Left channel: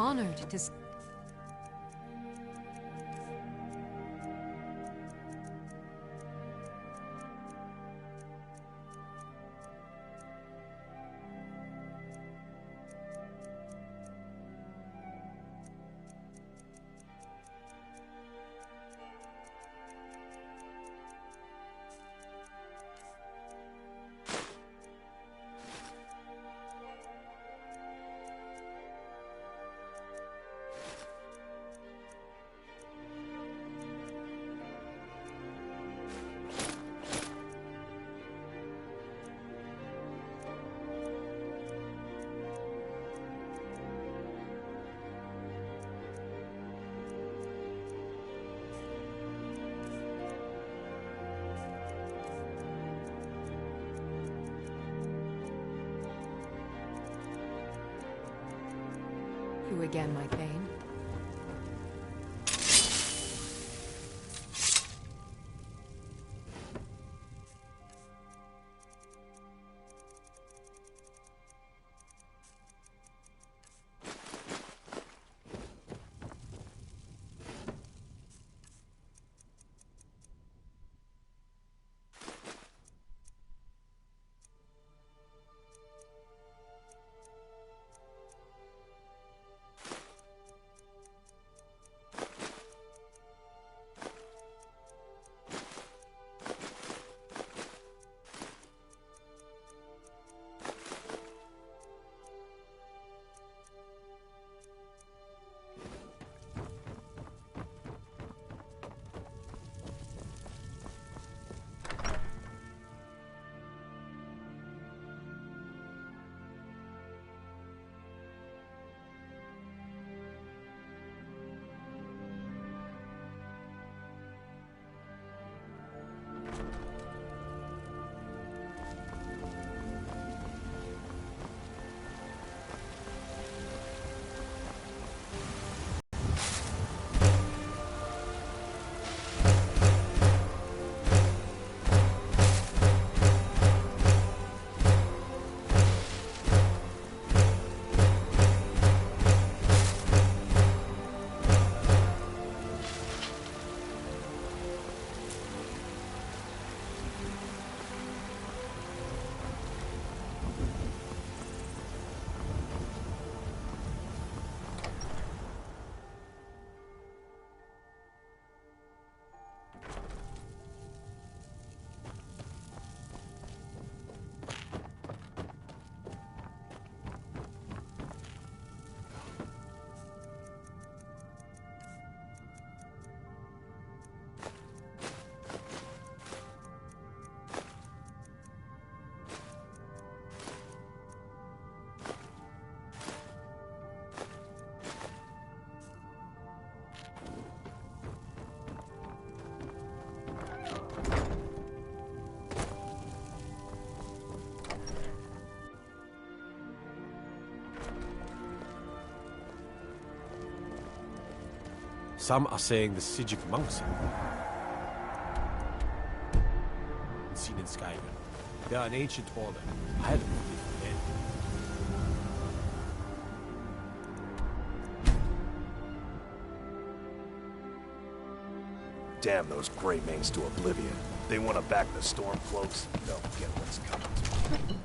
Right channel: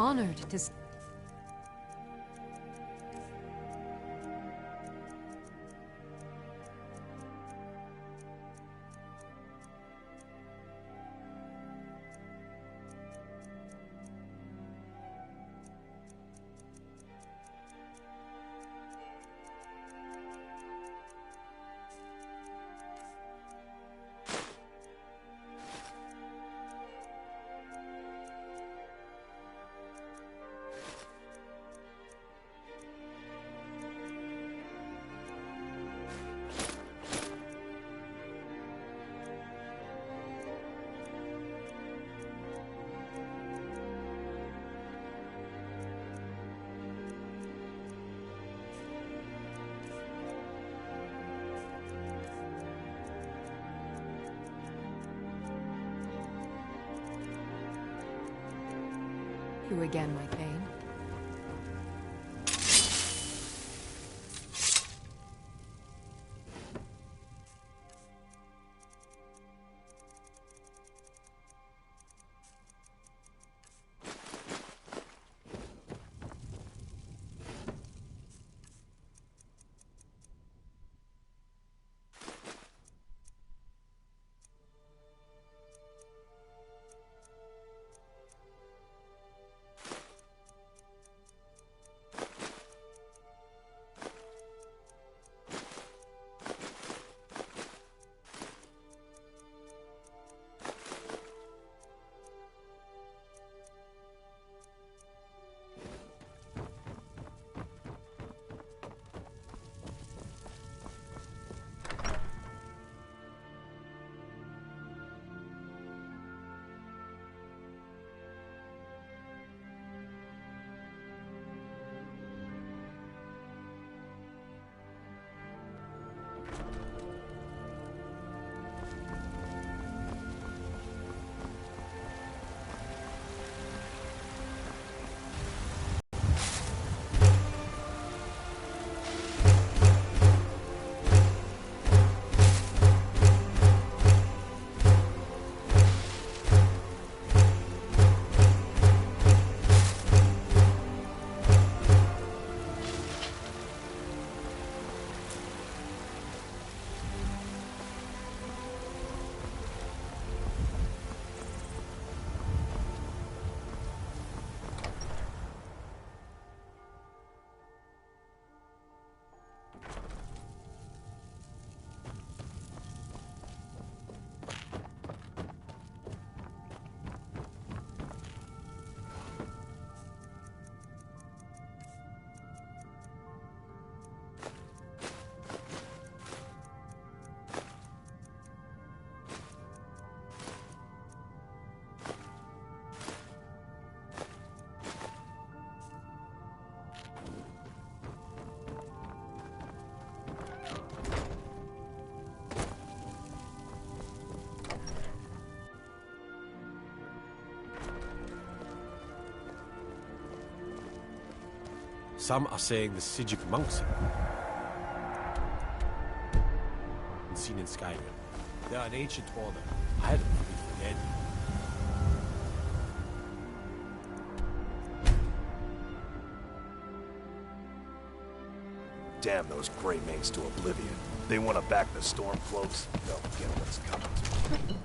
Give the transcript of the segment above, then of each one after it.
Honored to... You again, my Thane. Some are saying the Sijic monks seen in Skyrim. They are an ancient order. I don't believe in them. Damn those Grey Manes to oblivion. They want to back the Stormcloaks. They'll get what's coming to them.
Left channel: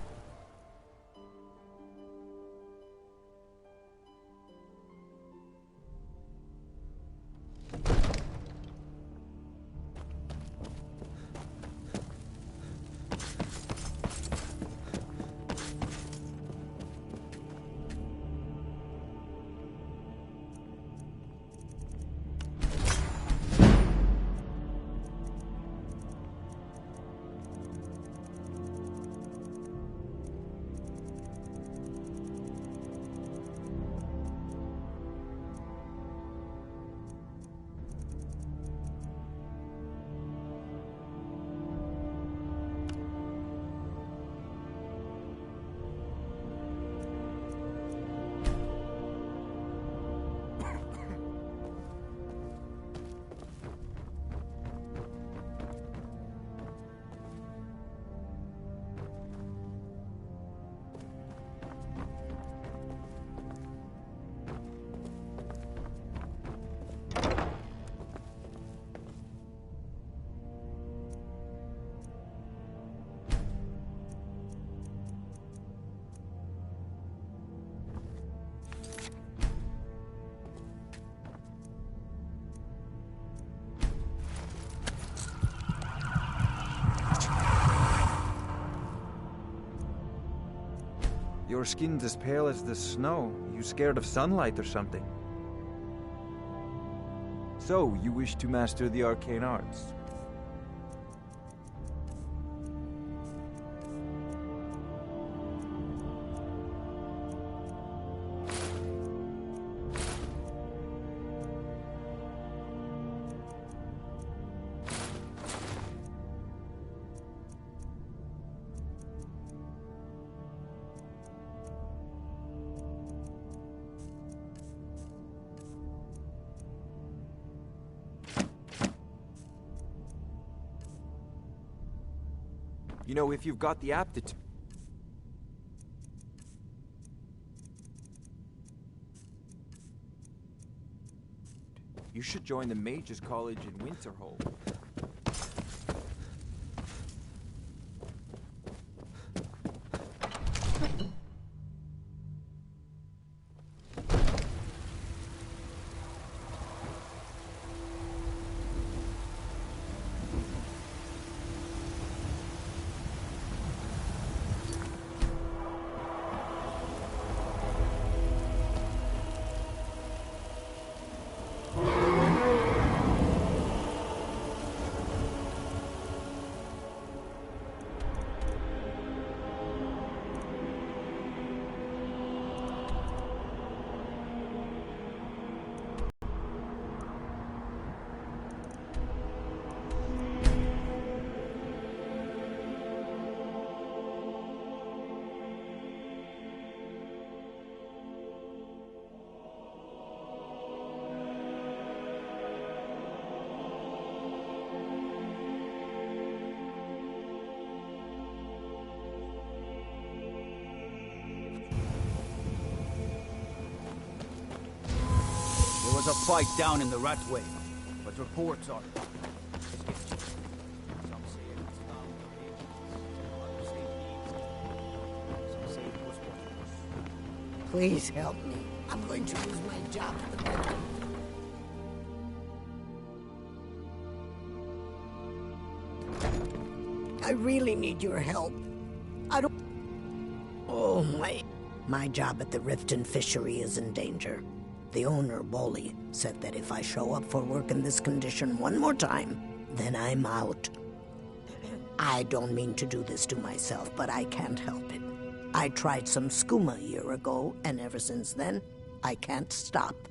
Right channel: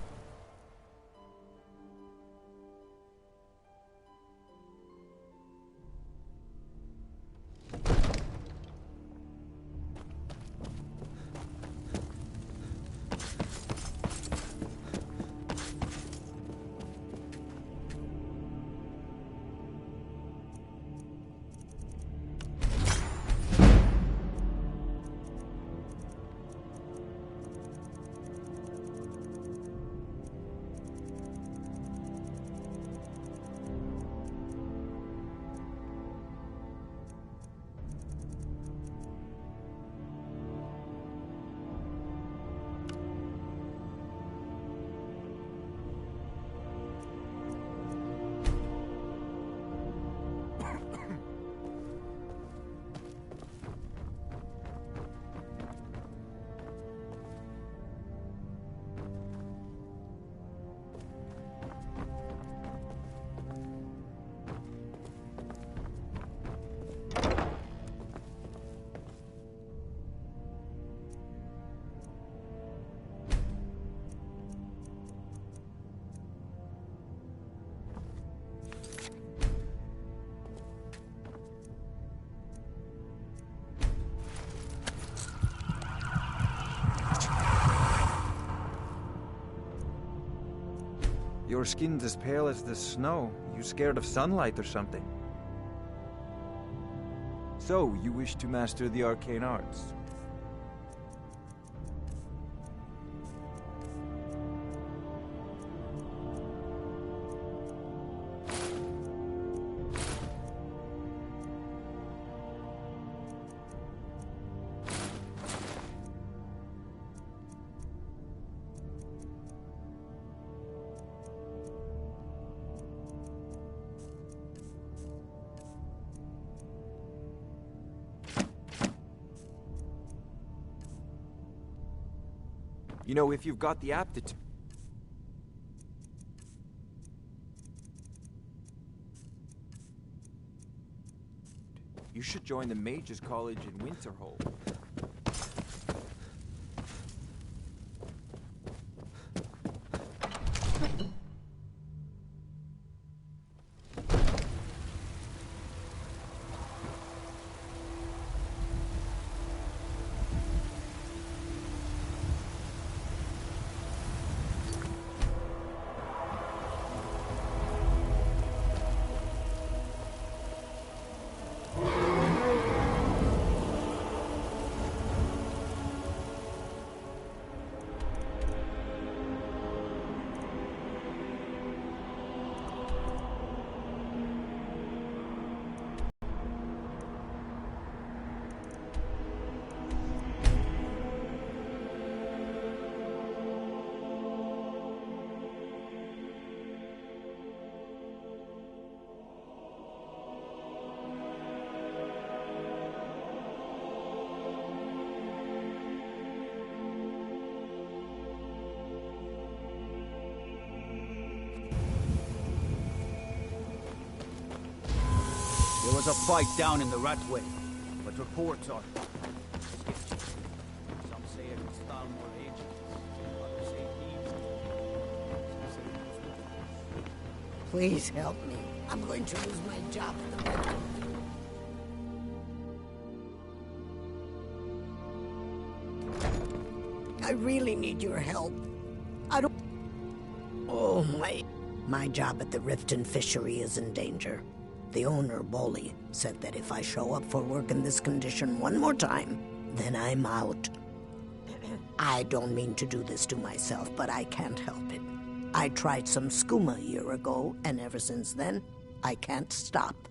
Your skin's as pale as the snow. You scared of sunlight or something? So, you wish to master the arcane arts? You know, if you've got the aptitude... You should join the Mages College in Winterhold. There was a fight down in the Ratway, but reports are sketchy. Some say it was found for ages, others say Thieves Guild, some say it was worse. Please help me. I'm going to lose my job at the Red. I really need your help. I don't... Oh, my job at the Riften Fishery is in danger. The owner, Bolly, said that if I show up for work in this condition one more time, then I'm out. I don't mean to do this to myself, but I can't help it. I tried some skooma a year ago, and ever since then, I can't stop.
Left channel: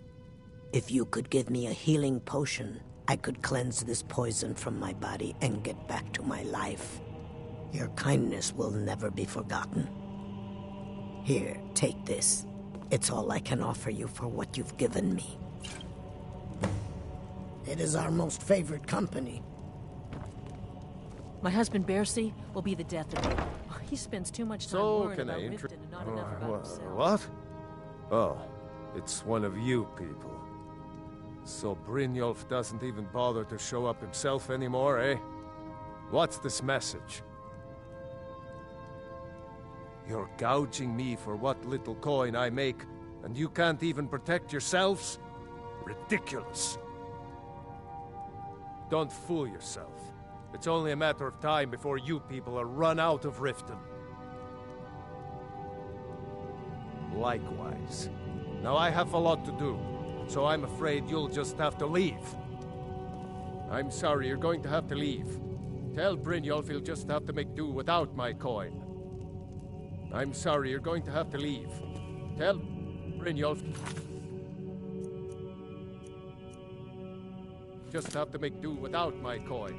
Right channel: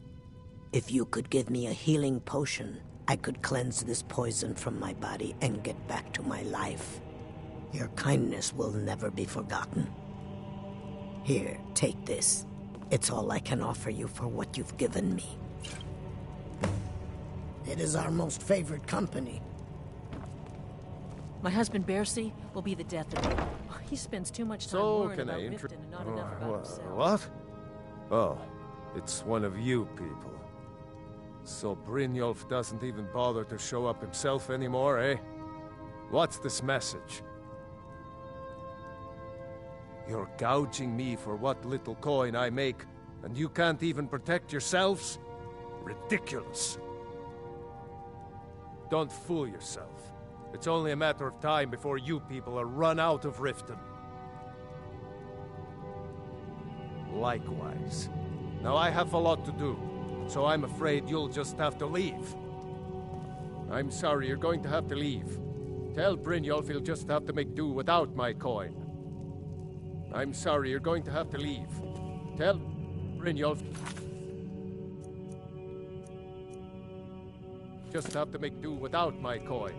If you could give me a healing potion, I could cleanse this poison from my body and get back to my life. Your kindness will never be forgotten. Here, take this. It's all I can offer you for what you've given me. It is our most favored company. My husband, Bercy, will be the death of me. He spends too much time worrying about Riften and not enough about himself. What? Oh, it's one of you people. So Brynjolf doesn't even bother to show up himself anymore, eh? What's this message? You're gouging me for what little coin I make, and you can't even protect yourselves? Ridiculous. Don't fool yourself. It's only a matter of time before you people are run out of Riften. Likewise. Now I have a lot to do, so I'm afraid you'll just have to leave. I'm sorry, you're going to have to leave. Tell Brynjolf he'll just have to make do without my coin. I'm sorry, you're going to have to leave. Tell Brynjolf... just have to make do without my coin.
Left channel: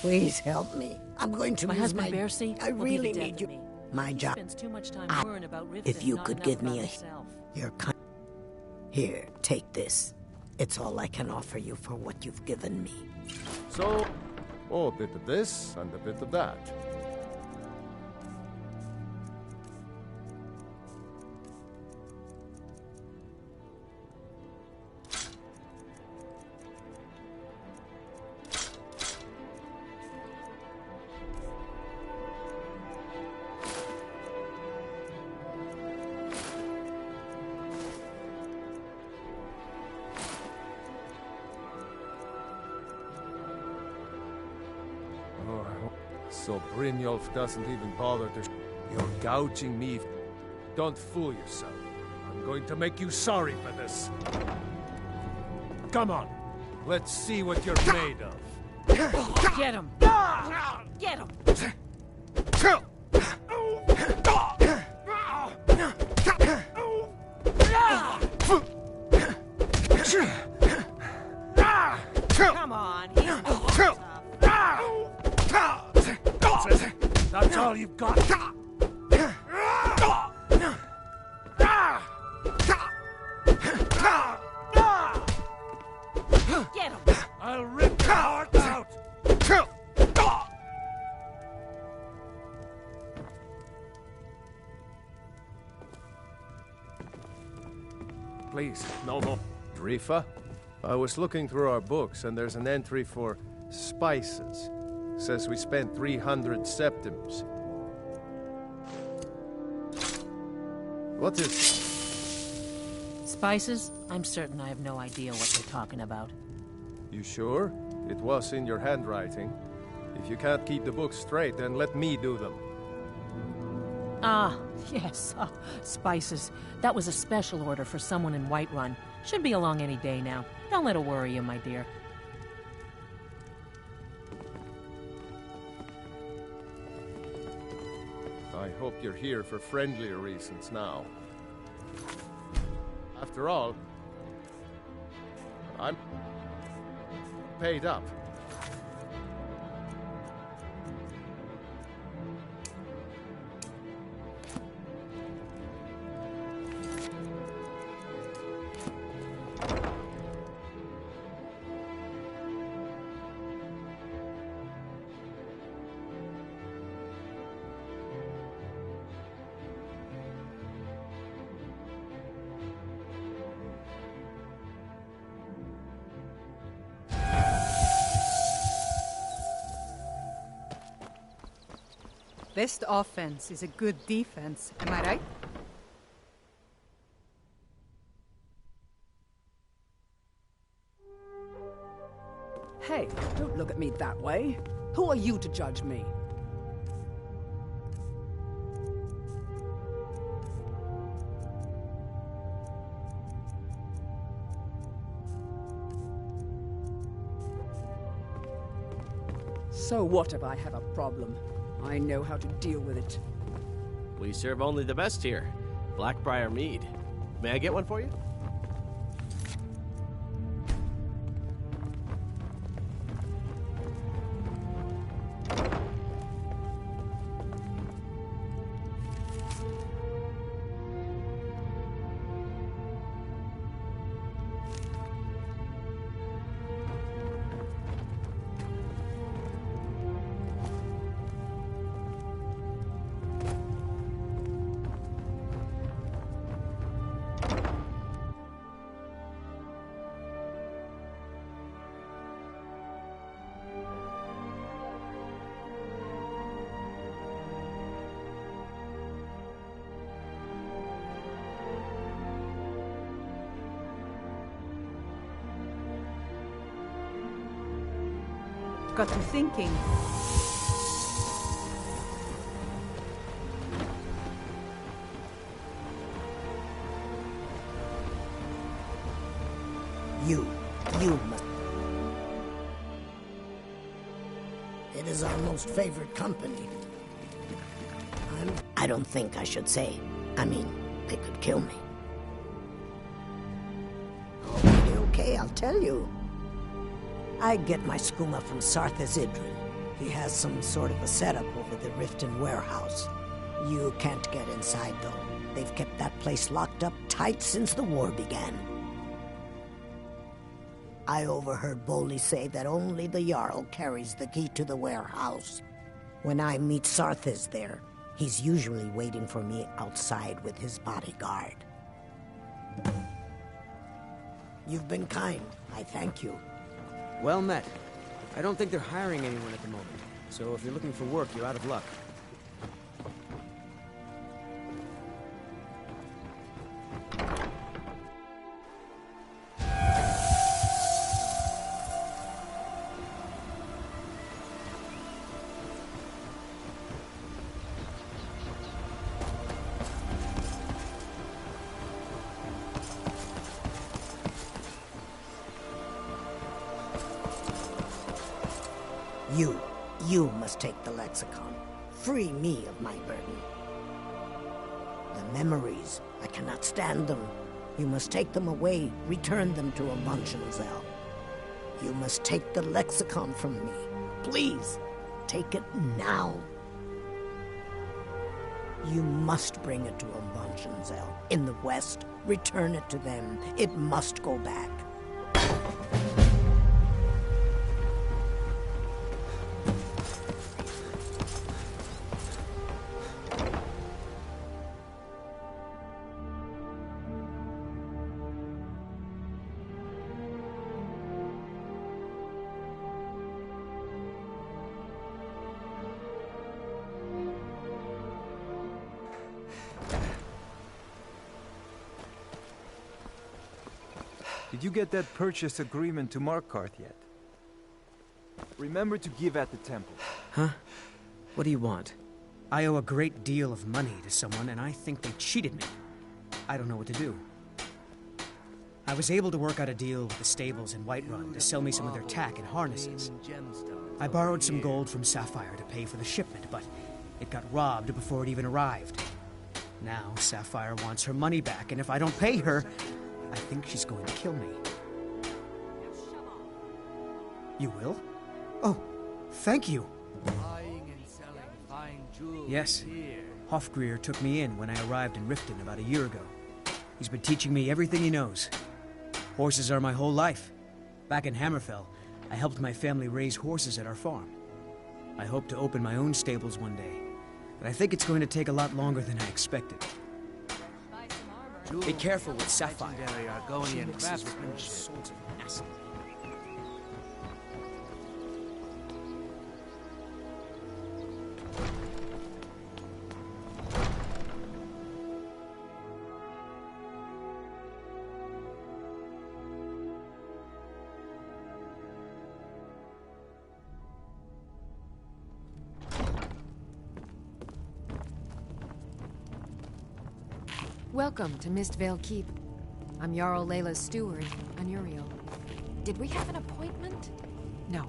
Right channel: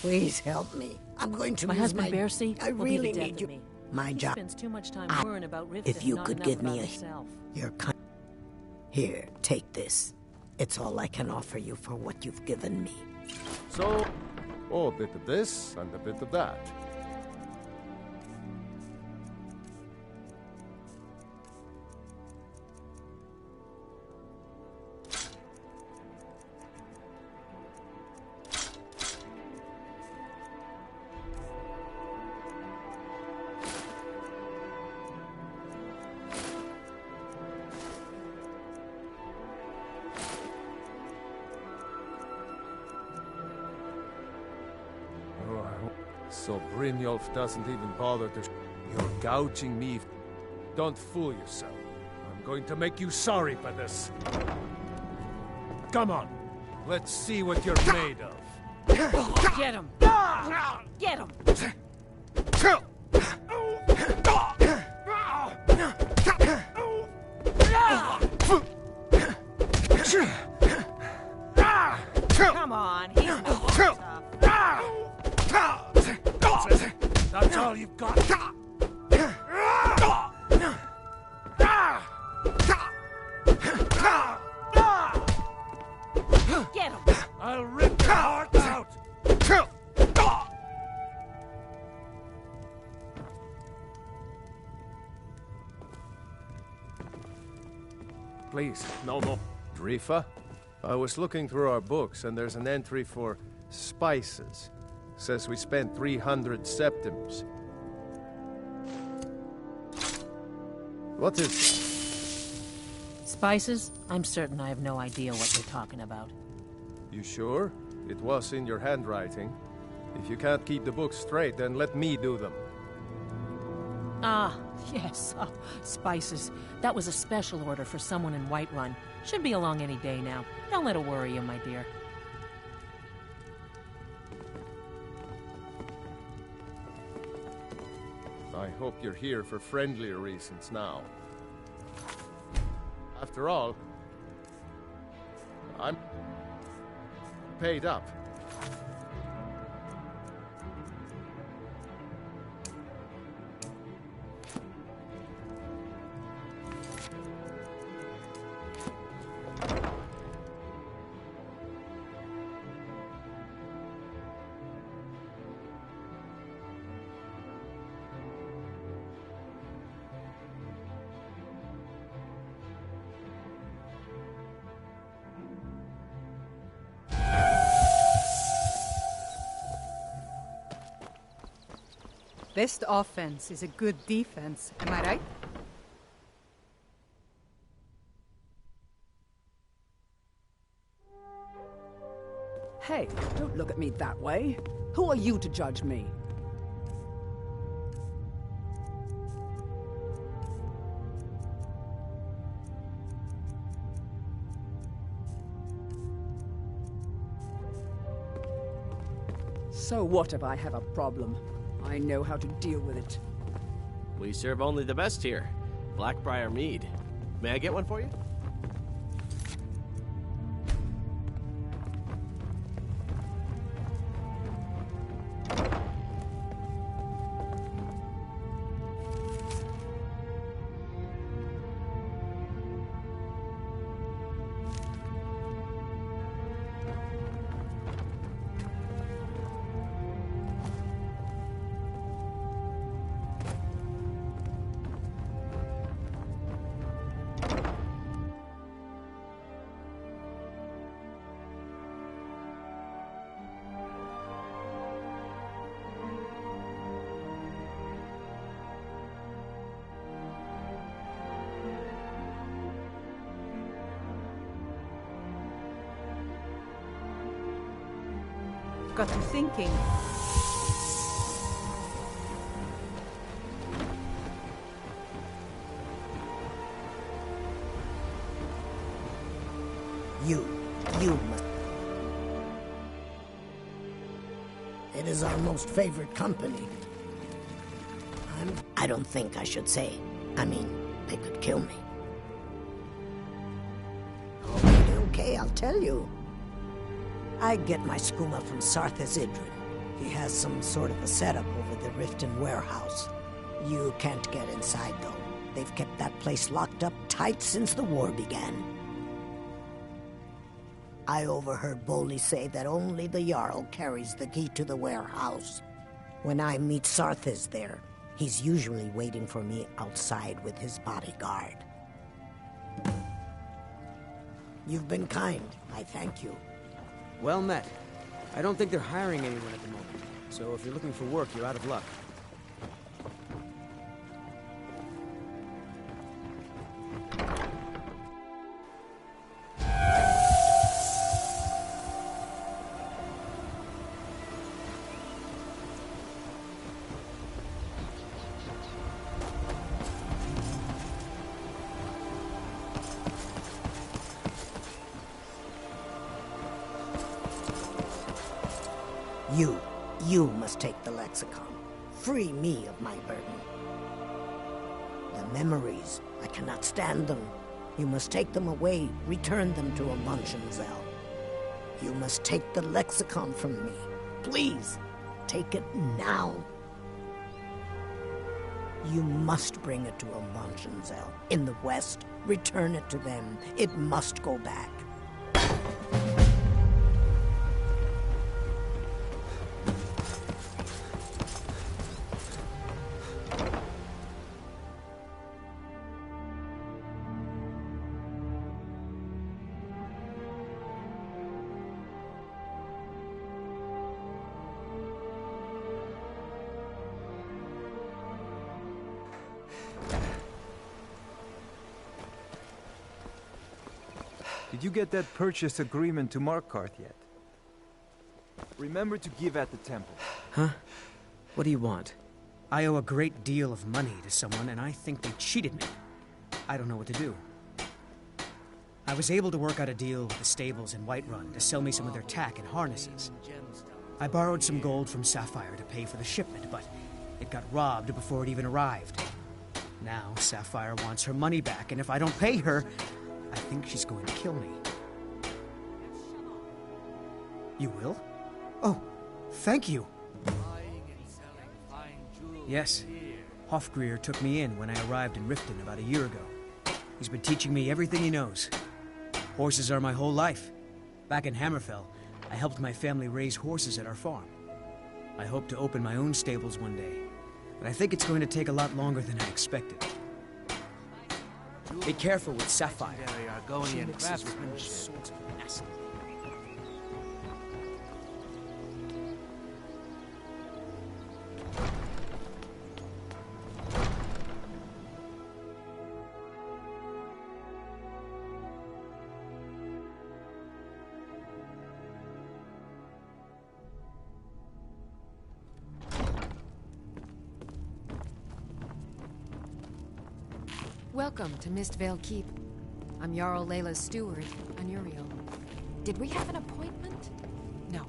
Please help me. I'm going to My lose husband, Bercy, I will really be the death need you. of me. My He job. spends too much time worrying about Riften If you and not could enough give about me a... himself. Your kind... Here, take this. It's all I can offer you for what you've given me. So, a bit of this and a bit of that. So Brynjolf doesn't even bother to... You're gouging me. Don't fool yourself. I'm going to make you sorry for this. Come on. Let's see what you're made of. Get him! Get him! Come on, he's tough. That's it. That's all you've got. Get him! I'll rip your heart out. Please, no more. Drifa? I was looking through our books, and there's an entry for spices. Says we spent 300 septims. What is that? Spices? I'm certain I have no idea what you're talking about. You sure? It was in your handwriting. If you can't keep the books straight, then let me do them. Ah, yes. Spices. That was a special order for someone in Whiterun. Should be along any day now. Don't let it worry you, my dear. I hope you're here for friendlier reasons now. After all, I'm paid up. Best offense is a good defense, am I right? Hey, don't look at me that way. Who are you to judge me? So what if I have a problem? I know how to deal with it. We serve only the best here. Blackbriar mead. May I get one for you? Got me thinking. You must... It is our most favored company. I don't think I should say. I mean, they could kill me. Okay, I'll tell you. I get my skooma from Sarthas Idrin. He has some sort of a setup over the Riften warehouse. You can't get inside, though. They've kept that place locked up tight since the war began. I overheard Bolli say that only the Jarl carries the key to the warehouse. When I meet Sarthas there, he's usually waiting for me outside with his bodyguard. You've been kind. I thank you. Well met. I don't think they're hiring anyone at the moment, so if you're looking for work, you're out of luck. You must take the lexicon. Free me of my burden. The memories, I cannot stand them. You must take them away, return them to Amunzenzel. You must take the lexicon from me. Please, take it now. You must bring it to Amunzenzel. In the west, return it to them. It must go back. Did you get that purchase agreement to Markarth yet? Remember to give at the temple. Huh? What do you want? I owe a great deal of money to someone, and I think they cheated me. I don't know what to do. I was able to work out a deal with the stables in Whiterun to sell me some of their tack and harnesses. I borrowed some gold from Sapphire to pay for the shipment, but it got robbed before it even arrived. Now Sapphire wants her money back, and if I don't pay her, I think she's going to kill me. You will? Oh, thank you. Yes. Hofgrir took me in when I arrived in Riften about a year ago. He's been teaching me everything he knows. Horses are my whole life. Back in Hammerfell, I helped my family raise horses at our farm. I hope to open my own stables one day, but I think it's going to take a lot longer than I expected. Be careful with Sapphire. She mixes with all sorts of nasty. Welcome to Mistvale Keep. I'm Jarl Layla's steward, Anuriel. Did we have an appointment? No.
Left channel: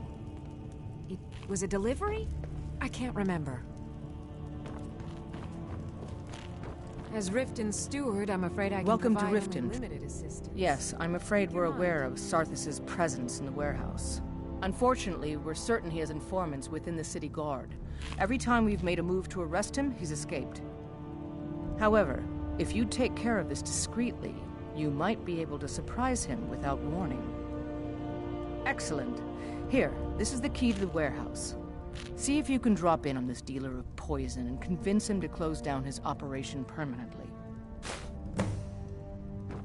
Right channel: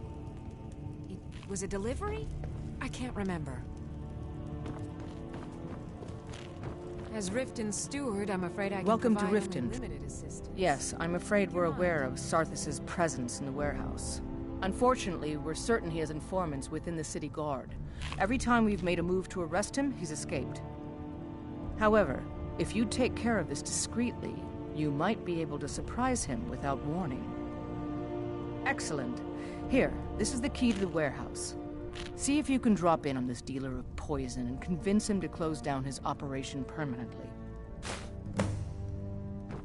It was a delivery? I can't remember. As Riften's steward, I'm afraid I can Welcome to provide Riften. only limited assistance. Yes, I'm afraid we're aware of Sarthis' presence in the warehouse. Unfortunately, we're certain he has informants within the city guard. Every time we've made a move to arrest him, he's escaped. However, if you take care of this discreetly, you might be able to surprise him without warning. Excellent. Here, this is the key to the warehouse. See if you can drop in on this dealer of poison and convince him to close down his operation permanently.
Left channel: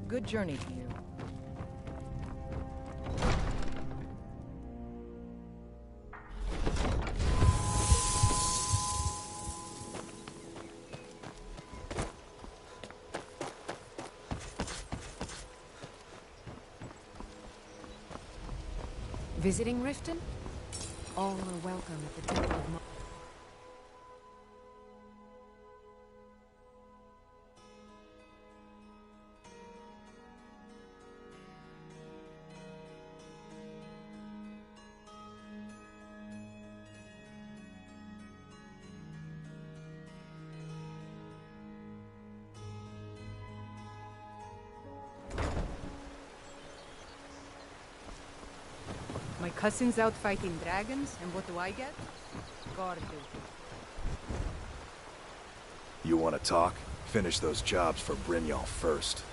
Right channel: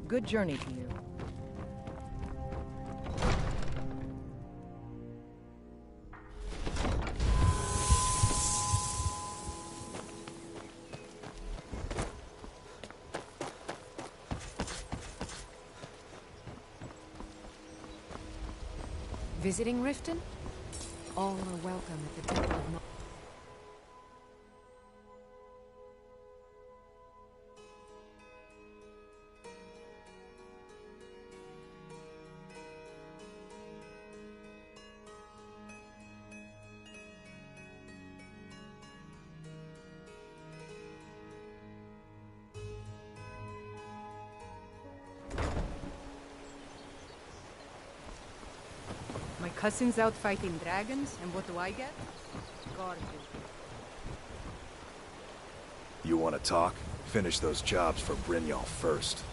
Good journey to you. Visiting Riften? All are welcome at the Temple of My cousin's out fighting dragons, and what do I get? Guard duty. You want to talk? Finish those jobs for Brynjolf first.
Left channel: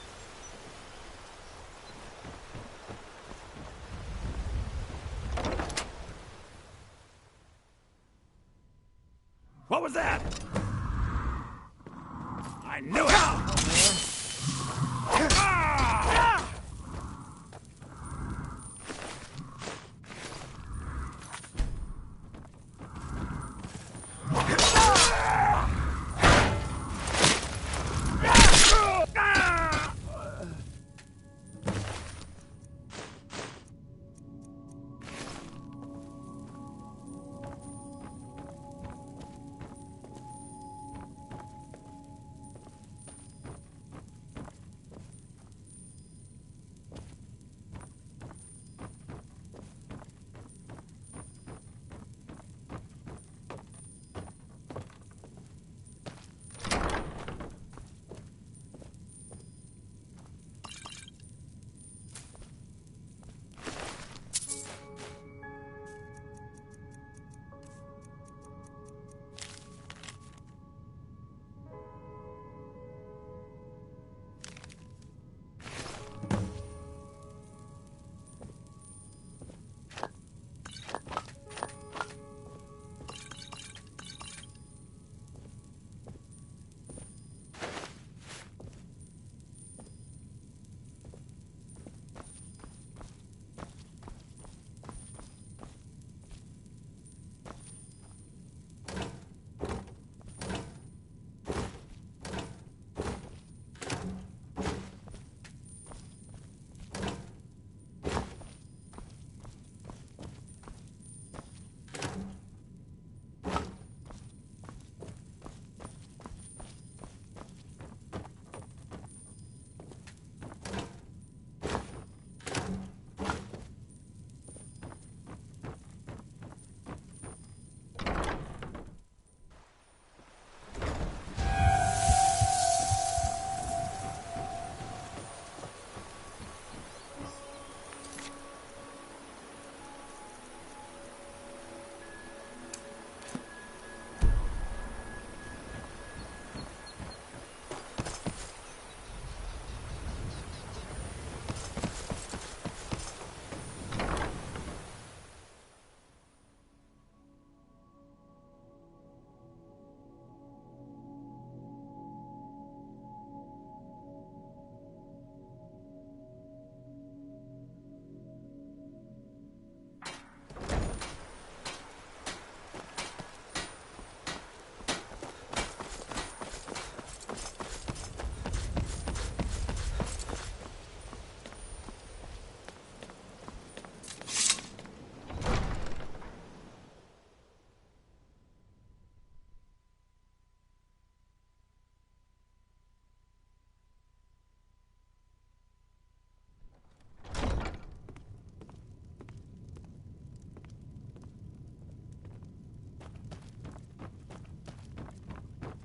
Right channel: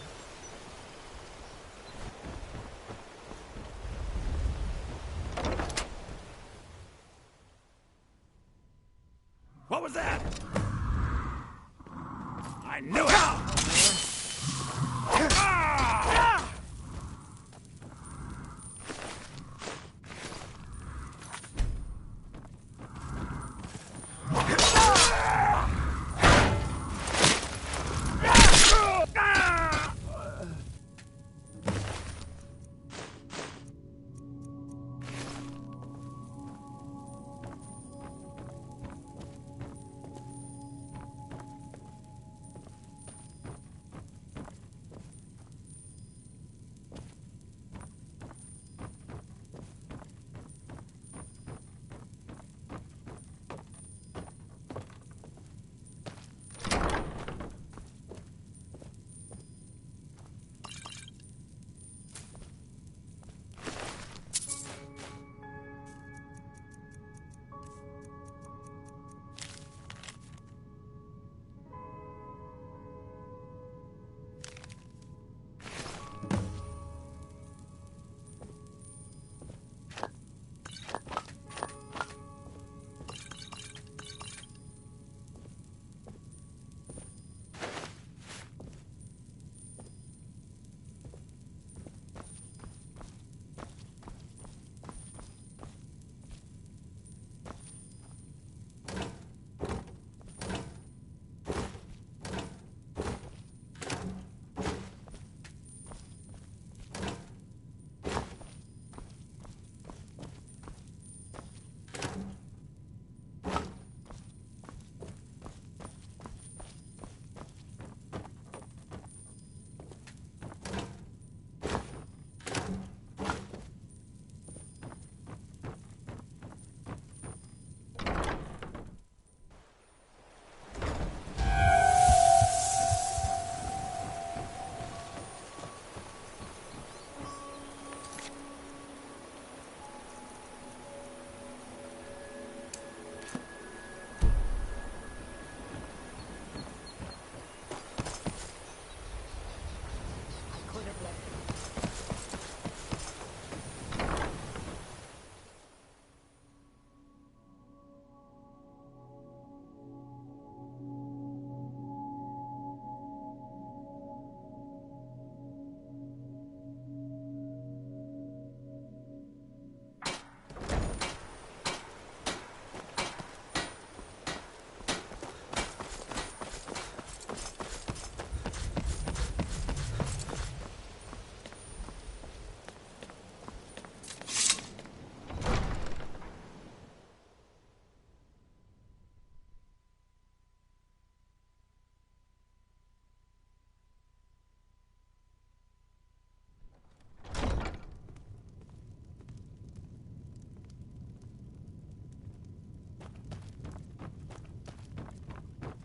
What was that? I knew it!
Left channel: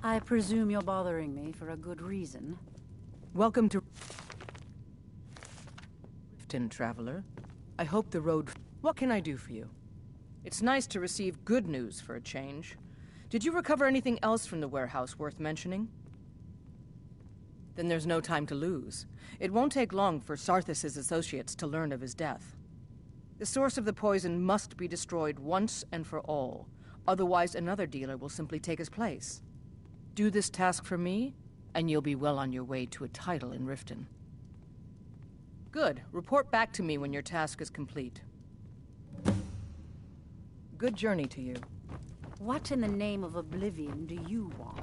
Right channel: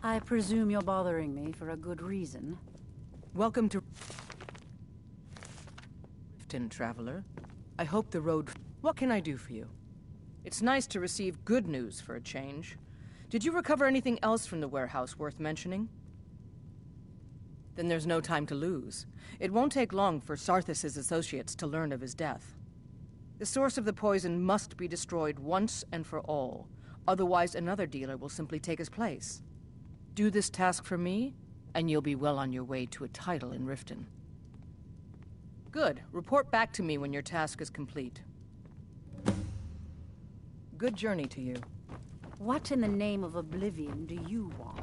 I presume you're bothering me for a good reason. Welcome to Riften, traveler. I hope the road... What can I do for you? It's nice to receive good news for a change. Did you recover anything else from the warehouse worth mentioning? Then there's no time to lose. It won't take long for Sarthis' associates to learn of his death. The source of the poison must be destroyed once and for all. Otherwise, another dealer will simply take his place. Do this task for me, and you'll be well on your way to a title in Riften. Good. Report back to me when your task is complete. Good journey to you. What in the name of oblivion do you want?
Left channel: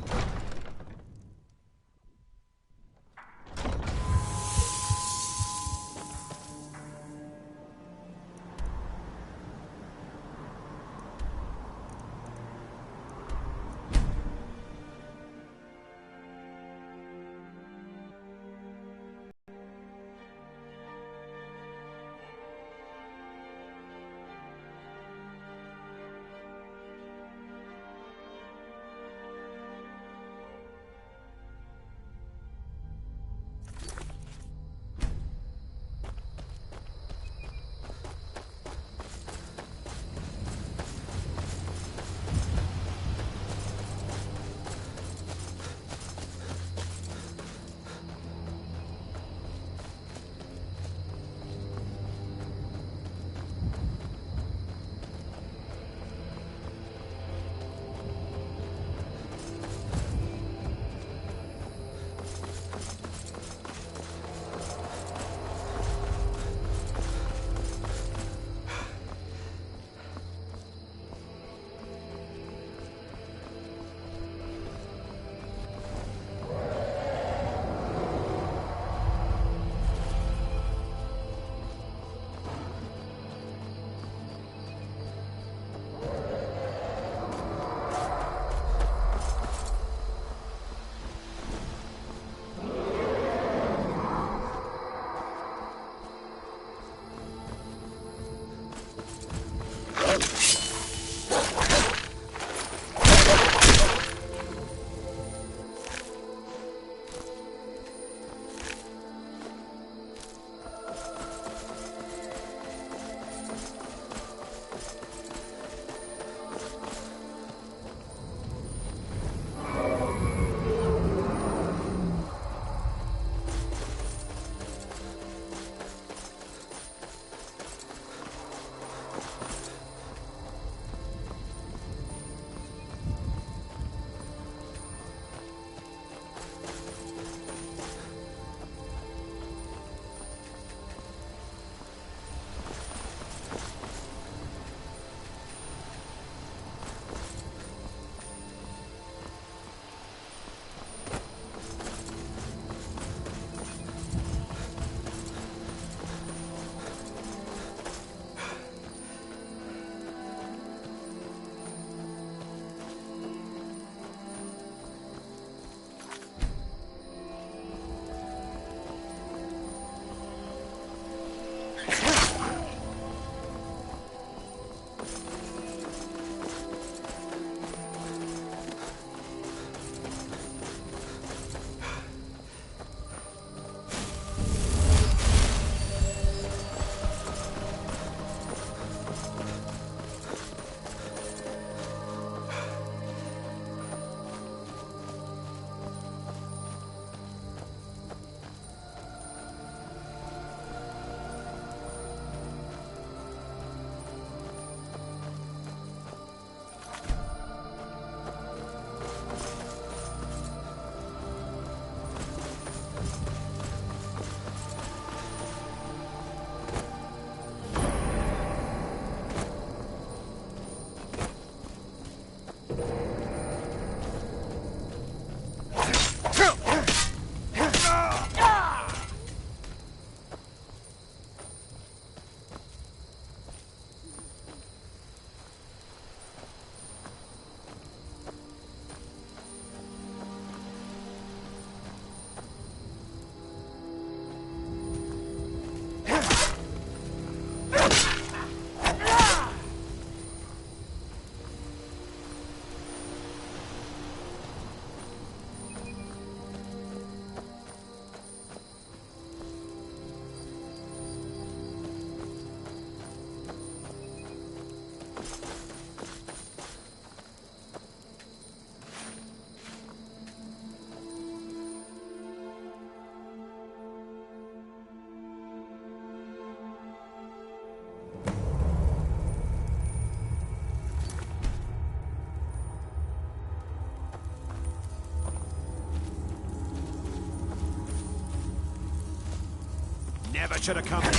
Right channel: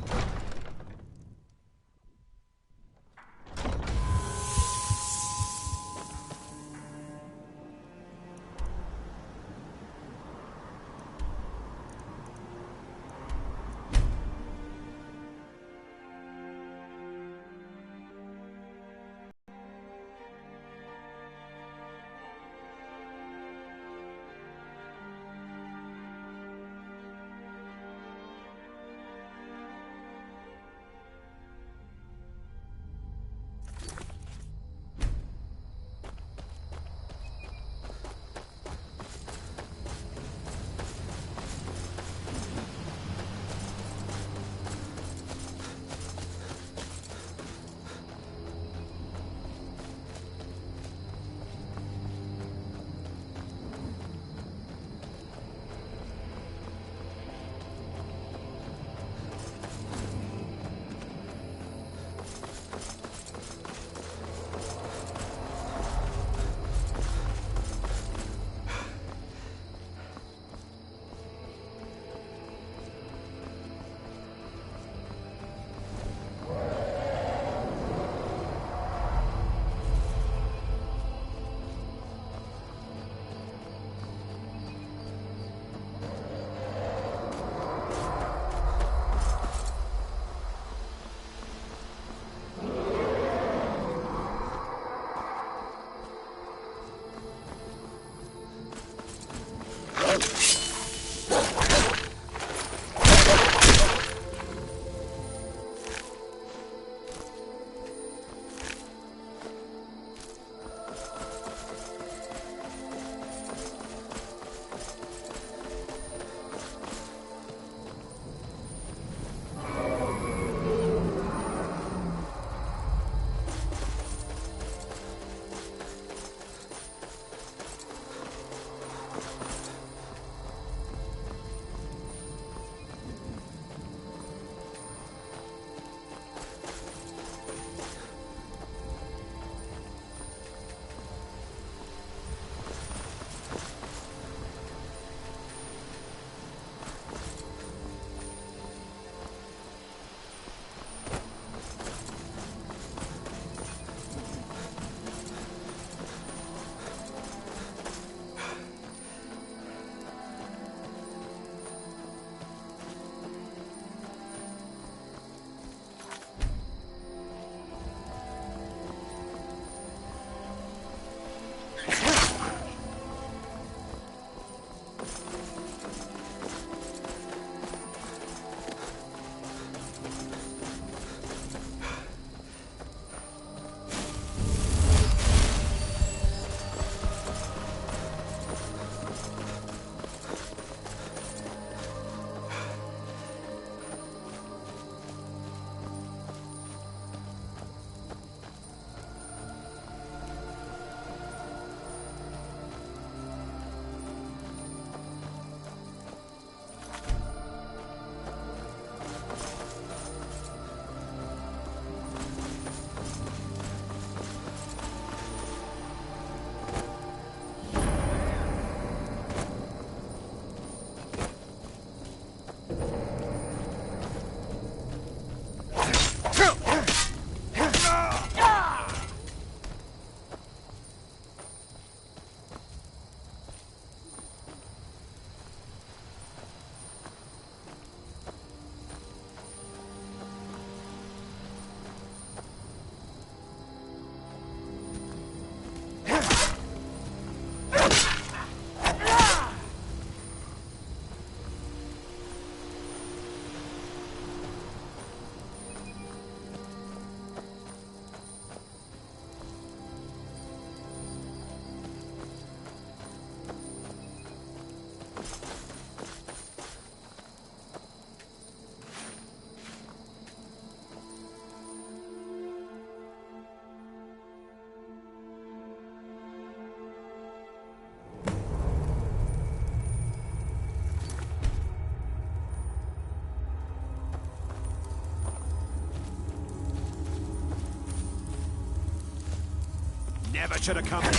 never should have come here.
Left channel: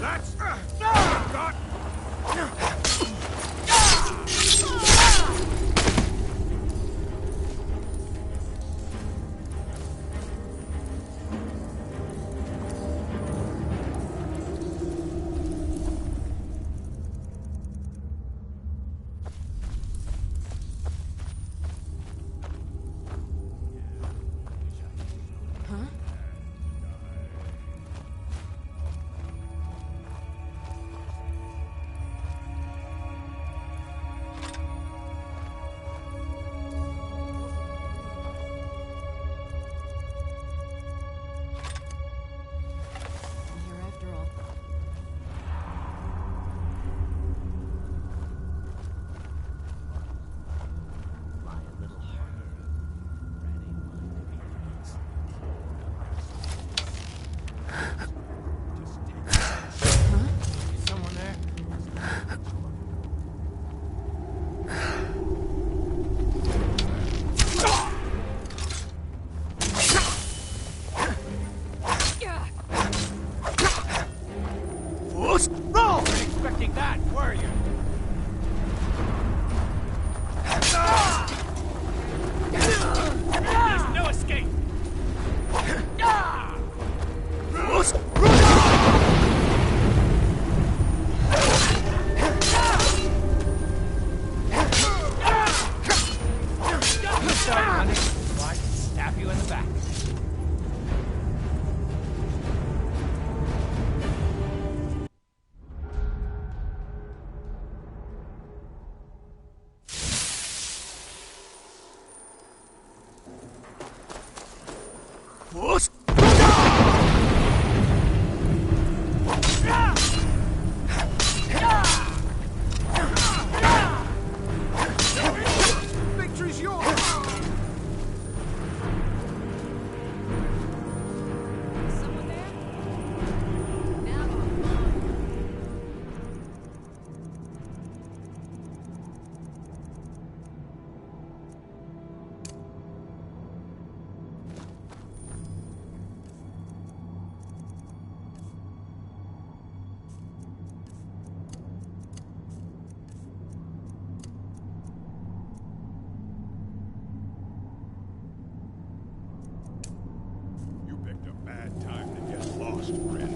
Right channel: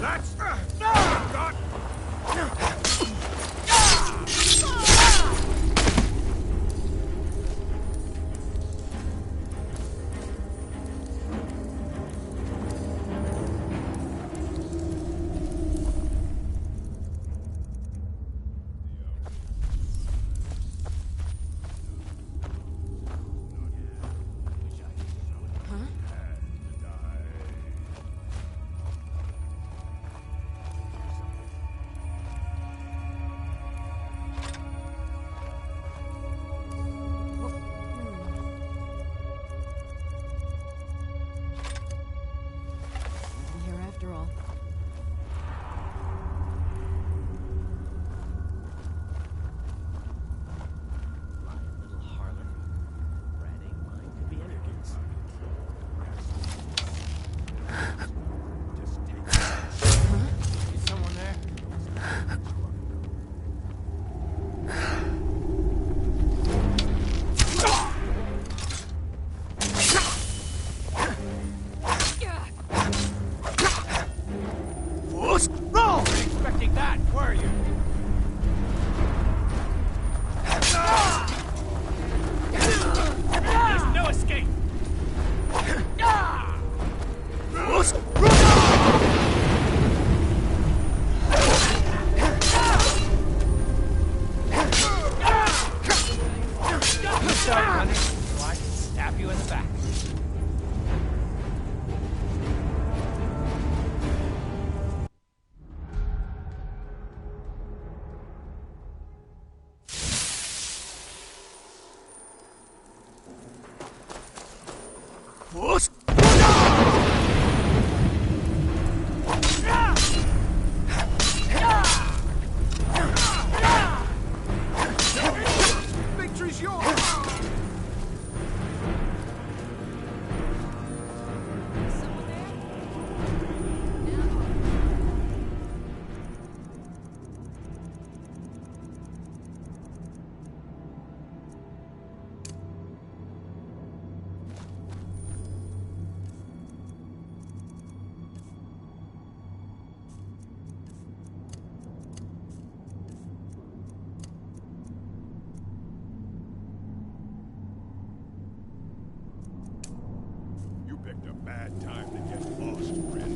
That's... God. After all. Lie a little harder. Rat ain't mine to be elegant. Just take it. Is someone there? Roll! Expecting that, were you? There's no escape! Start running, so I can stab you in the back. Victory's yours! Someone there? Now online. You picked a bad time to get lost, friend.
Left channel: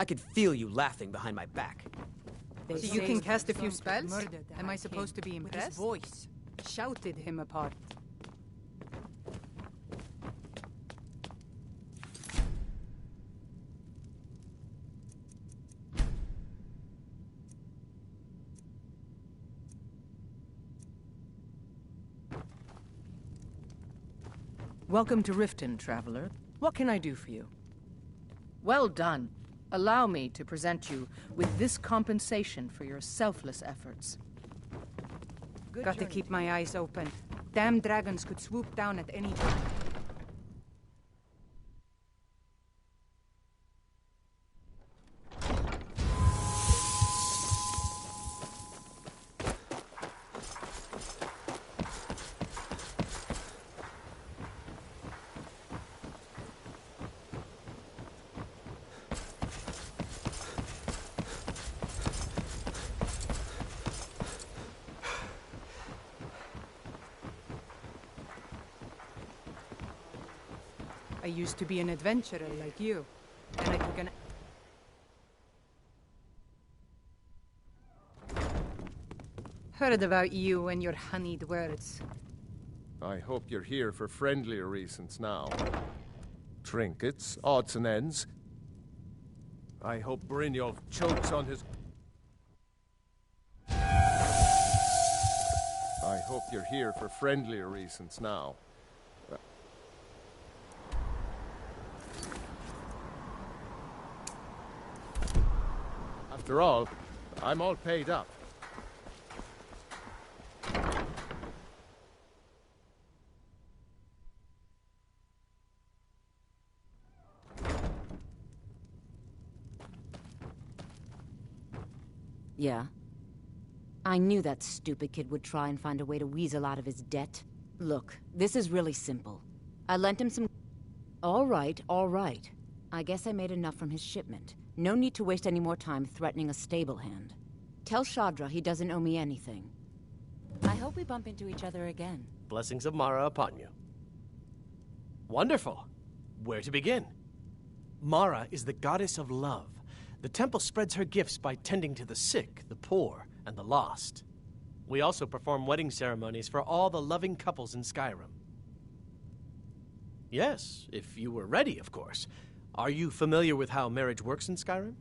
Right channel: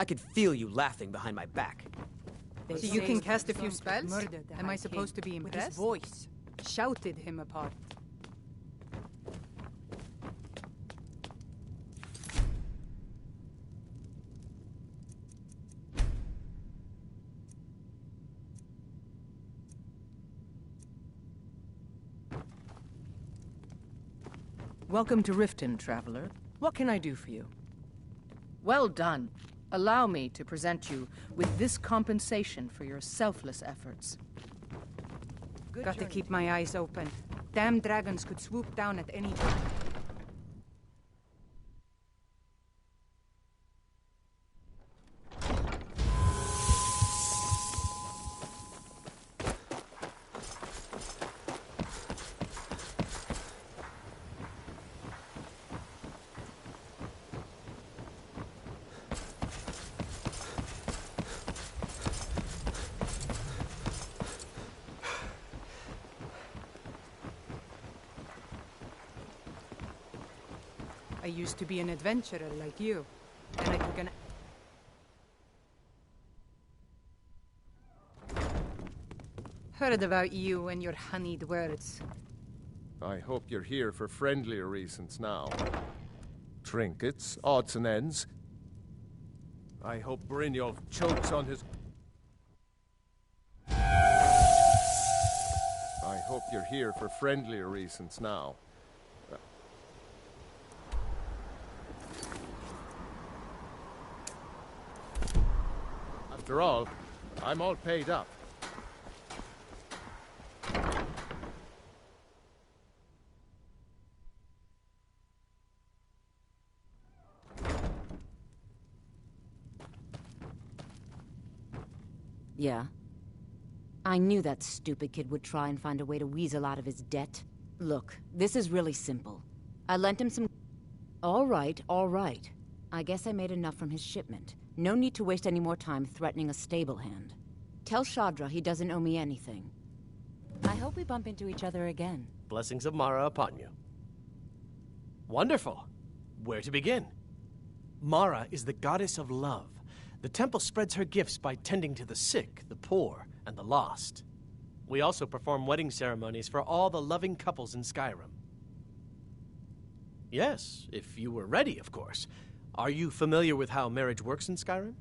I could feel you laughing behind my back. So you can cast a few spells? Am I supposed to be impressed? With his voice. Shouted him apart. Welcome to Riften, traveler. What can I do for you? Well done. Allow me to present you with this compensation for your selfless efforts. Got to keep my eyes open. Damn dragons could swoop down at any time. I used to be an adventurer like you, and I took an... Heard about you and your honeyed words. I hope you're here for friendlier reasons now. Trinkets, odds and ends. I hope Brynjolf chokes on his... I hope you're here for friendlier reasons now. After all, I'm all paid up. Yeah. I knew that stupid kid would try and find a way to weasel out of his debt. Look, this is really simple. I lent him some... All right. I guess I made enough from his shipment. No need to waste any more time threatening a stable hand. Tell Shadra he doesn't owe me anything. I hope we bump into each other again. Blessings of Mara upon you. Wonderful. Where to begin? Mara is the goddess of love. The temple spreads her gifts by tending to the sick, the poor, and the lost. We also perform wedding ceremonies for all the loving couples in Skyrim. Yes, if you were ready, of course. Are you familiar with how marriage works in Skyrim?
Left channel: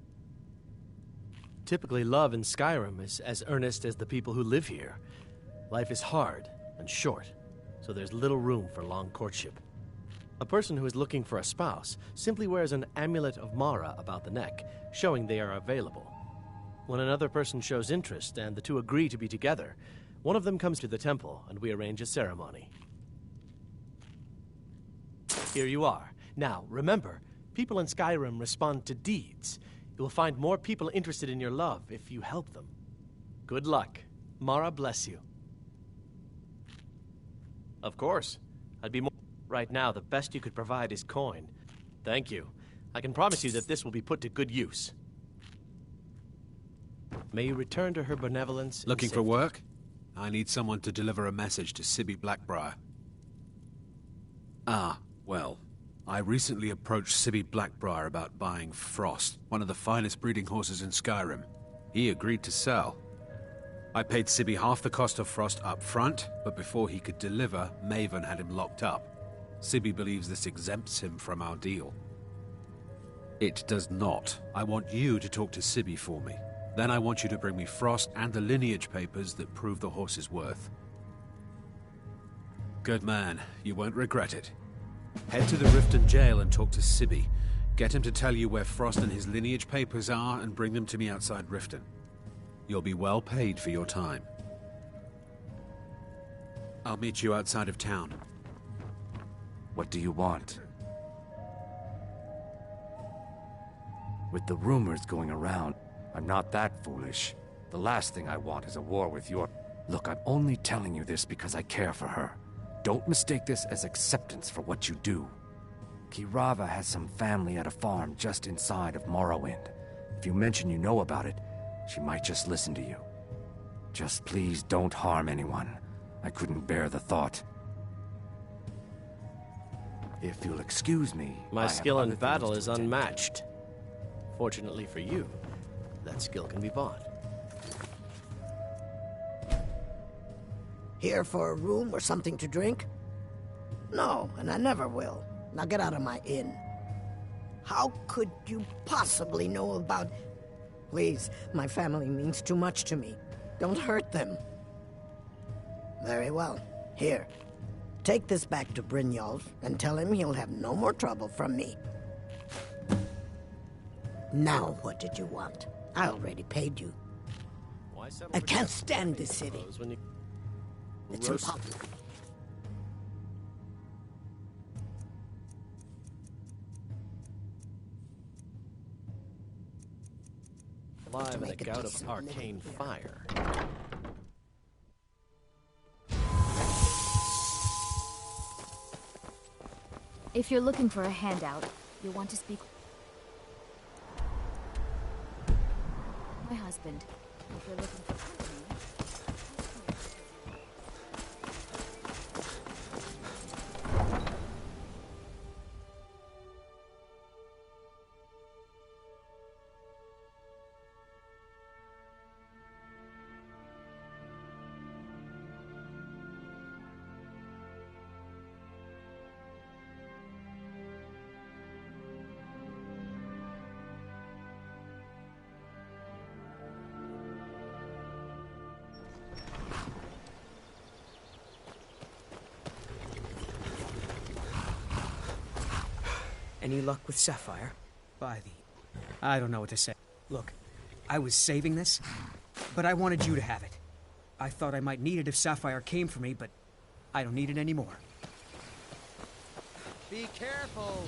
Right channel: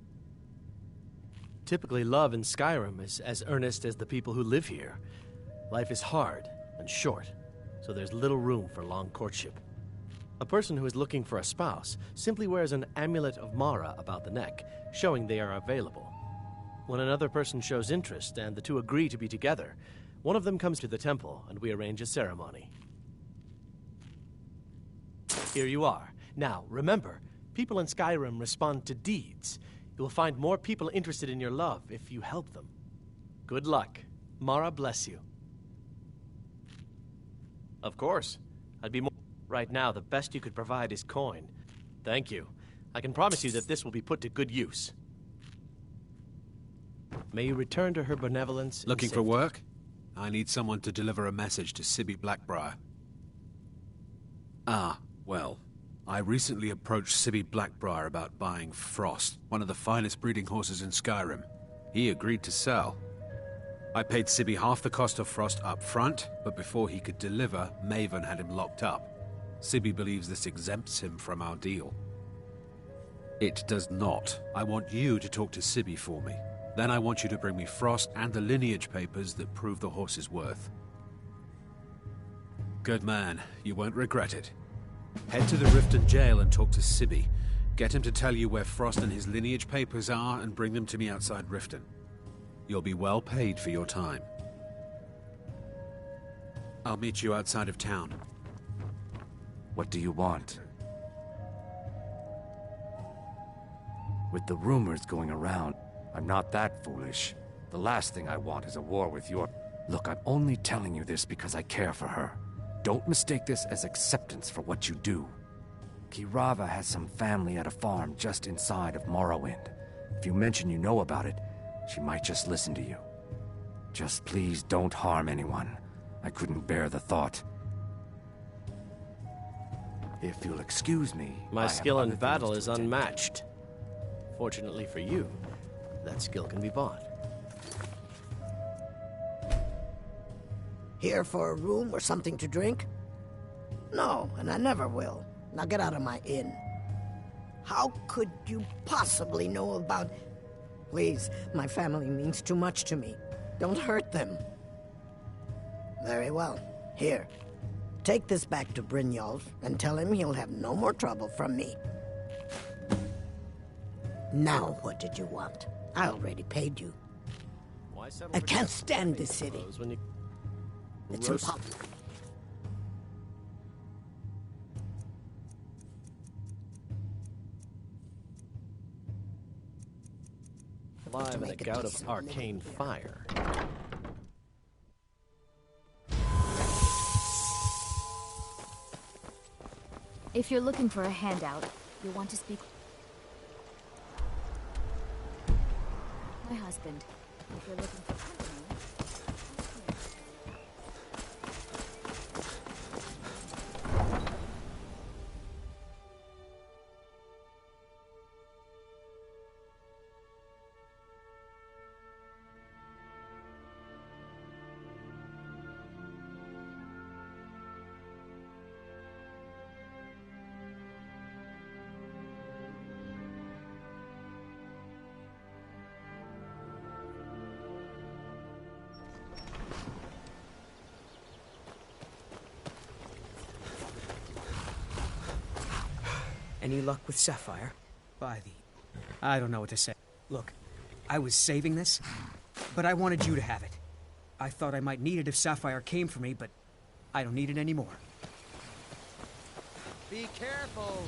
Typically, love in Skyrim is as earnest as the people who live here. Life is hard and short, so there's little room for long courtship. A person who is looking for a spouse simply wears an amulet of Mara about the neck, showing they are available. When another person shows interest and the two agree to be together, one of them comes to the temple and we arrange a ceremony. Here you are. Now, remember, people in Skyrim respond to deeds. You will find more people interested in your love if you help them. Good luck. Mara bless you. Of course. I'd be more... Right now, the best you could provide is coin. Thank you. I can promise you that this will be put to good use. May you return to her benevolence. Looking for work? I need someone to deliver a message to Sibby Blackbriar. Ah, well... I recently approached Sibby Blackbriar about buying Frost, one of the finest breeding horses in Skyrim. He agreed to sell. I paid Sibby half the cost of Frost up front, but before he could deliver, Maven had him locked up. Sibby believes this exempts him from our deal. It does not. I want you to talk to Sibby for me. Then I want you to bring me Frost and the lineage papers that prove the horse's worth. Good man. You won't regret it. Head to the Riften jail and talk to Sibby. Get him to tell you where Frost and his lineage papers are and bring them to me outside Riften. You'll be well paid for your time. I'll meet you outside of town. What do you want? With the rumors going around, I'm not that foolish. The last thing I want is a war with your... Look, I'm only telling you this because I care for her. Don't mistake this as acceptance for what you do. Kirava has some family at a farm just inside of Morrowind. If you mention you know about it, she might just listen to you. Just please don't harm anyone. I couldn't bear the thought. If you'll excuse me... My skill in battle is unmatched. Fortunately for you, that skill can be bought. Here for a room or something to drink? No, and I never will. Now get out of my inn. How could you possibly know about... Please, my family means too much to me. Don't hurt them. Very well. Here. Take this back to Brynjolf and tell him he'll have no more trouble from me. Now, what did you want? I already paid you. I can't stand this city. It's impossible. Live in a gout of arcane fire. If you're looking for a handout, you'll want to speak... my husband. If you're looking for company... Any luck with Sapphire? By the... I don't know what to say. Look, I was saving this, but I wanted you to have it. I thought I might need it if Sapphire came for me, but I don't need it anymore. Be careful!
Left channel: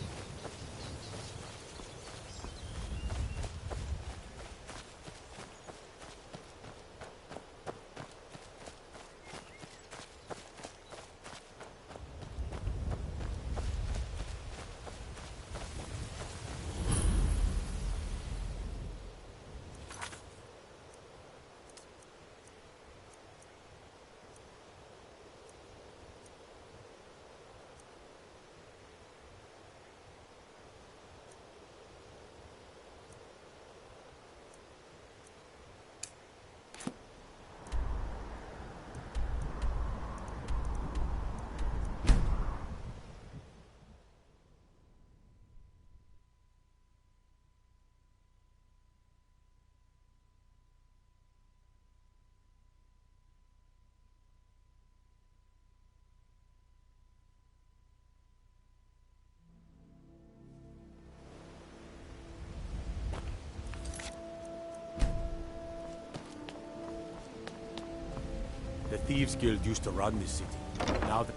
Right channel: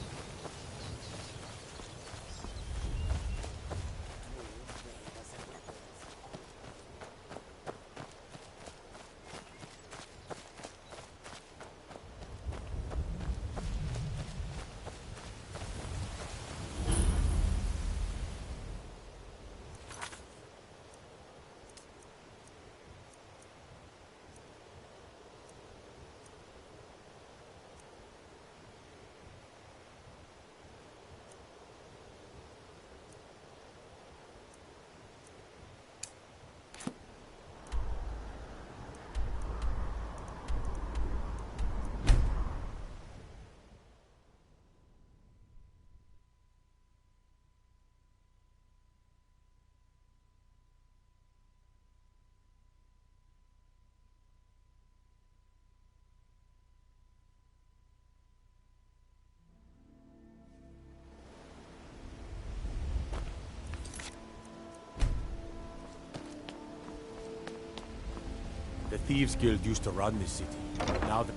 The Thieves Guild used to run this city. Now that...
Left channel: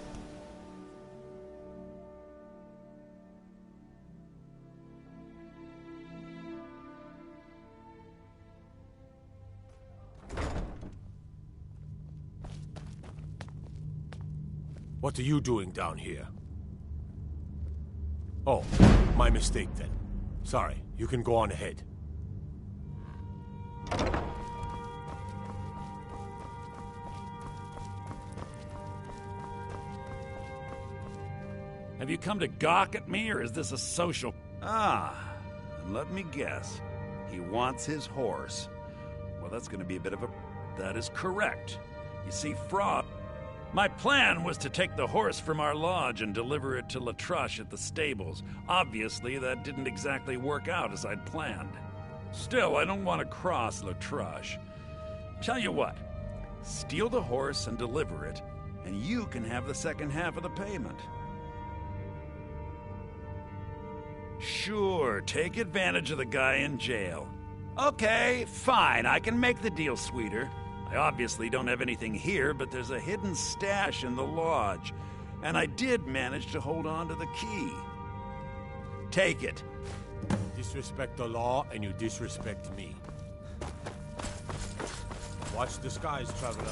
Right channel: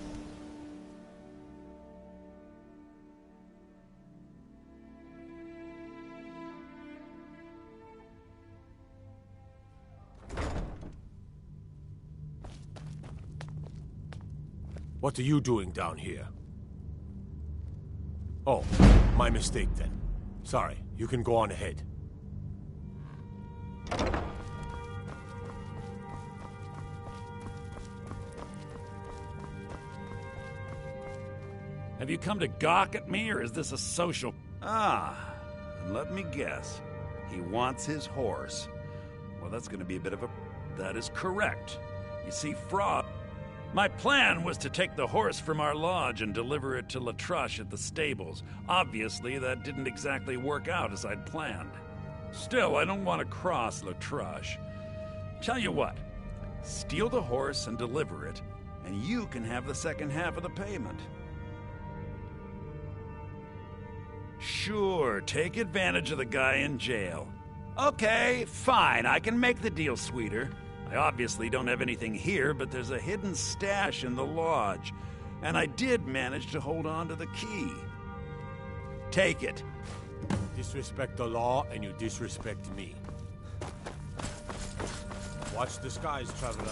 What are you doing down here? Oh, my mistake then. Sorry, you can go on ahead. Have you come to gawk at me, or is this a social... Ah, and let me guess. He wants his horse. Well, that's going to be a bit of a... That is correct. You see, Frog... My plan was to take the horse from our lodge and deliver it to Latrush at the stables. Obviously, that didn't exactly work out as I'd planned. Still, I don't want to cross Latrush. Tell you what, steal the horse and deliver it, and you can have the second half of the payment. Sure, take advantage of the guy in jail. Okay, fine, I can make the deal sweeter. I obviously don't have anything here, but there's a hidden stash in the lodge, and I did manage to hold on to the key. Take it. Disrespect the law, and you disrespect me. Watch the skies, traveler.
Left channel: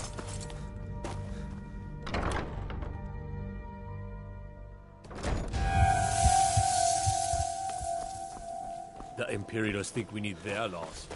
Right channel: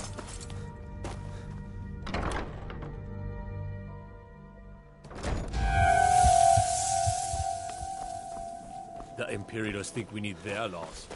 The Imperials think we need their laws.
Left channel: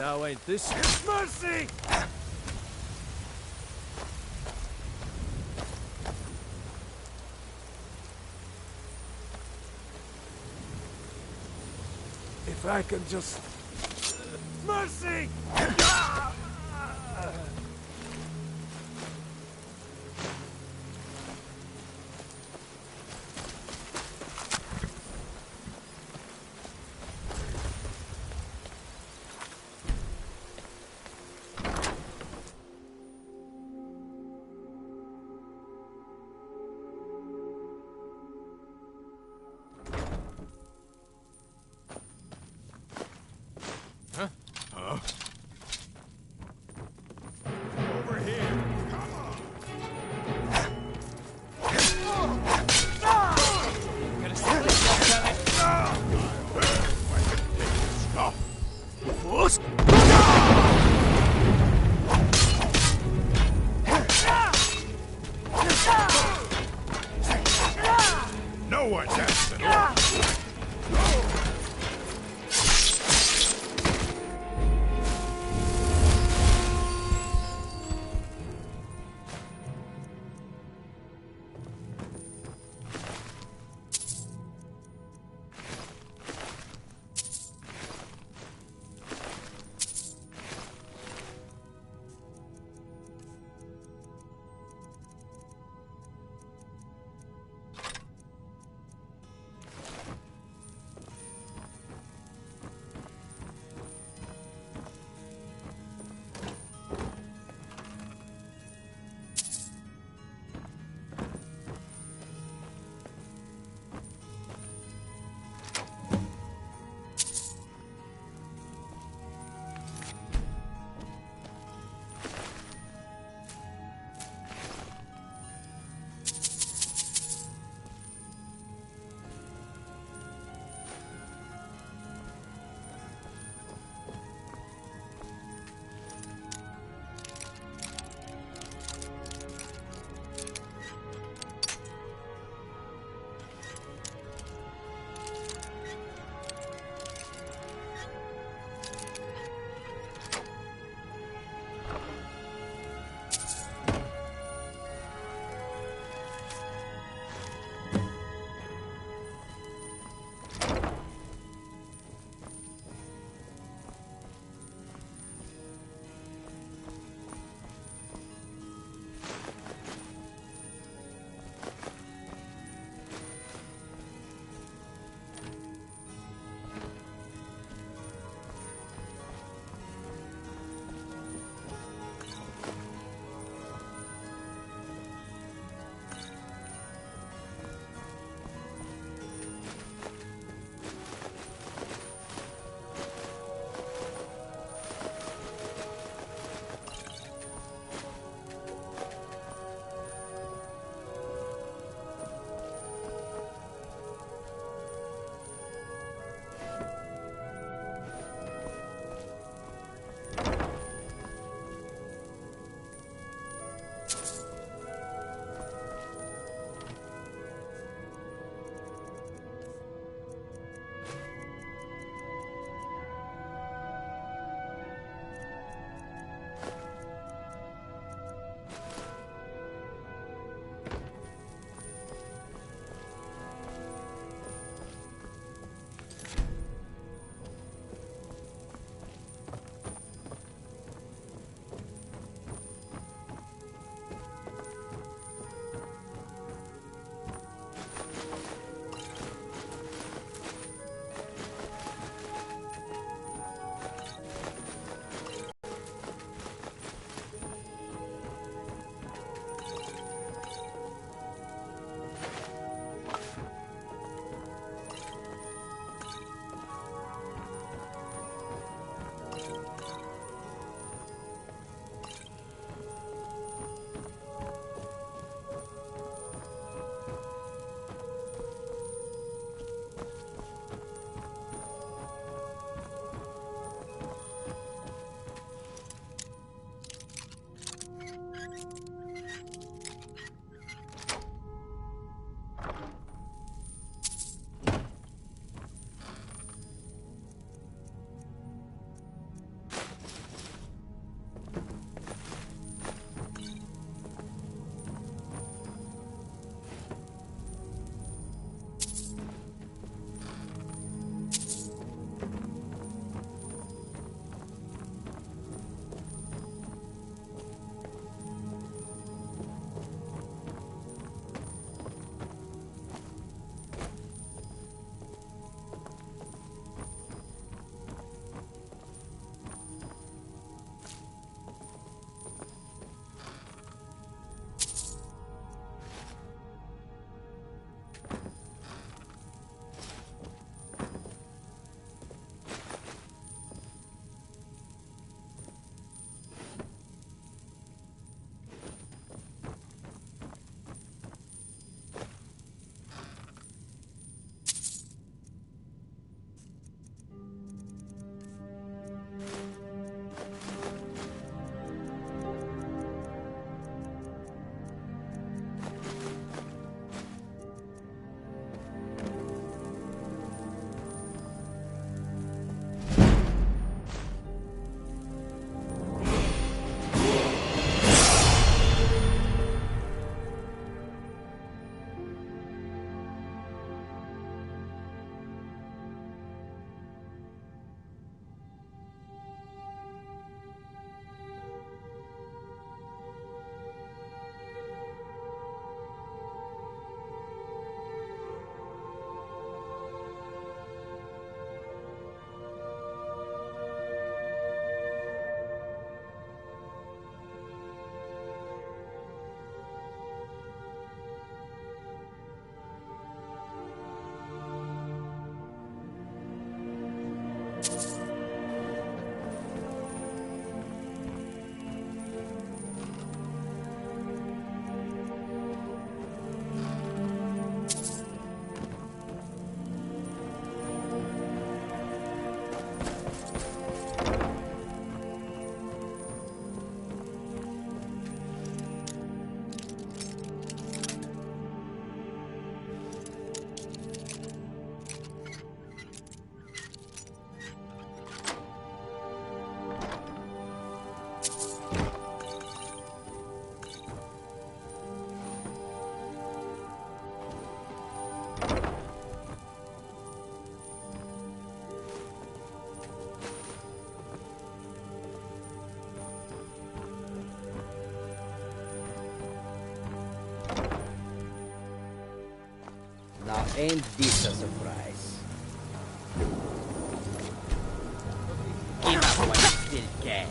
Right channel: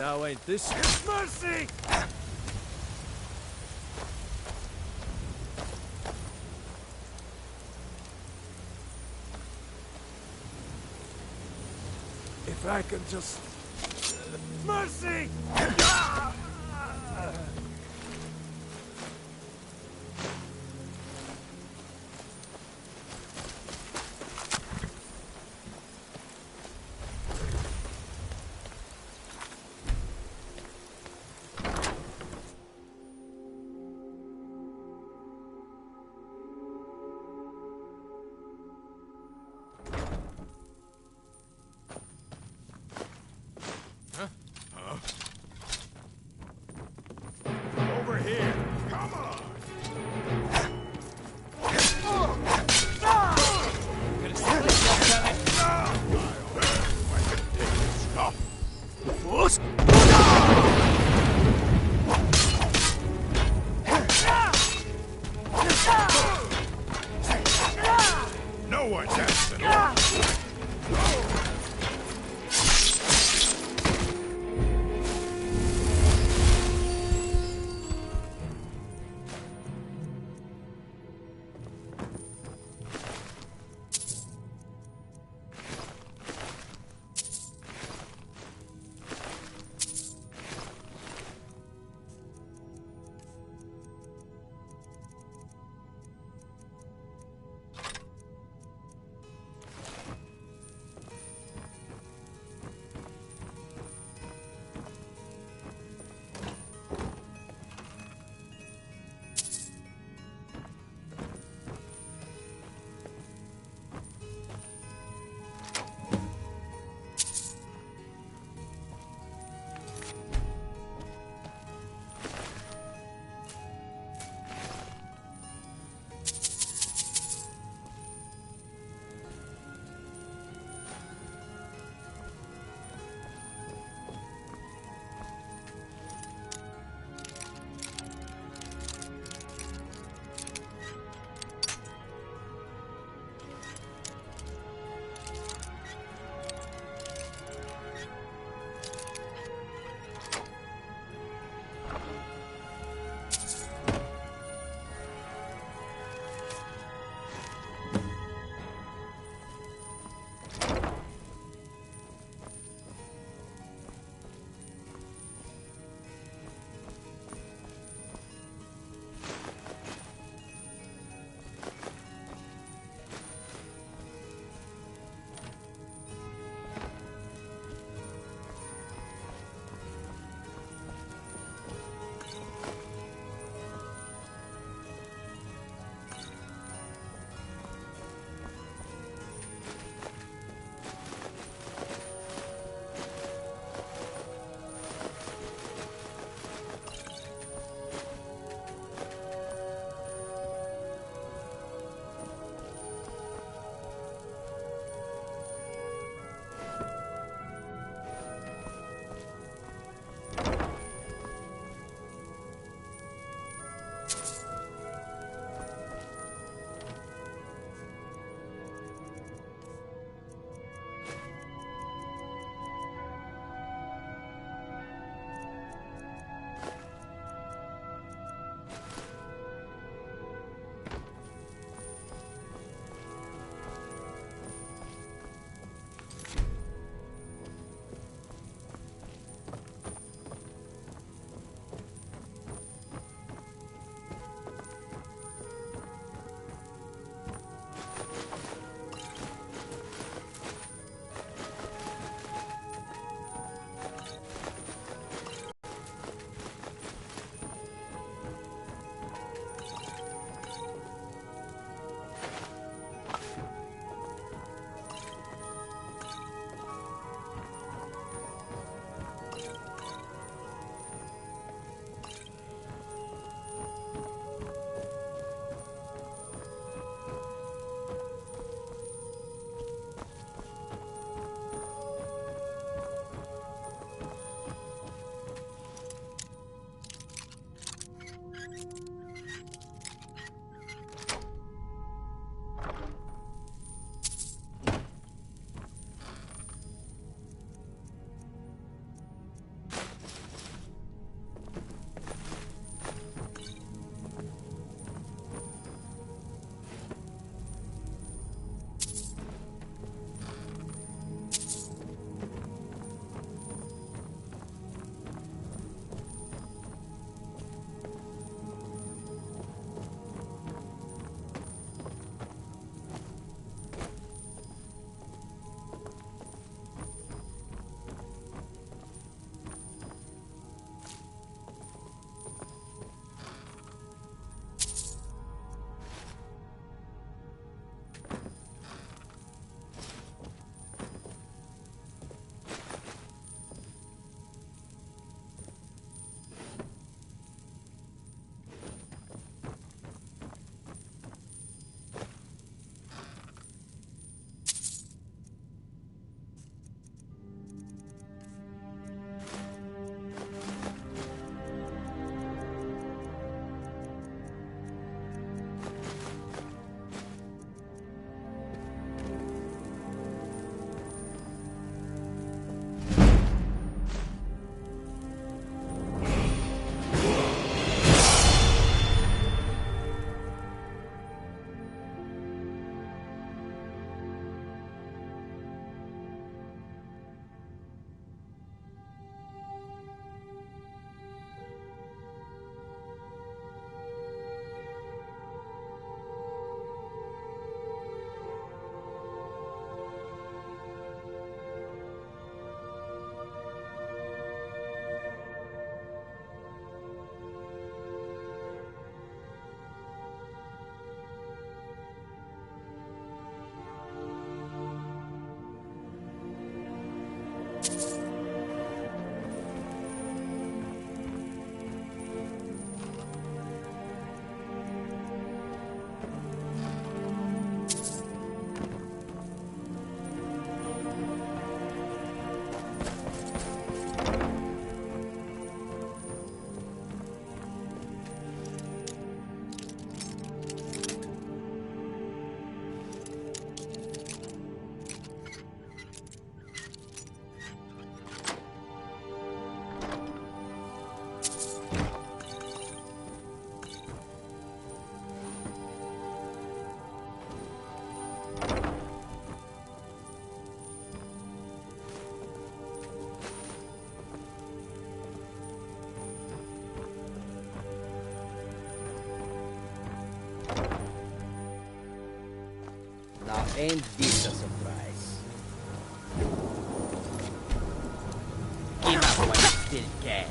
Now ain't this mercy? If I can just... mercy! Over here. Come on. Gonna split yourself. No one has to. Ain't this a surprise? Give up while you still can.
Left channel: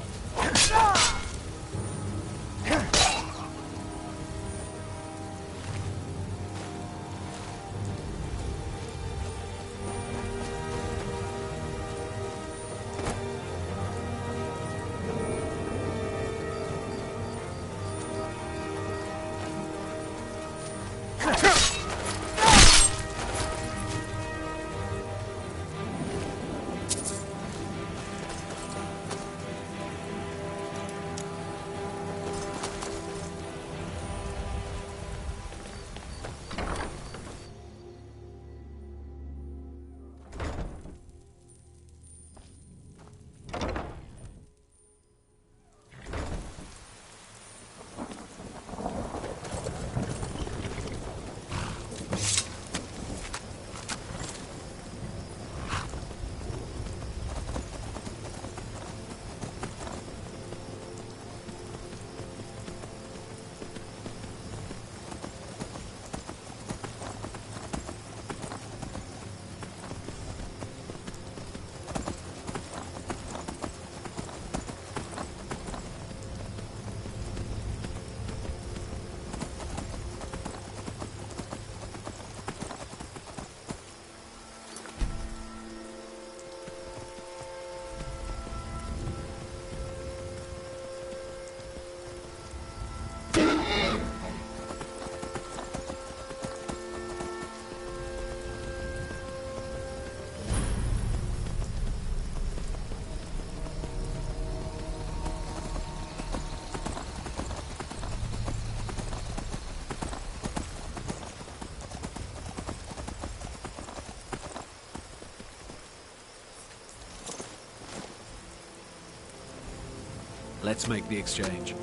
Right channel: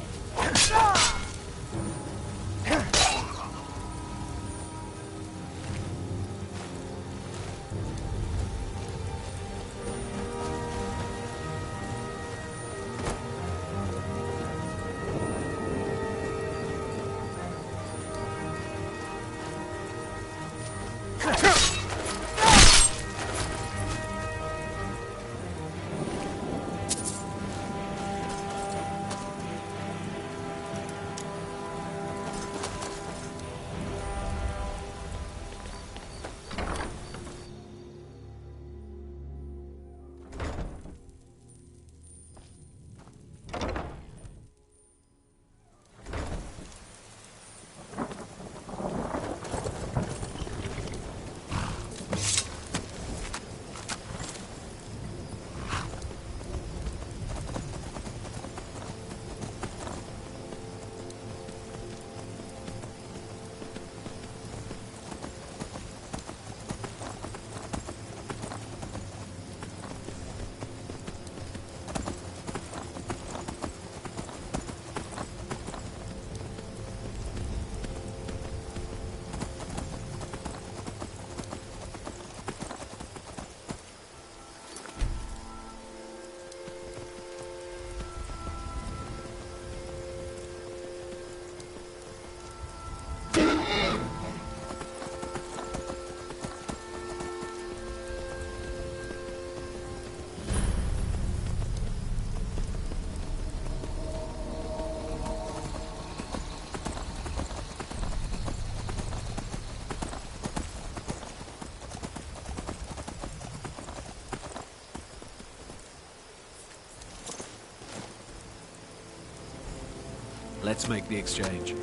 Let's make the exchange.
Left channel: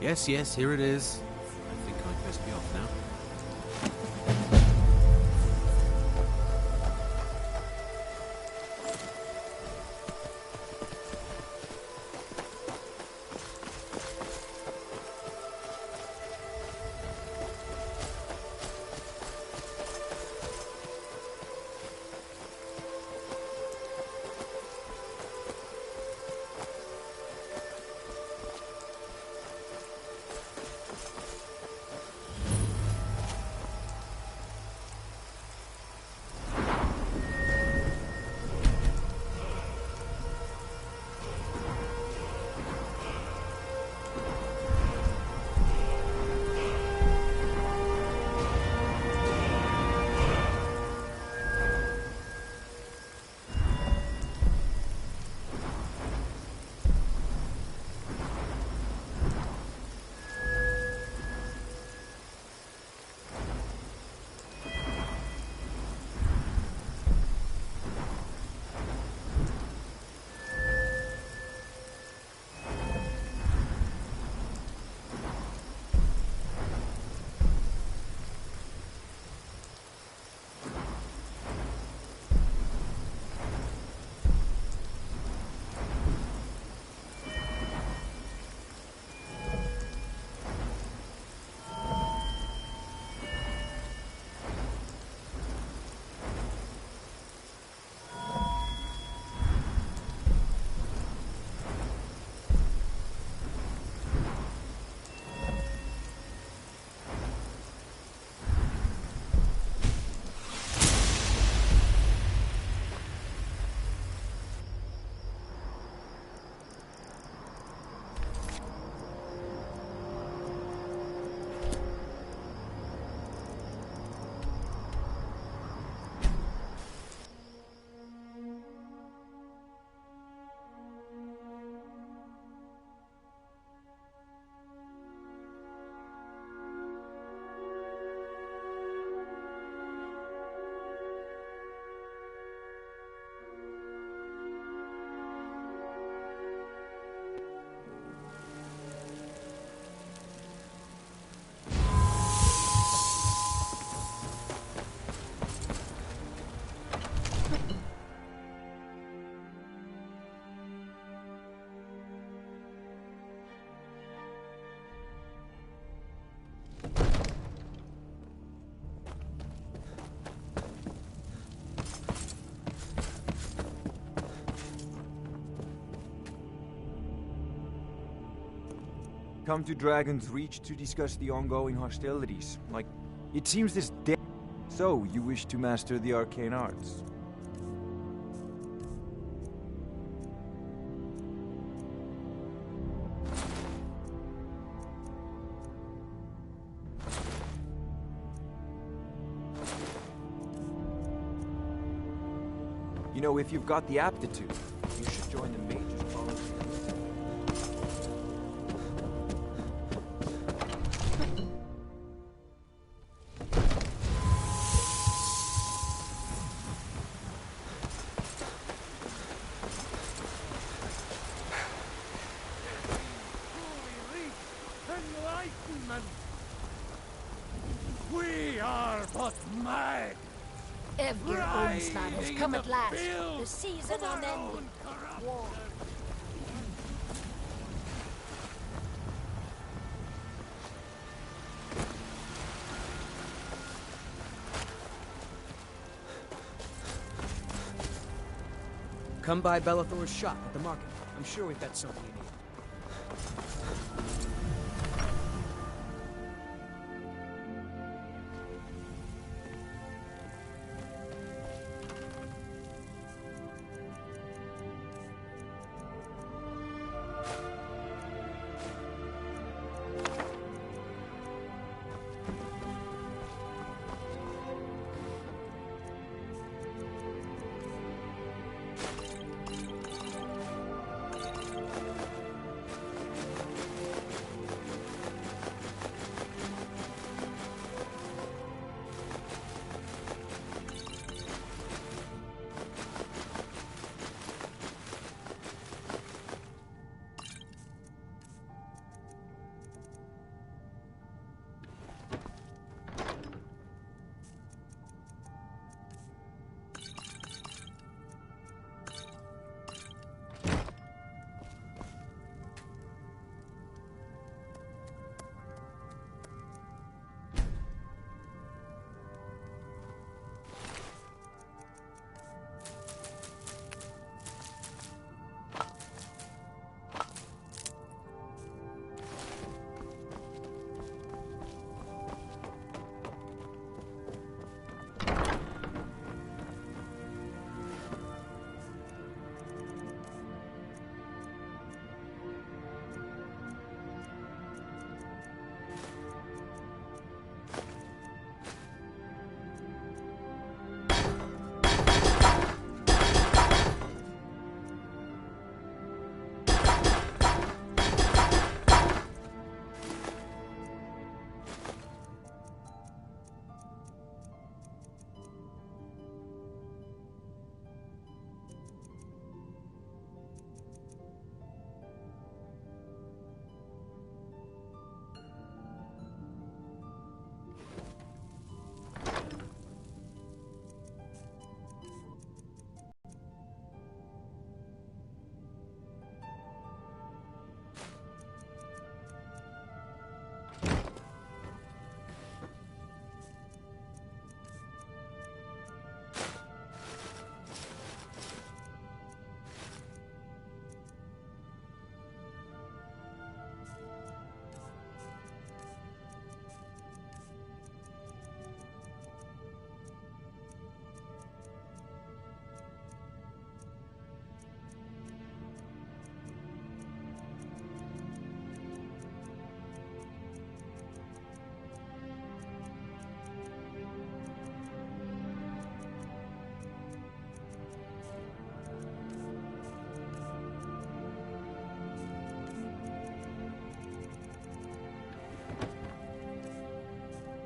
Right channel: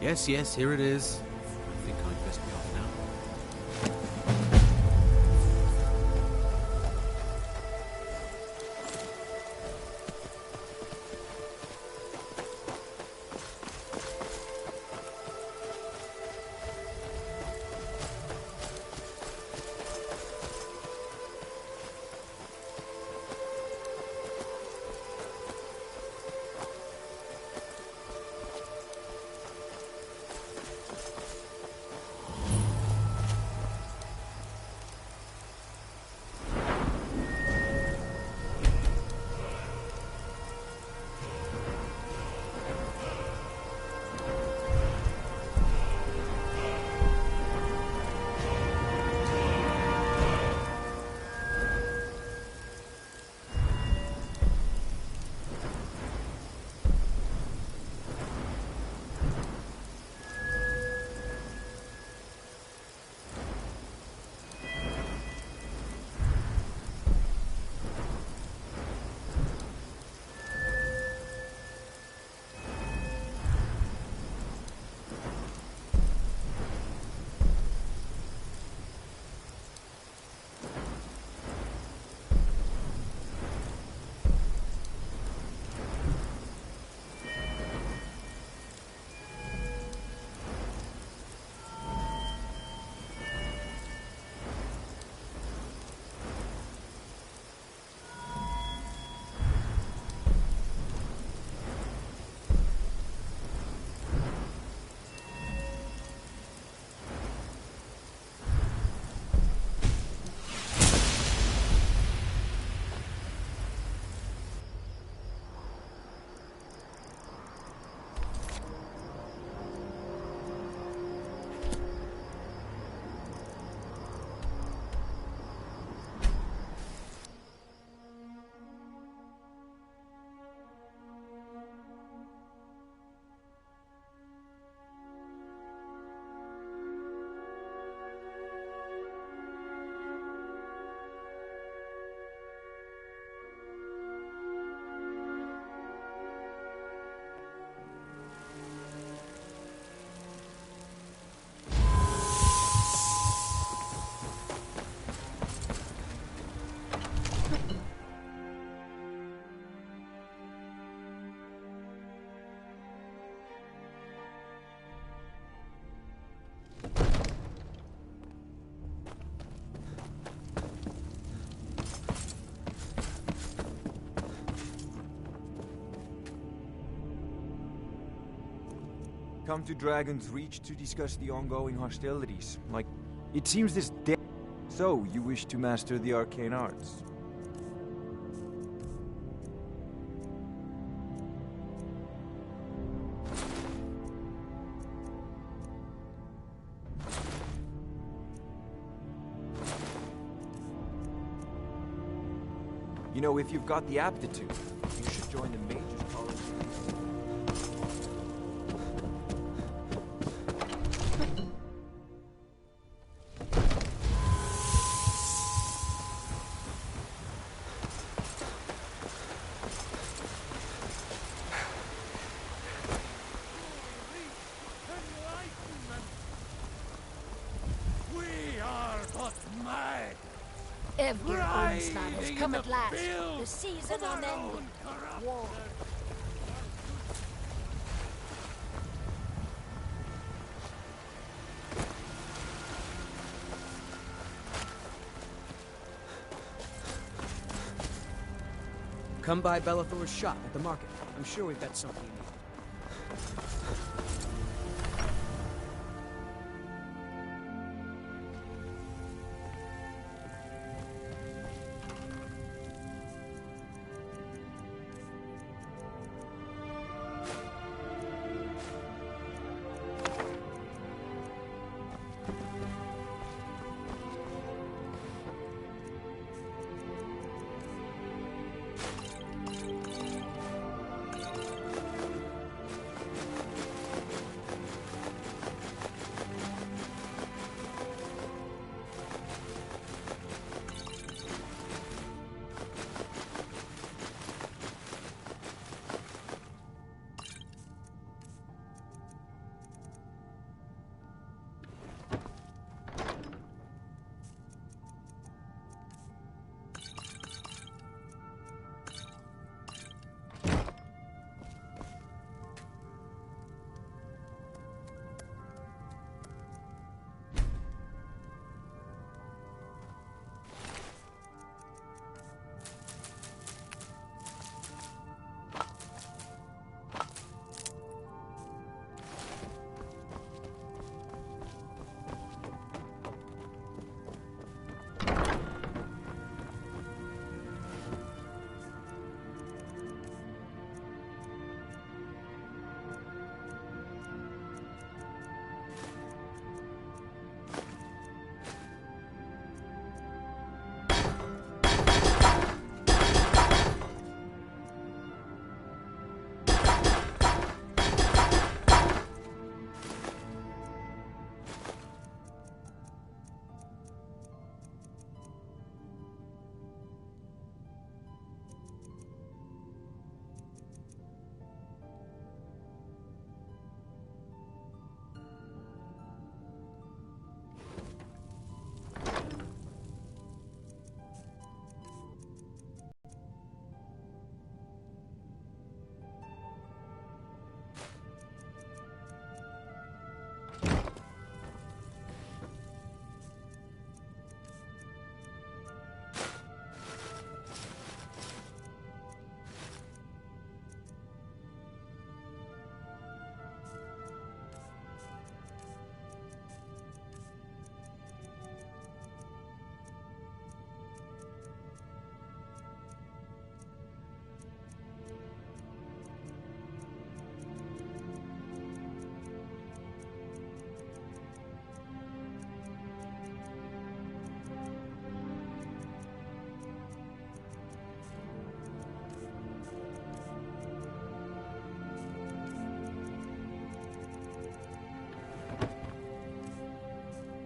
Yes, yes, here it is. I think I'd best be off now. Come to Dragon's Reach to discuss the ongoing hostilities. Like, it seems this day. So, you wish to master the arcane arts? You know, if you've got the aptitude, you should join the Mage's College. We are but mad. Every onslaught has come at last. The season unending. War. Come by Bellathor's shop at the market. I'm sure we've got something you need.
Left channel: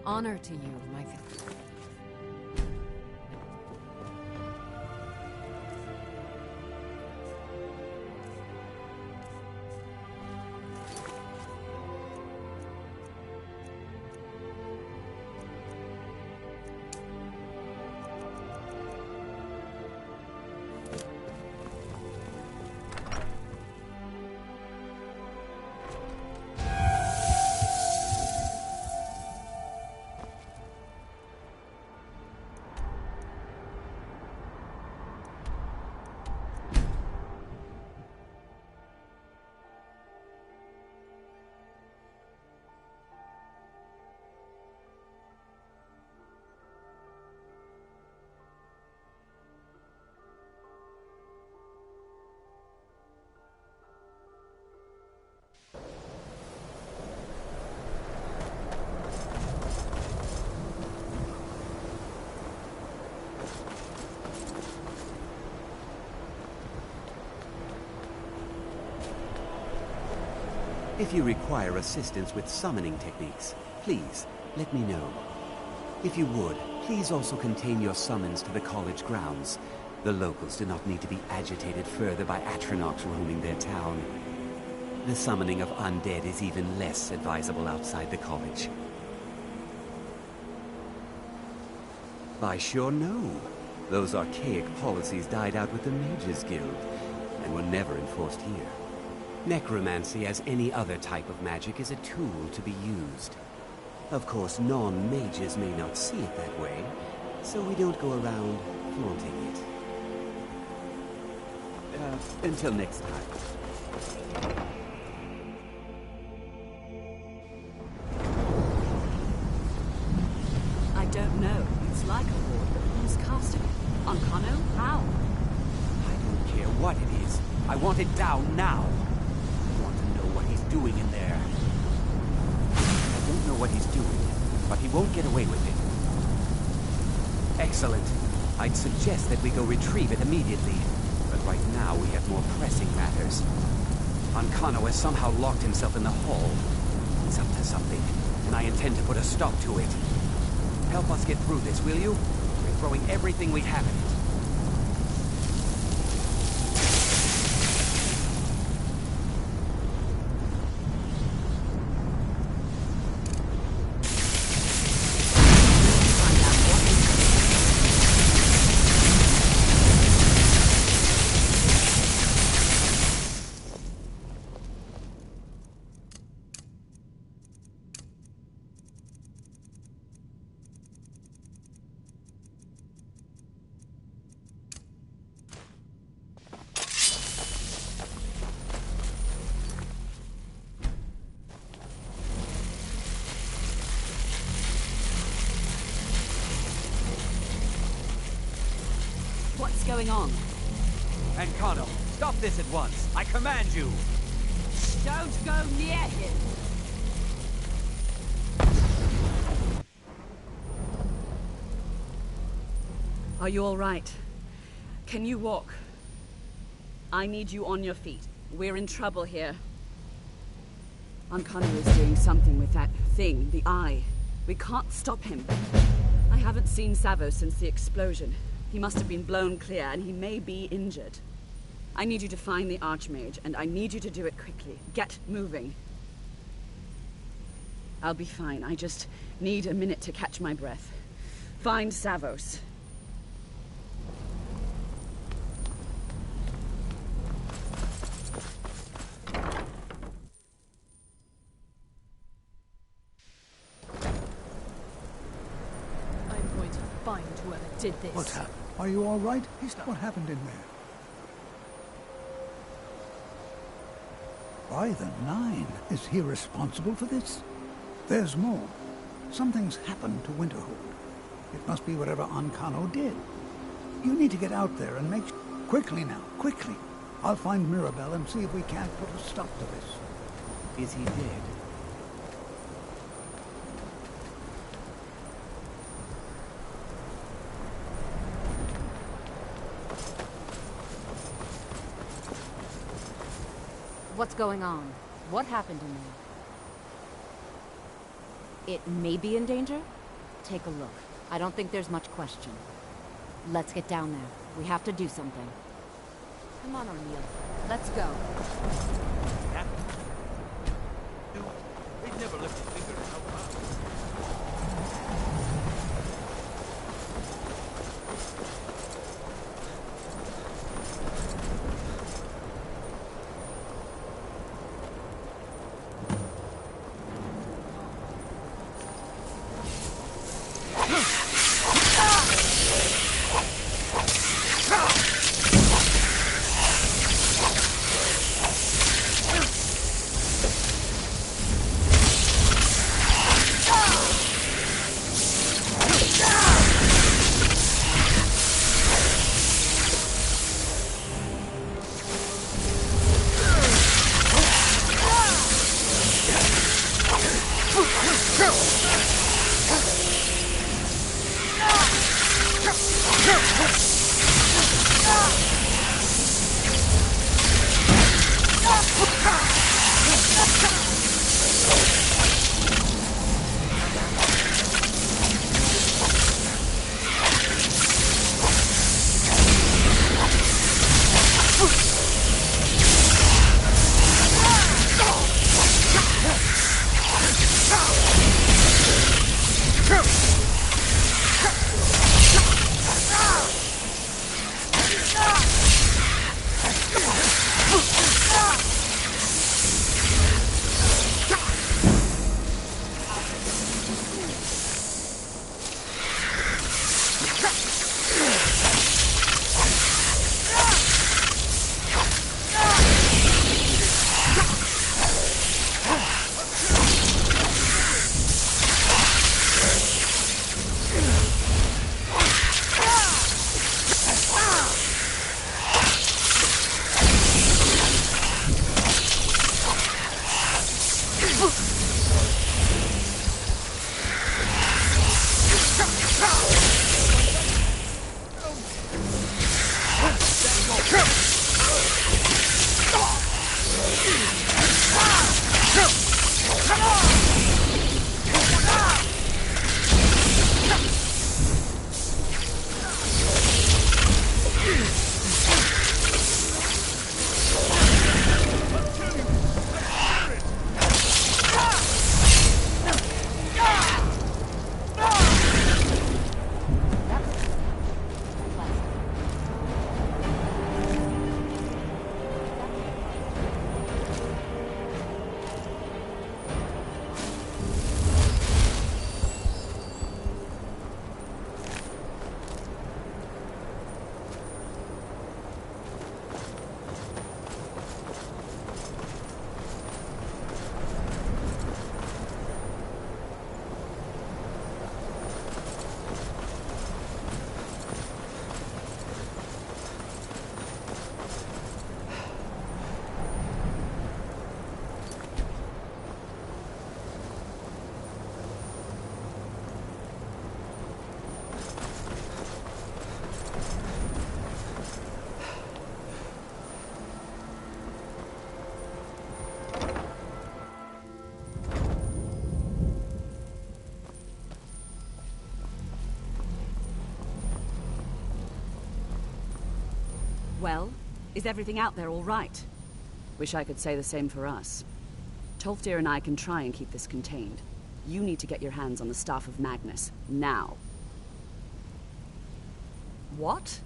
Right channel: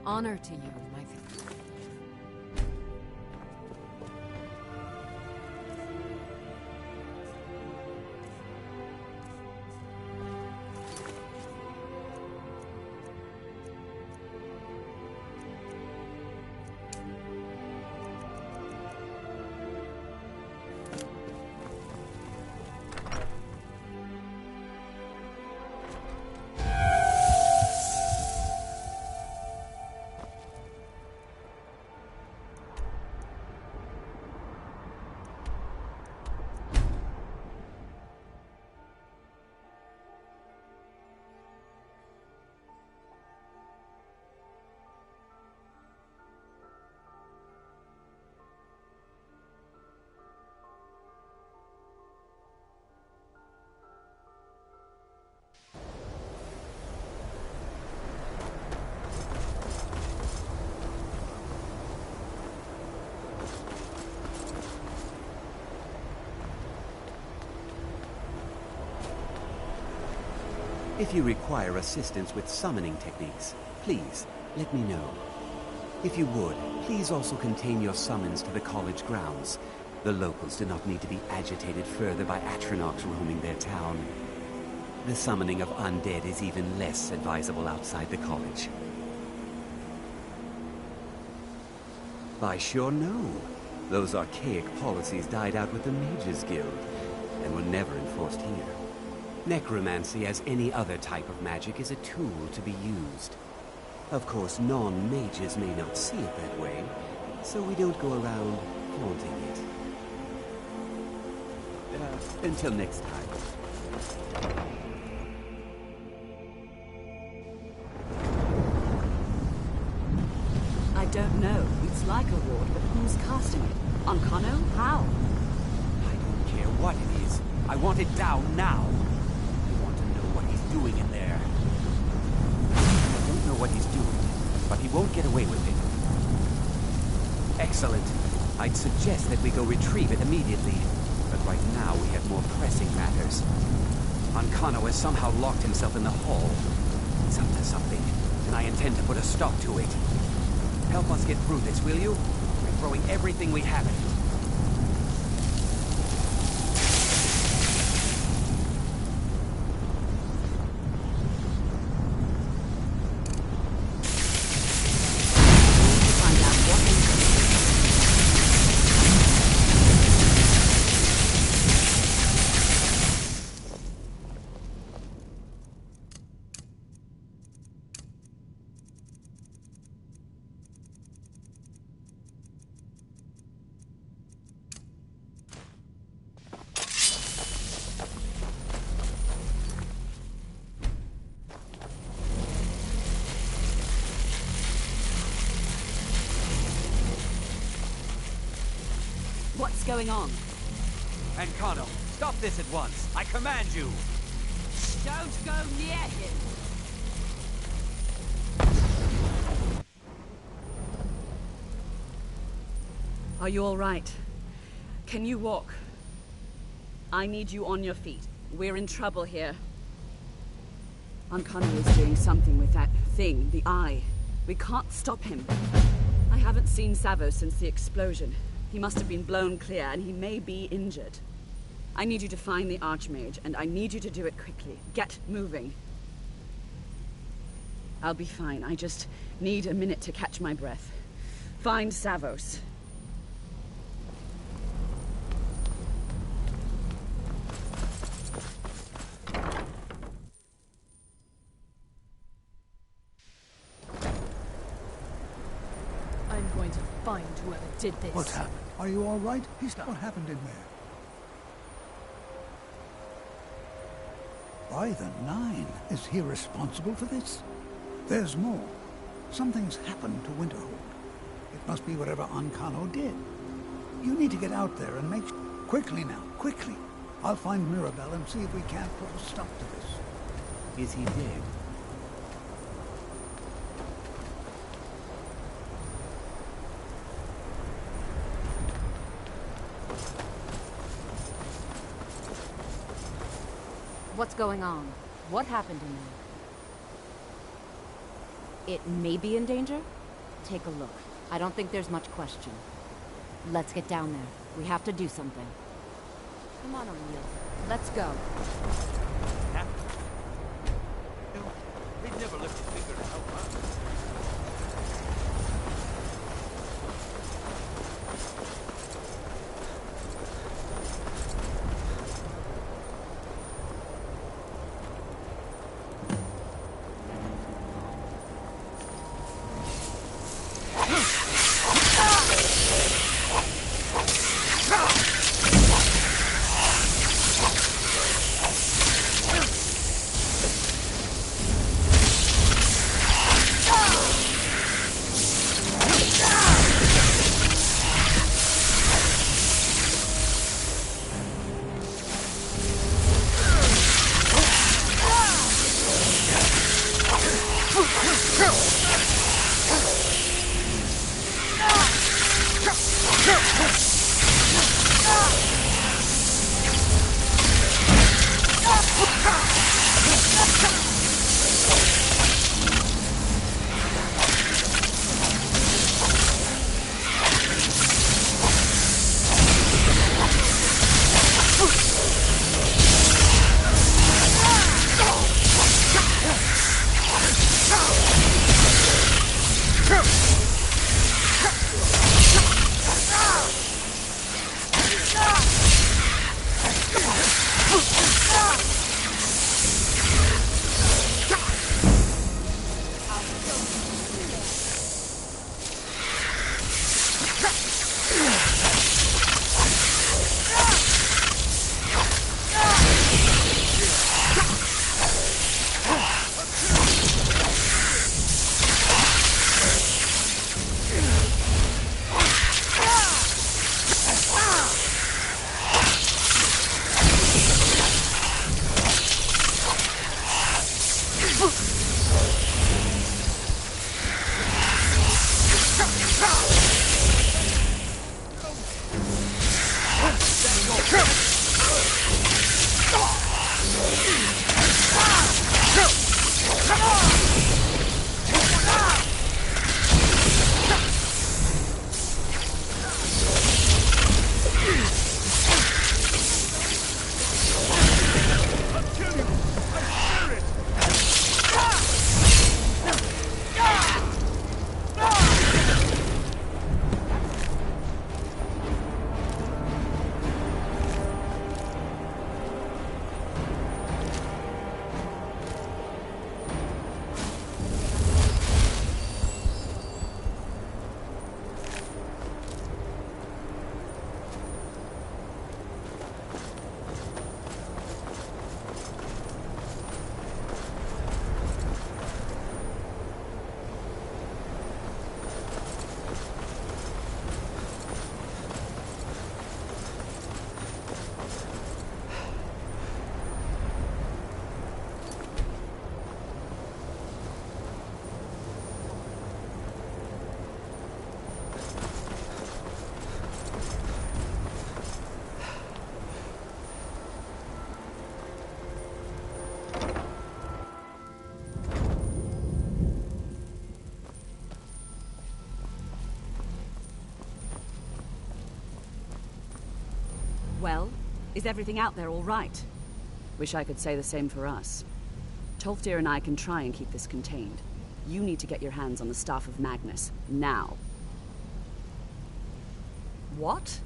Honor to you, my friend. If you require assistance with summoning techniques, please let me know. If you would, please also contain your summons to the college grounds. The locals do not need to be agitated further by Atronachs roaming their town. The summoning of undead is even less advisable outside the college. I sure know. Those archaic policies died out with the Mages Guild, and were never enforced here. Necromancy, as any other type of magic, is a tool to be used. Of course, non-mages may not see it that way, so we don't go around flaunting it. Until next time. I don't know. It's like a ward, but who's casting it? Ancano? How? I don't care what it is. I want it down now. I want to know what he's doing in there. I don't know what he's doing, but he won't get away with it. Excellent. I'd suggest that we go retrieve it immediately. But right now we have more pressing matters. Ancano has somehow locked himself in the hall. He's up to something, and I intend to put a stop to it. Help us get through this, will you? We're throwing everything we have at it. What's going on? Ancano, stop this at once. I command you. Don't go near him! Are you all right? Can you walk? I need you on your feet. We're in trouble here. Ancano is doing something with that thing, the eye. We can't stop him. I haven't seen Savo since the explosion. He must have been blown clear, and he may be injured. I need you to find the Arch-mage, and I need you to do it quickly. Get moving. I'll be fine. I just need a minute to catch my breath. Find Savos. I'm going to find whoever did this. What's happened? Are you all right? What happened in there? By the Nine, is he responsible for this? There's more. Something's happened to Winterhold. It must be whatever Ancano did. You need to get out there and make... Quickly now, quickly. I'll find Mirabelle and see if we can't put a stop to this. Is he dead? What's going on? What happened in there? It may be in danger? Take a look. I don't think there's much question. Let's get down there. We have to do something. Come on, O'Neill. Let's go. They'd never lift a finger to help us. Well, is everything out there all right? Wish I could say the same for us. Tolfdir and I can try and keep this contained. You need to get your hands on the Staff of Magnus, now. What?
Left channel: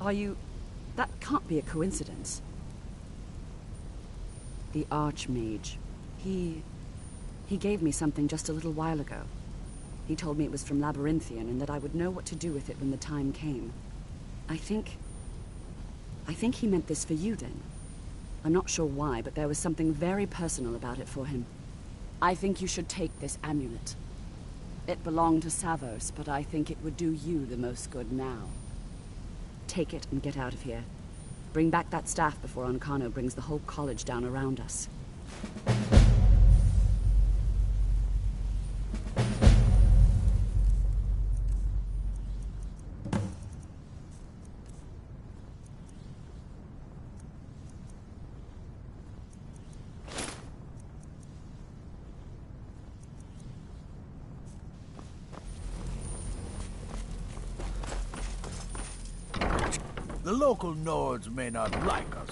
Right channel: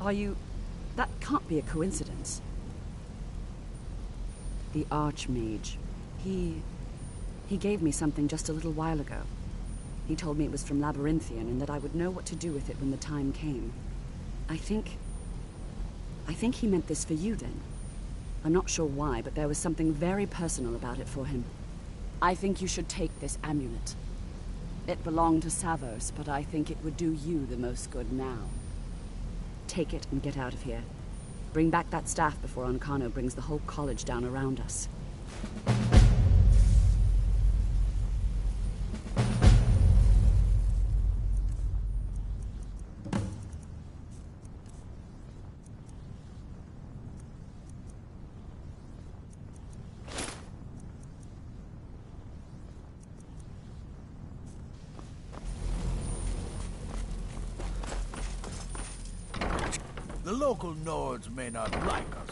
Are you... That can't be a coincidence. The Arch-mage. He gave me something just a little while ago. He told me it was from Labyrinthian and that I would know what to do with it when the time came. I think he meant this for you then. I'm not sure why, but there was something very personal about it for him. I think you should take this amulet. It belonged to Savos, but I think it would do you the most good now. Take it and get out of here. Bring back that staff before Ancano brings the whole college down around us. The local Nords may not like us.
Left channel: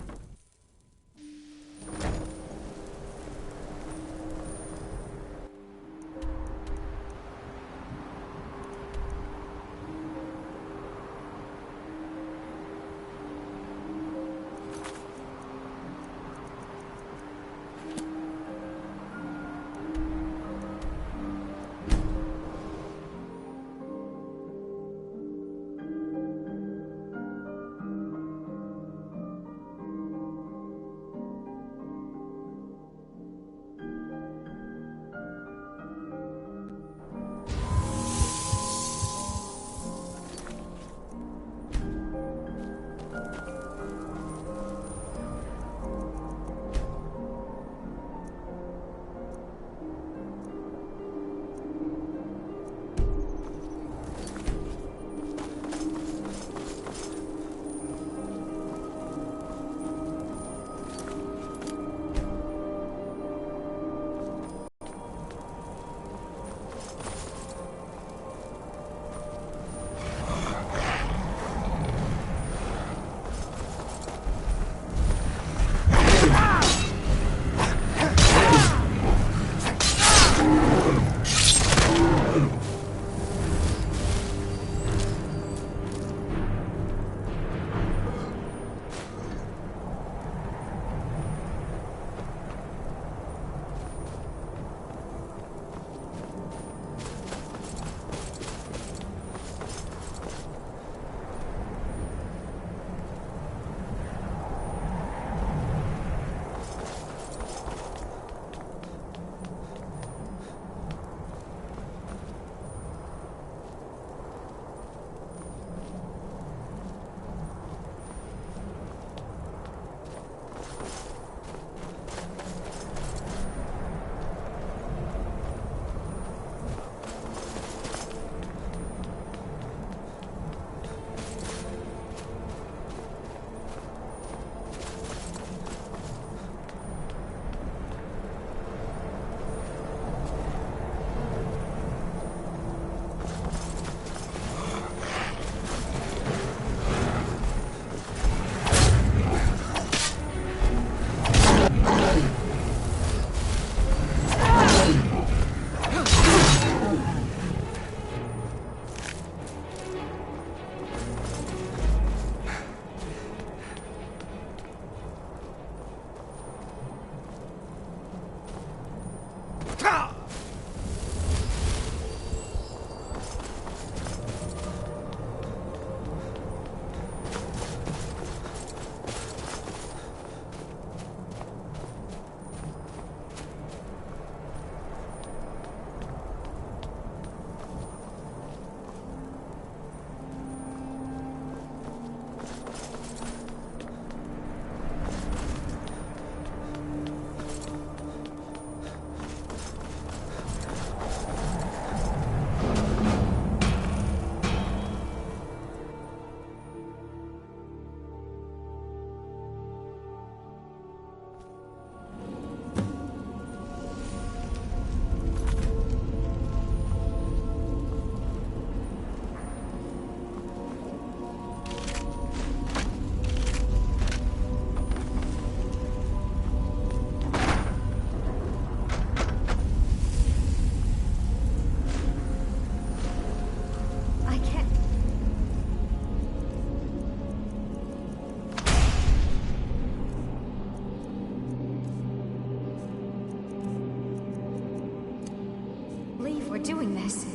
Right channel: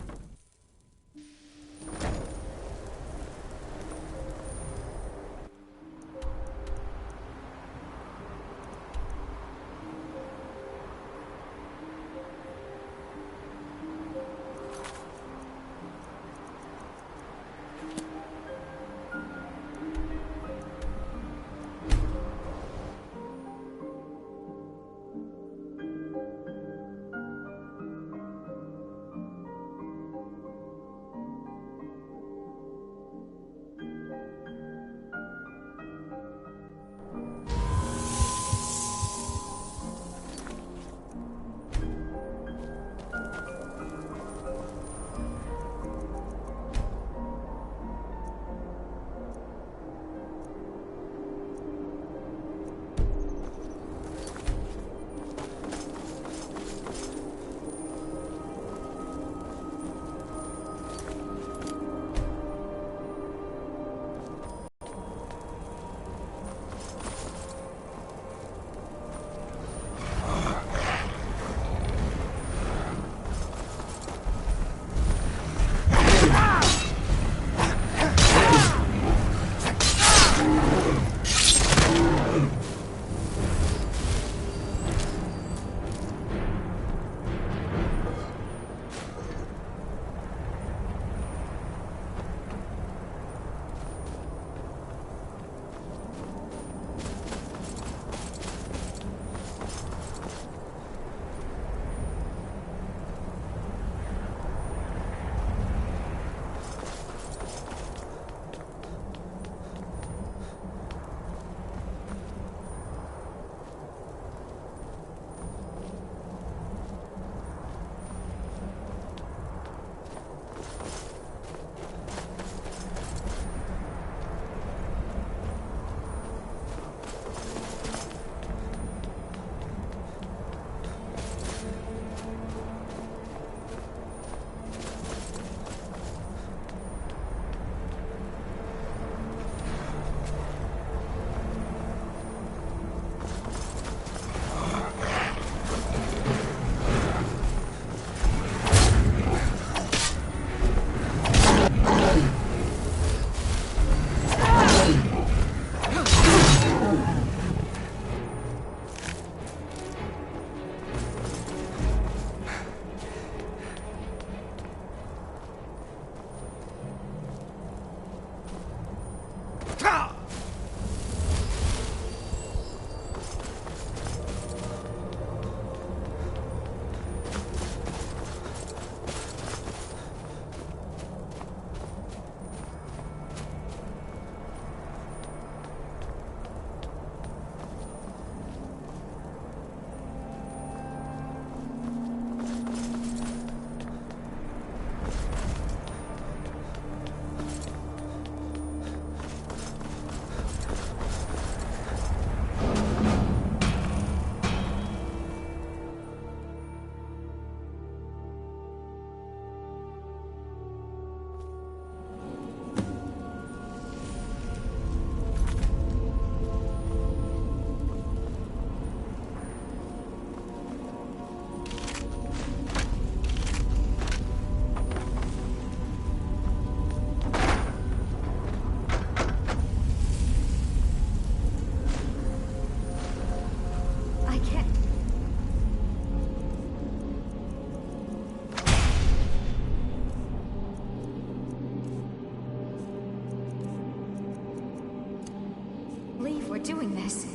doing this?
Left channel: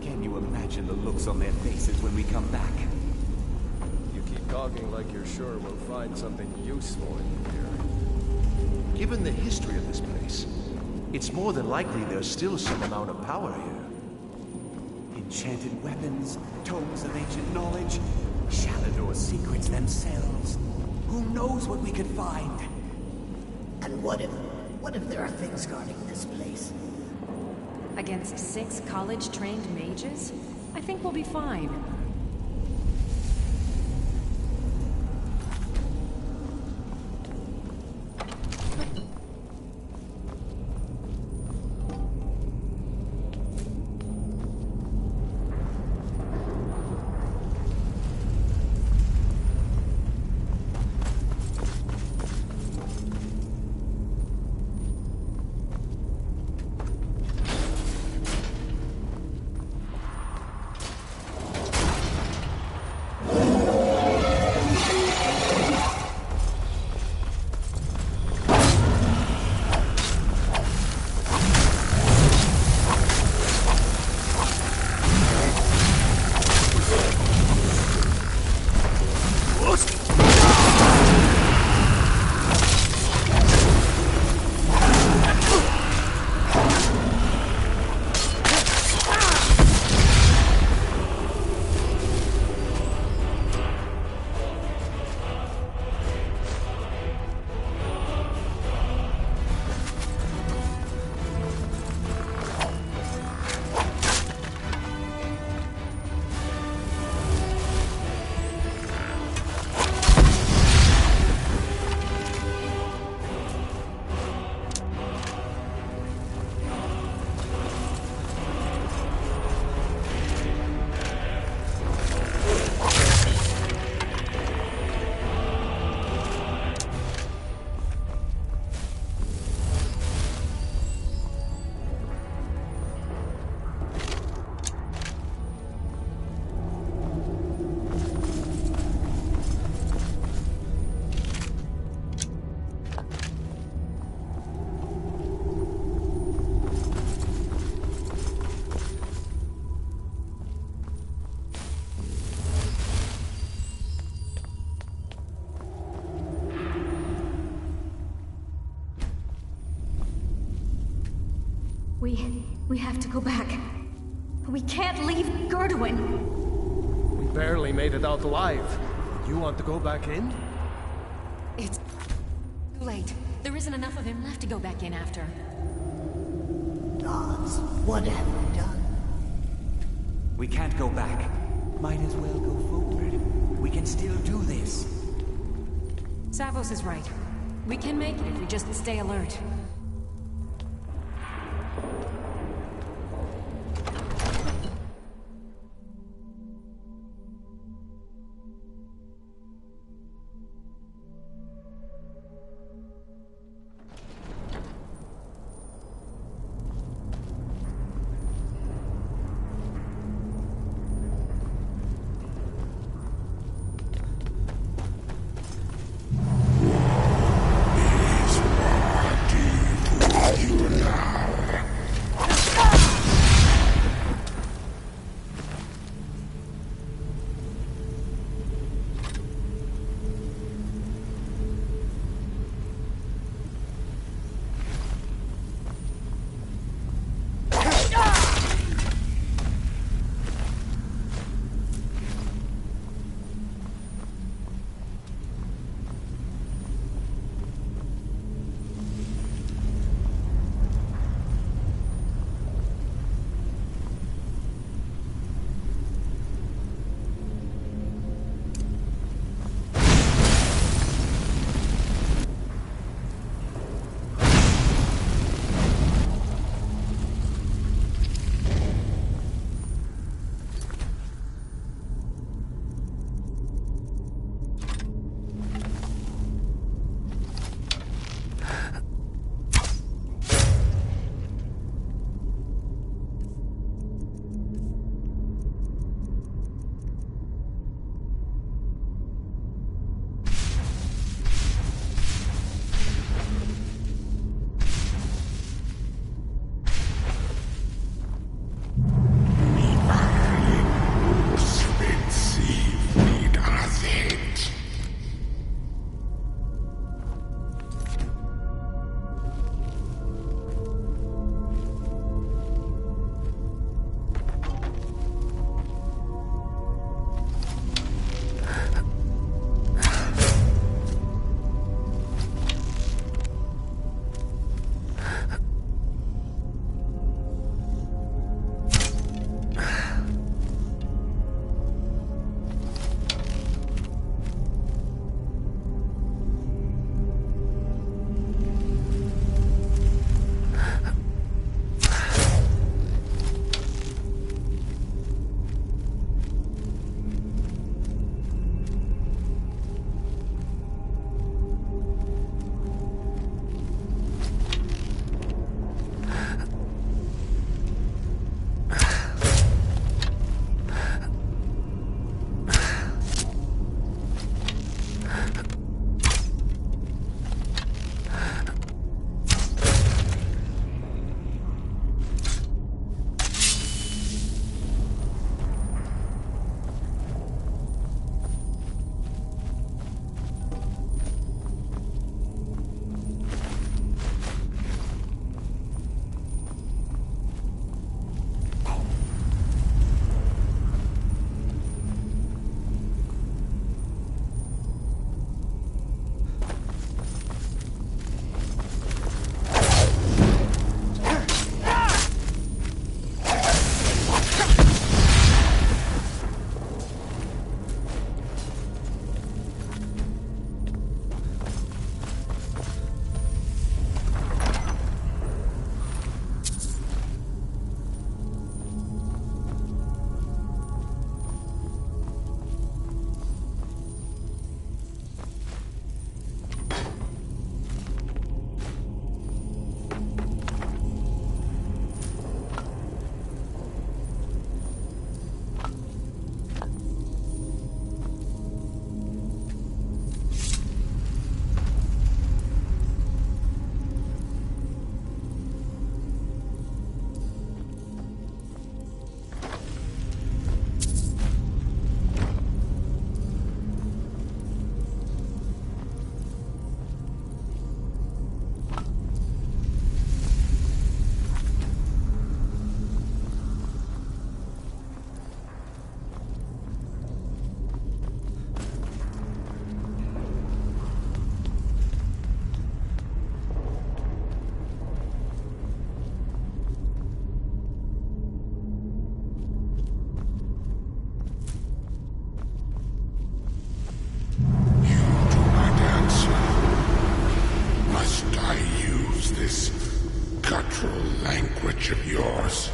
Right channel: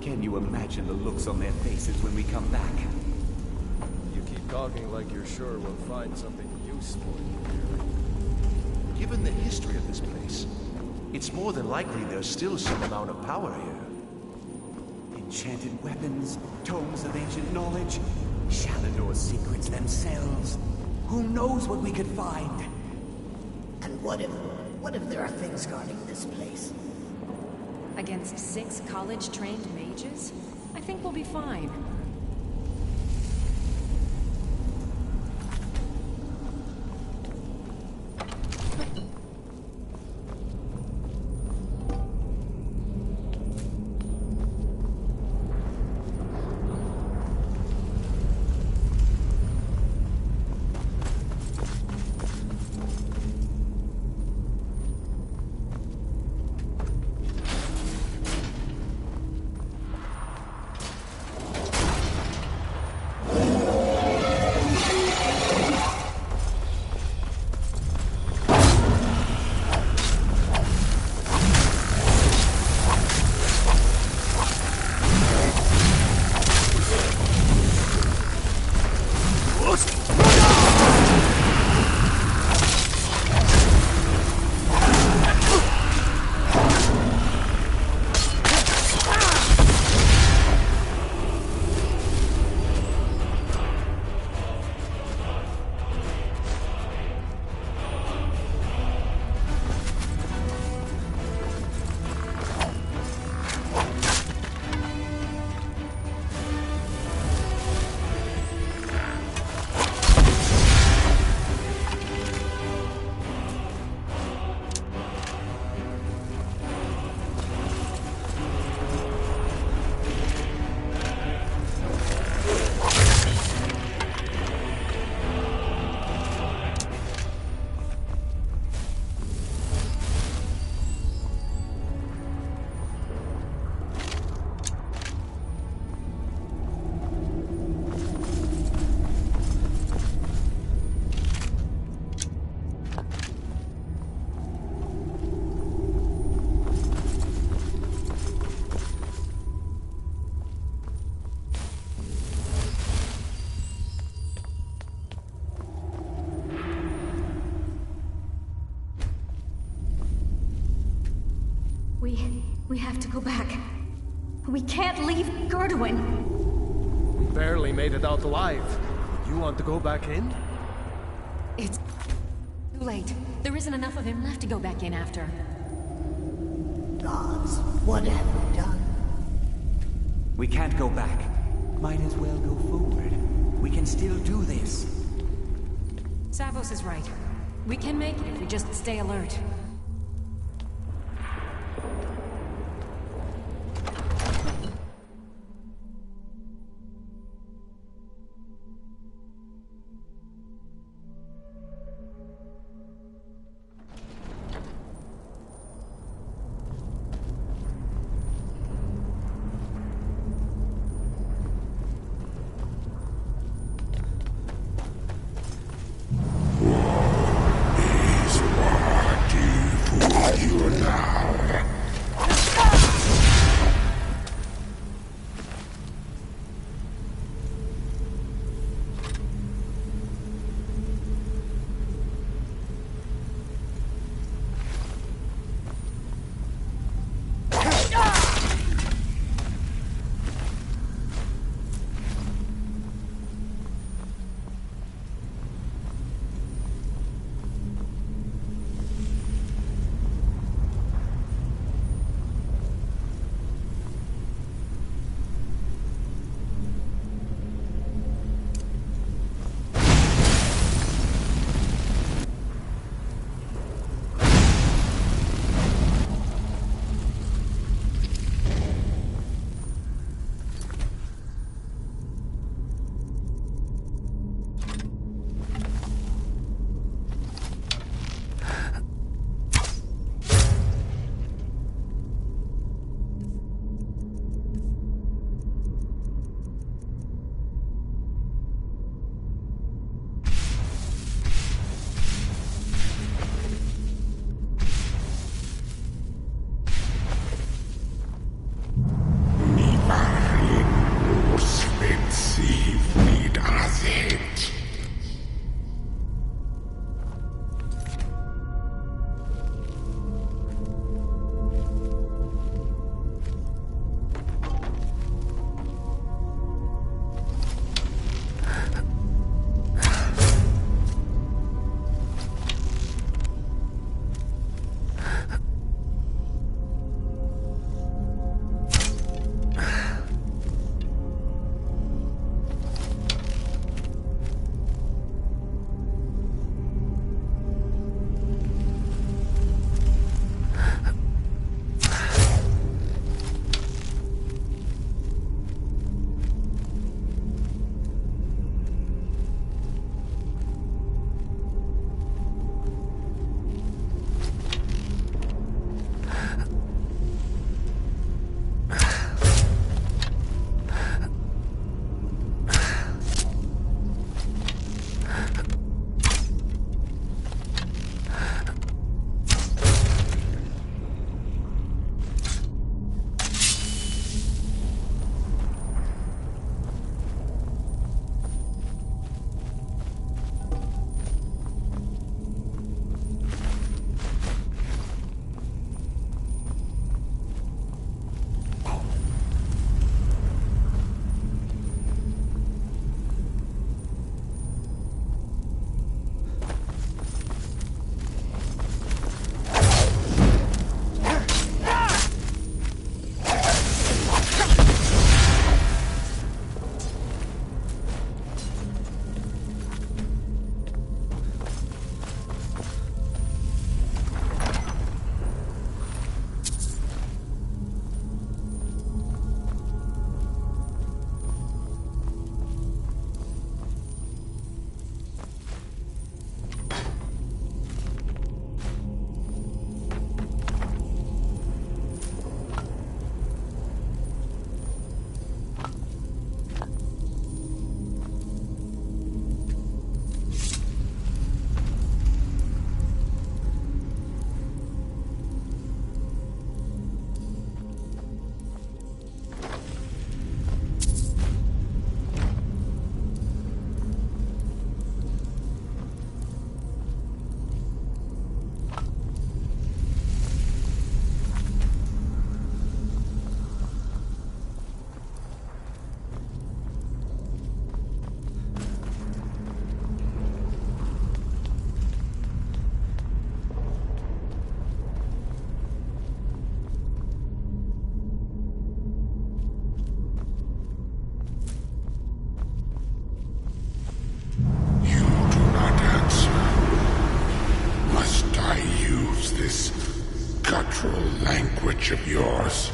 Can you imagine the looks on their faces when we come back? You keep talking like you're sure we'll find something useful in here. Given the history of this place, it's more than likely there's still some amount of power here. Enchanted weapons, tomes of ancient knowledge, Shalinor's secrets themselves. Who knows what we could find? And what if there are things guarding this place? Against 6 college-trained mages? I think we'll be fine. We have to go back. We can't leave Gerdwin. We barely made it out alive. You want to go back in? It's too late. There isn't enough of him left to go back in after. Gods, what have we done? We can't go back. Might as well go forward. We can still do this. Savos is right. We can make it if we just stay alert. These are demons. wonderful language of yours.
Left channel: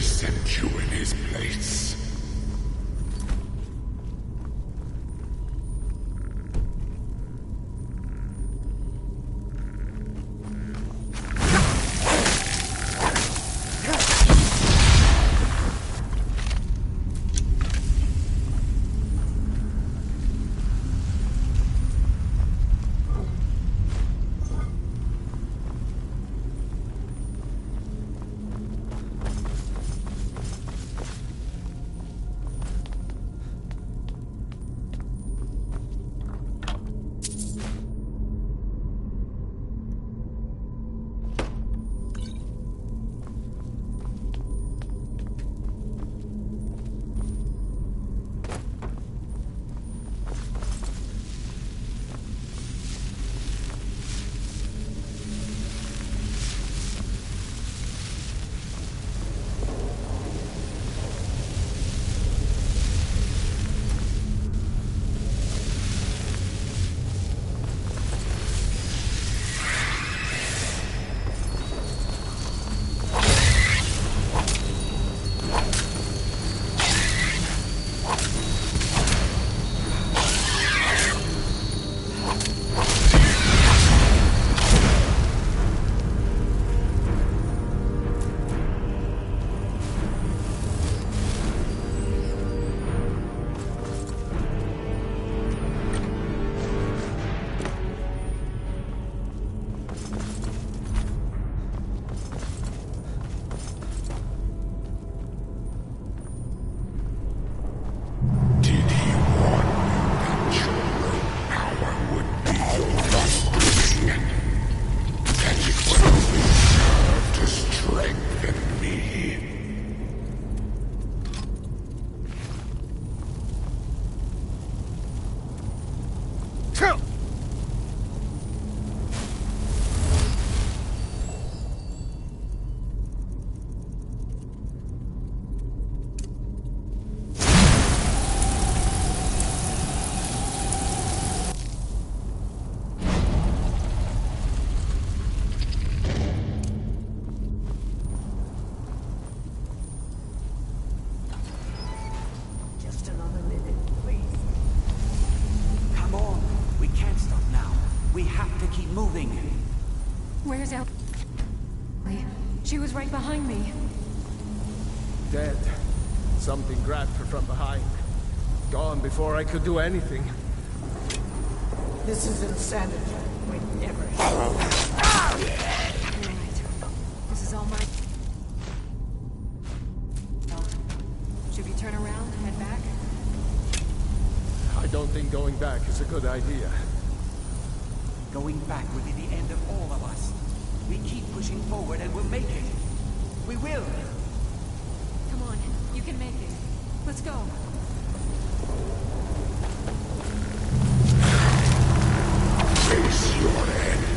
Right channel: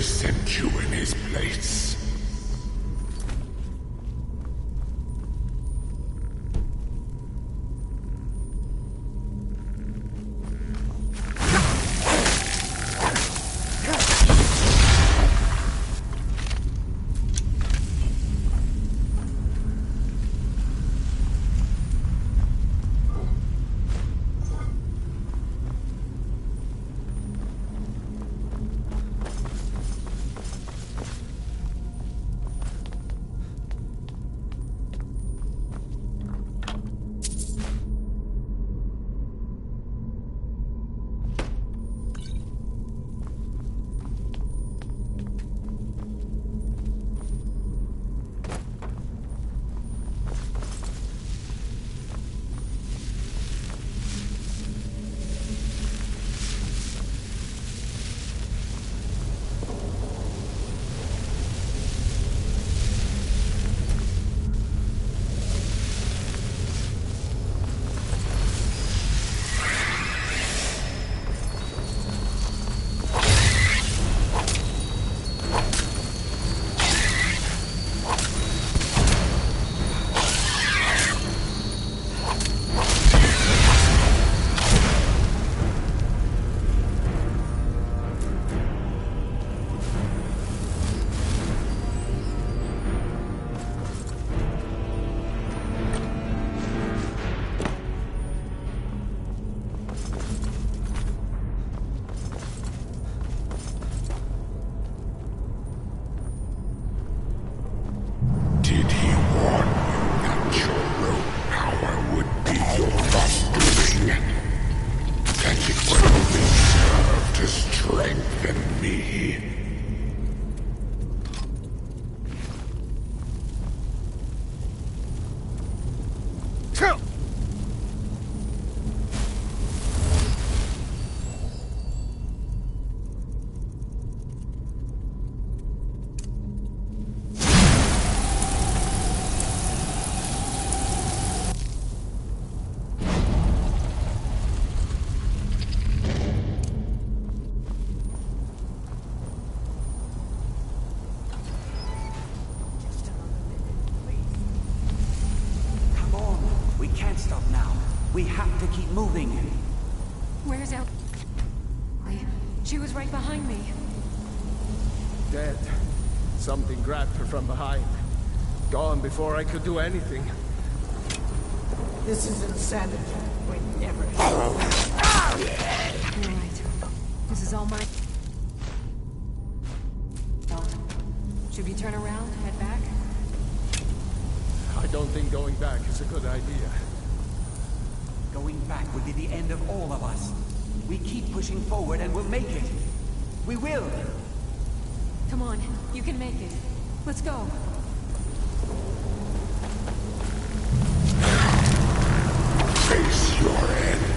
Sent you in his place. We have to keep moving. Where's El? She was right behind me. Dead. Something grabbed her from behind. Gone before I could do anything. This is insanity. We never. You're right. This is all my. Should we turn around and head back? I don't think going back is a good idea. Going back will be the end of all of us. We keep pushing forward and we'll make it. We will! Come on, you can make it. Let's go. Face your end.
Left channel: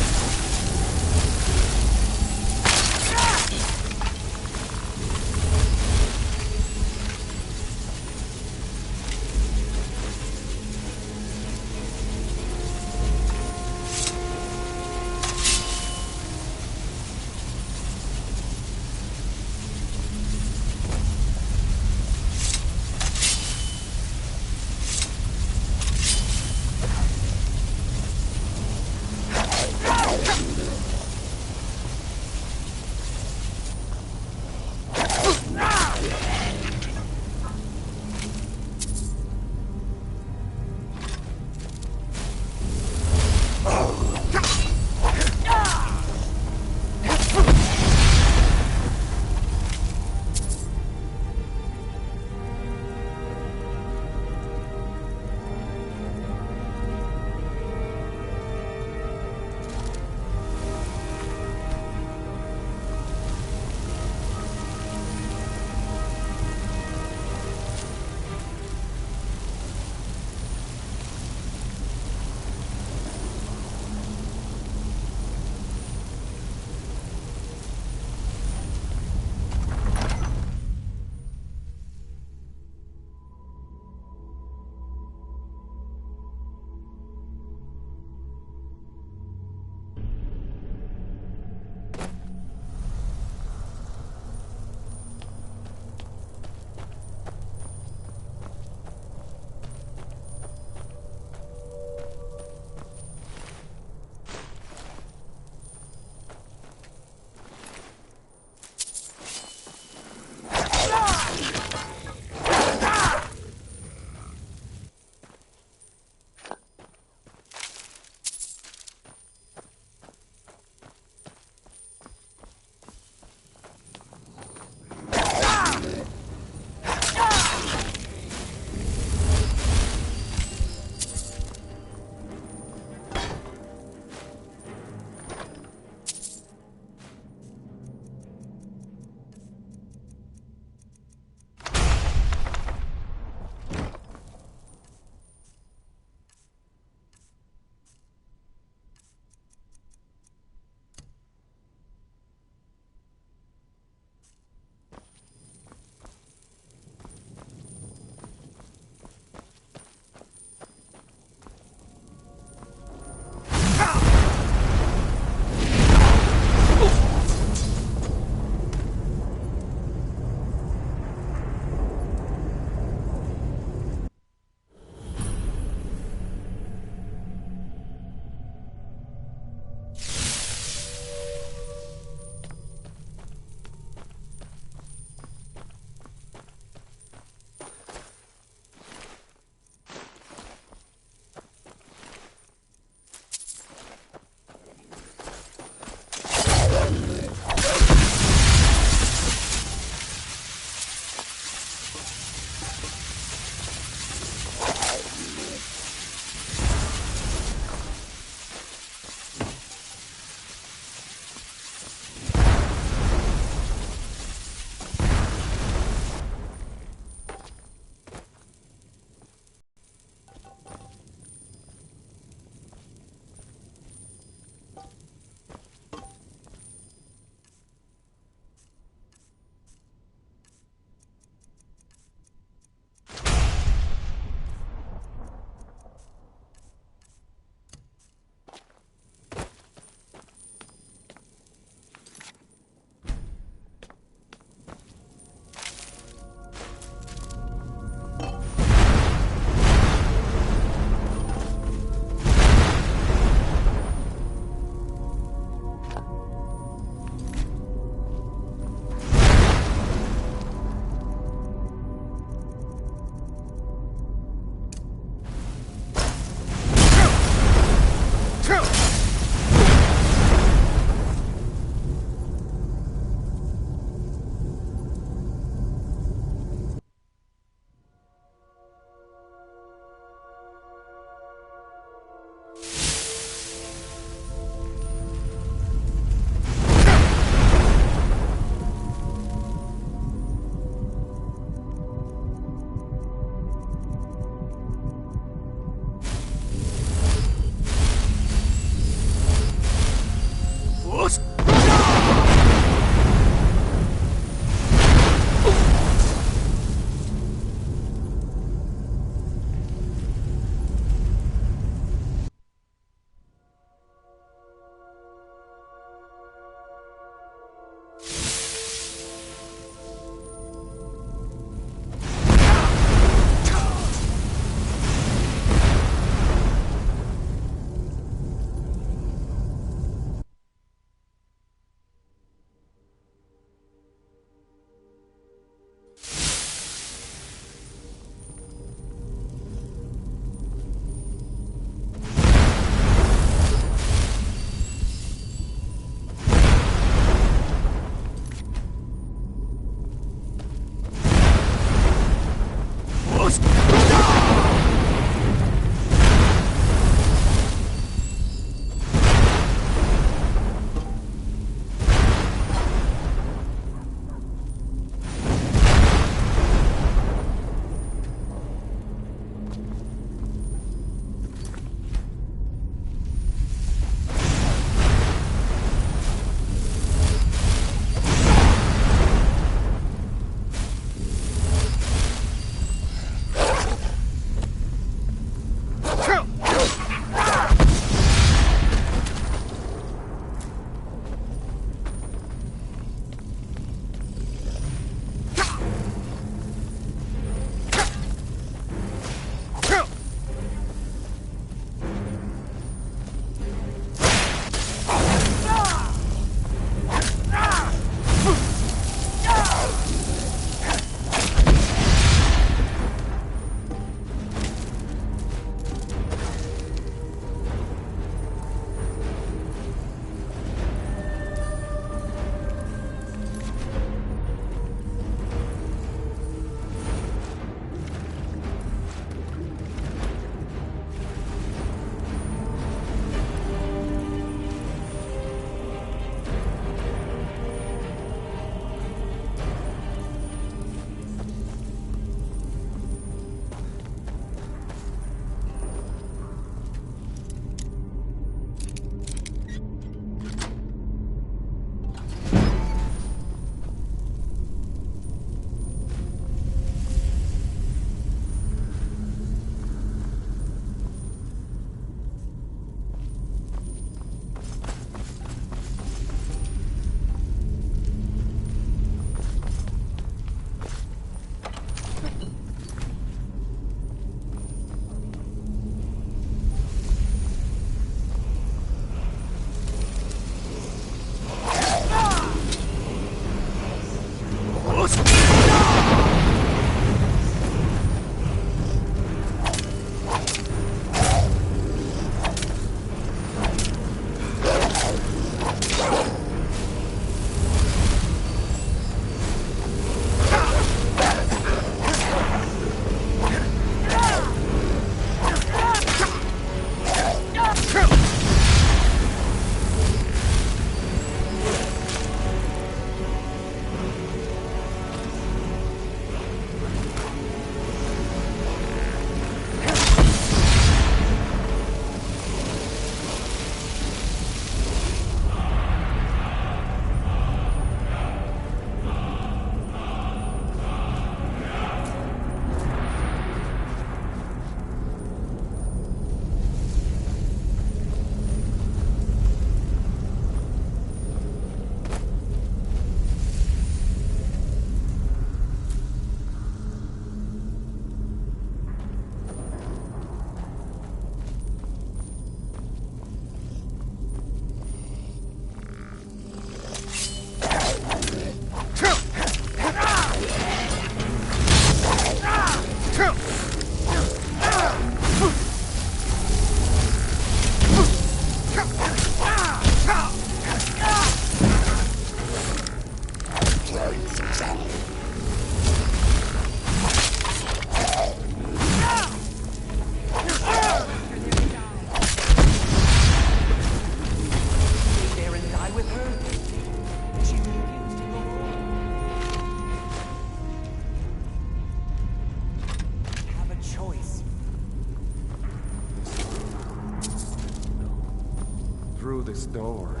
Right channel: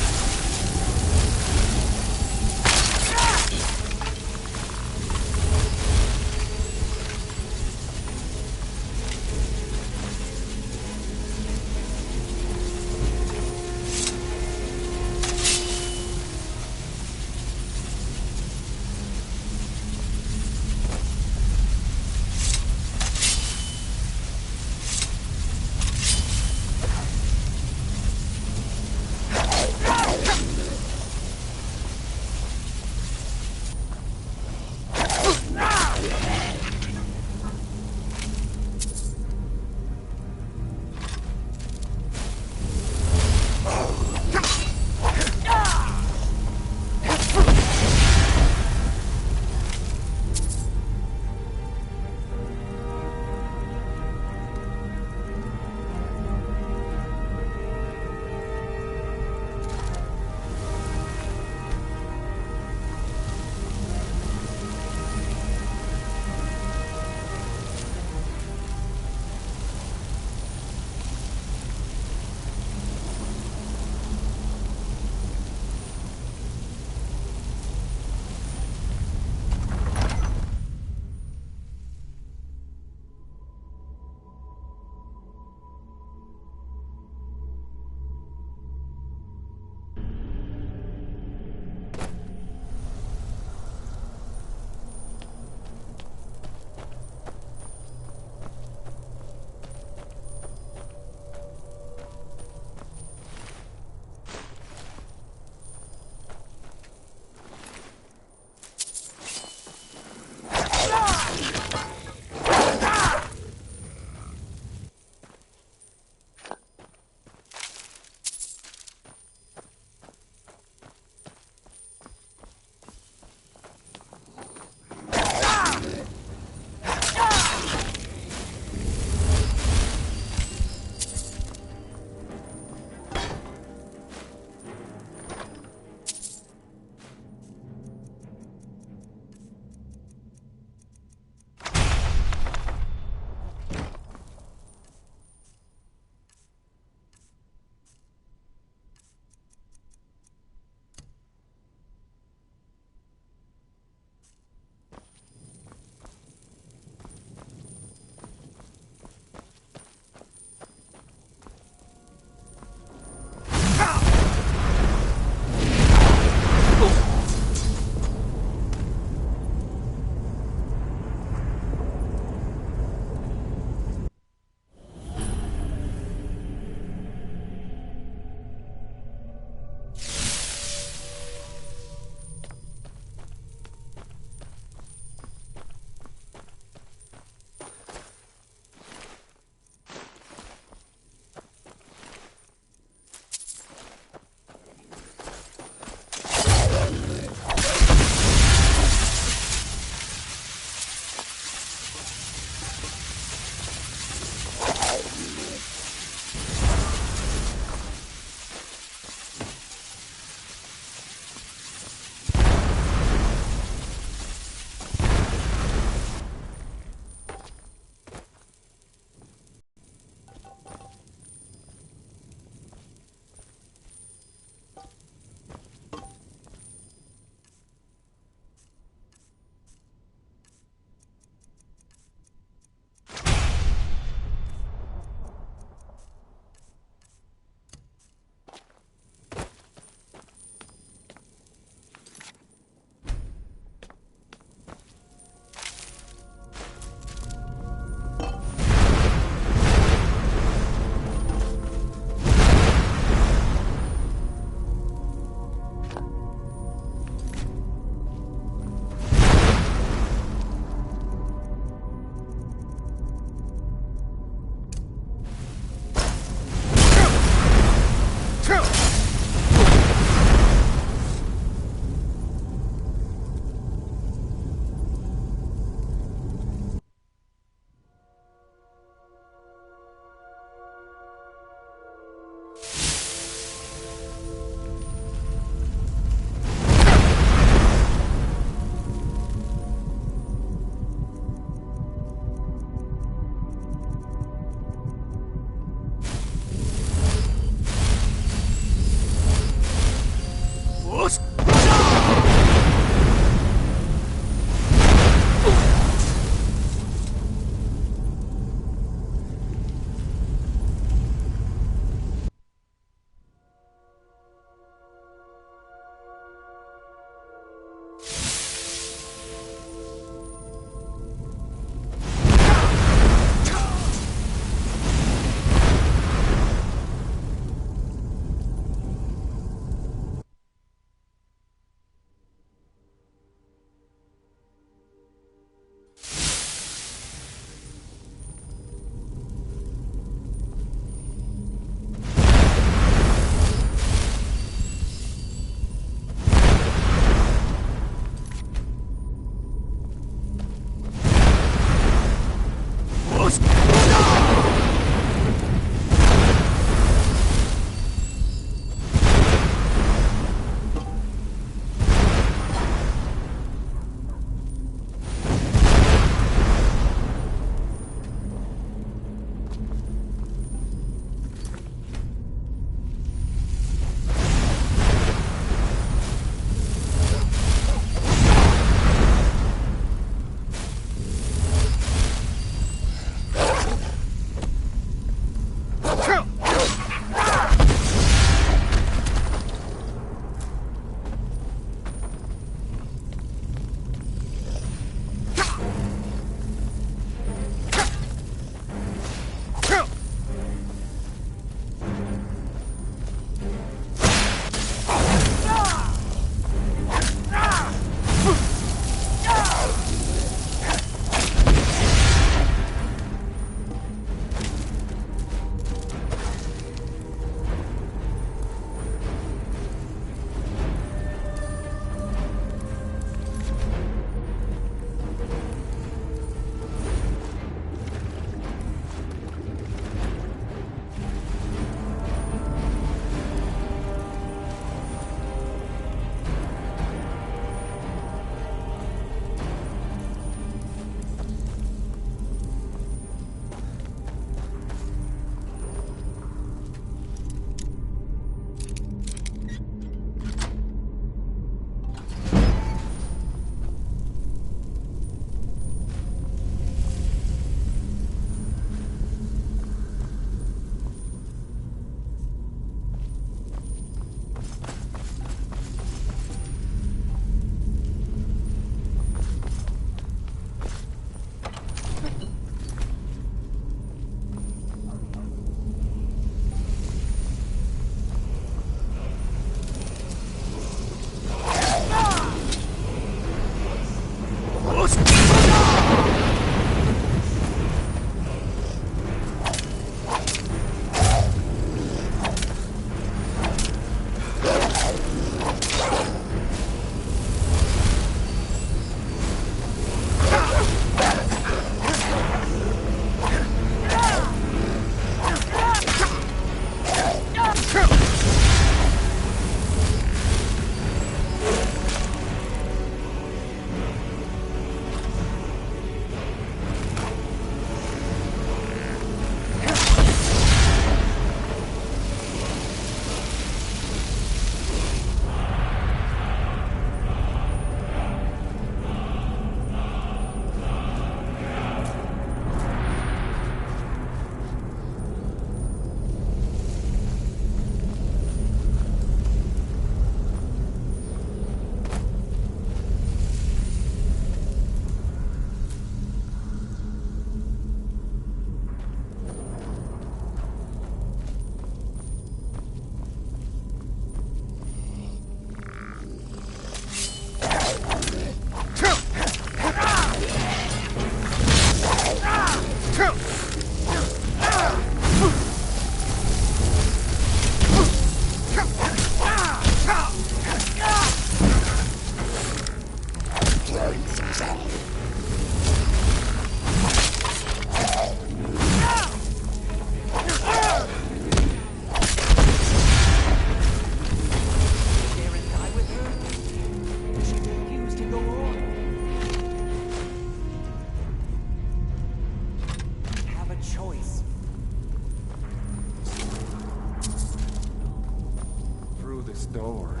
through this door.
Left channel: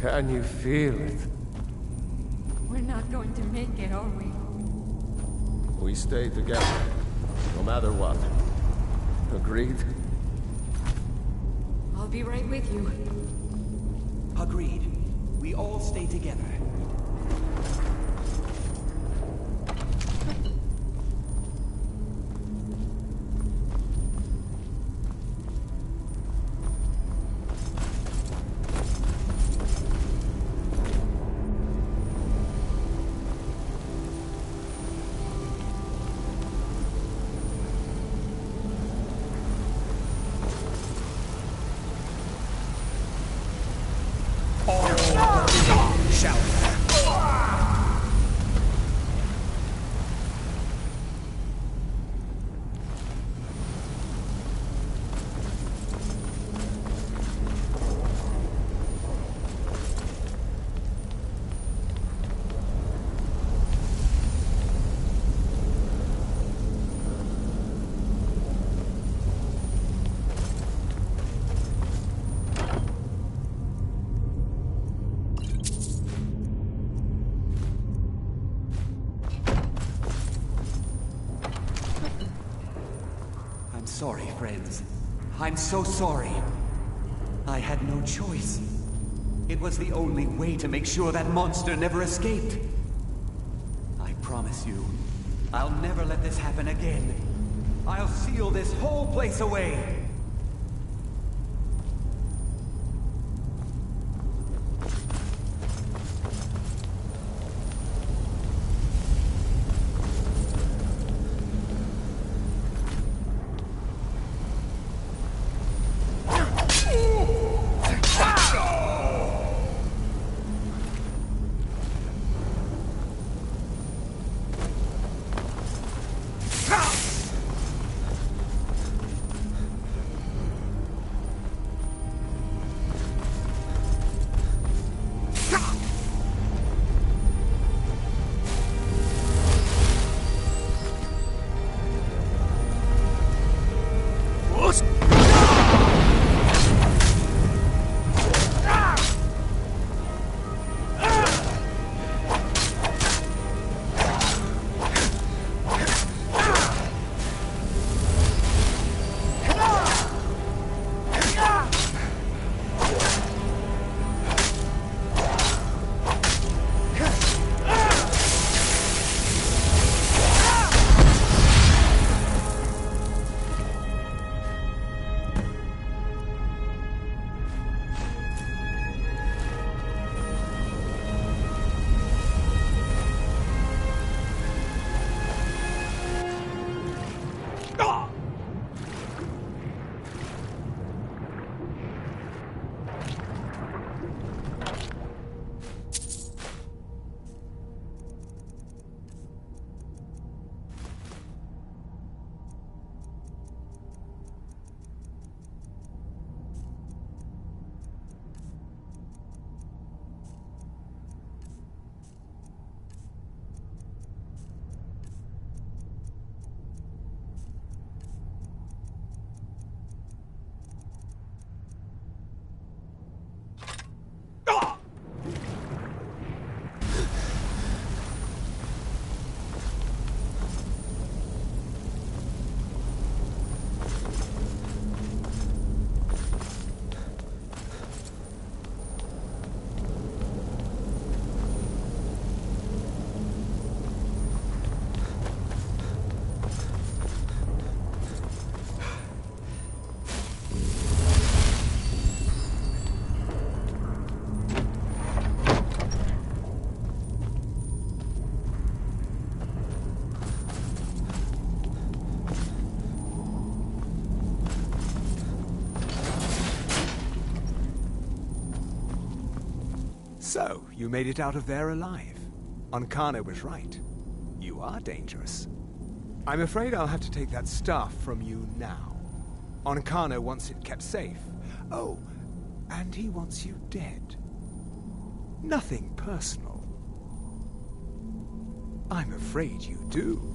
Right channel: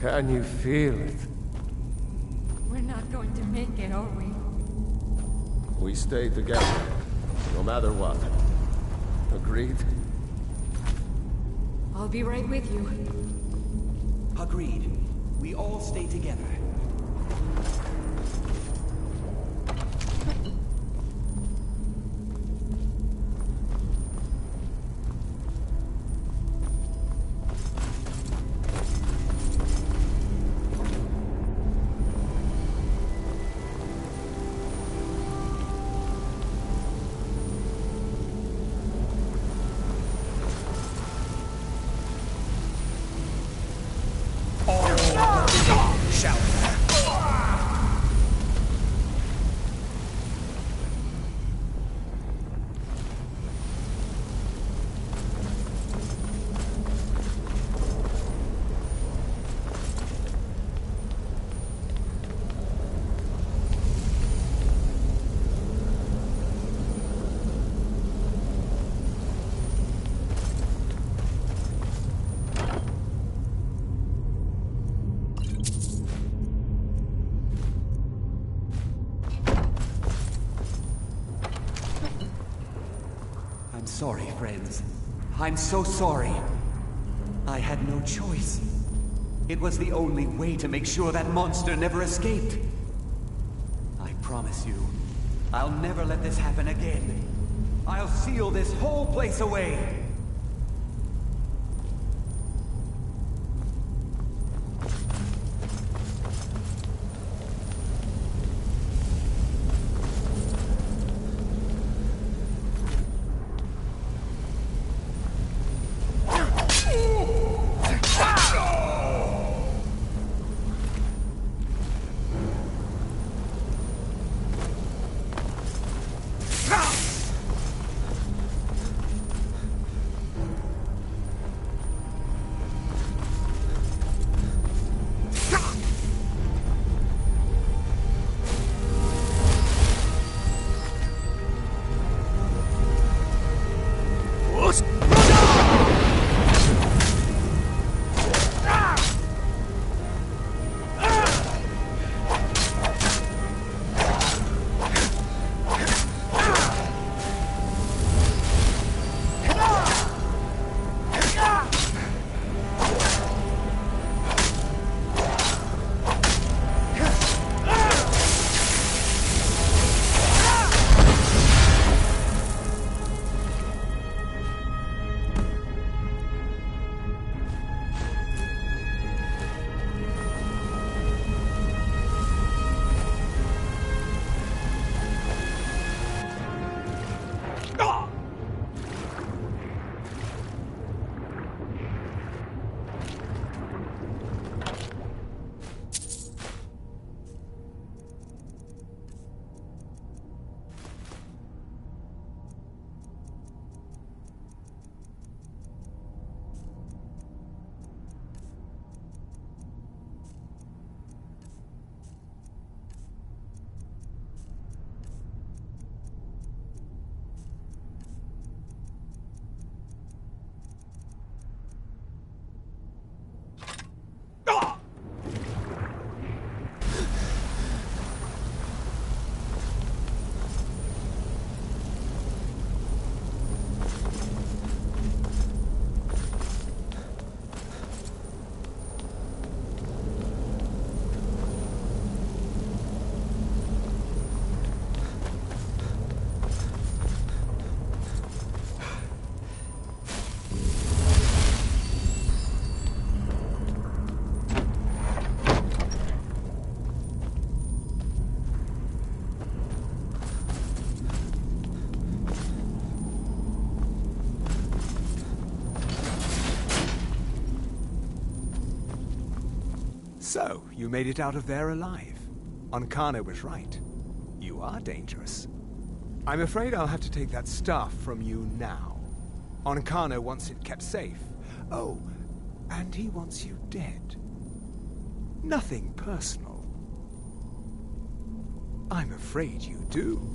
Can you feel it? We're not going to make it, are we? We stay together, no matter what. Agreed? I'll be right with you. Agreed. We all stay together. I'm sorry, friends. I'm so sorry. I had no choice. It was the only way to make sure that monster never escaped. I promise you, I'll never let this happen again. I'll seal this whole place away. So, you made it out of there alive. Ankano was right. You are dangerous. I'm afraid I'll have to take that stuff from you now. Ankano wants it kept safe. Oh, and he wants you dead. Nothing personal. I'm afraid you do.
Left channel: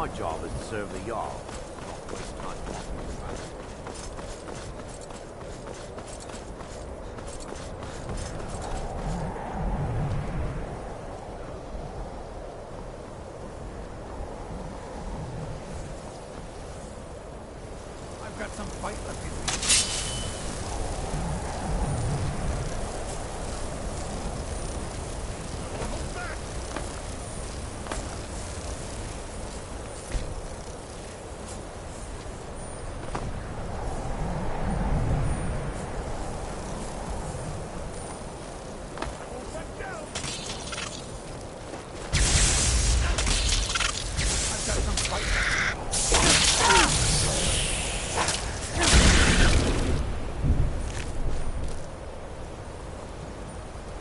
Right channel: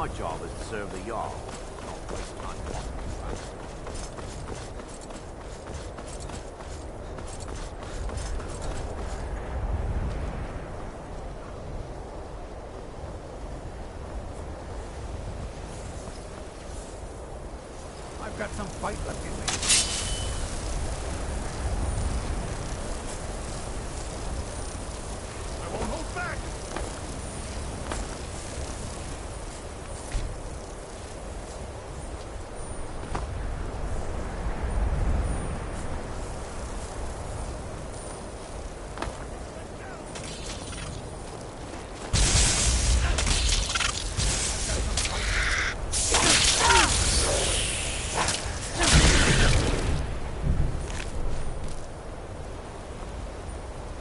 My job is to serve the Jarl, not waste time walking around. I've got some fight left in me. I won't hold back!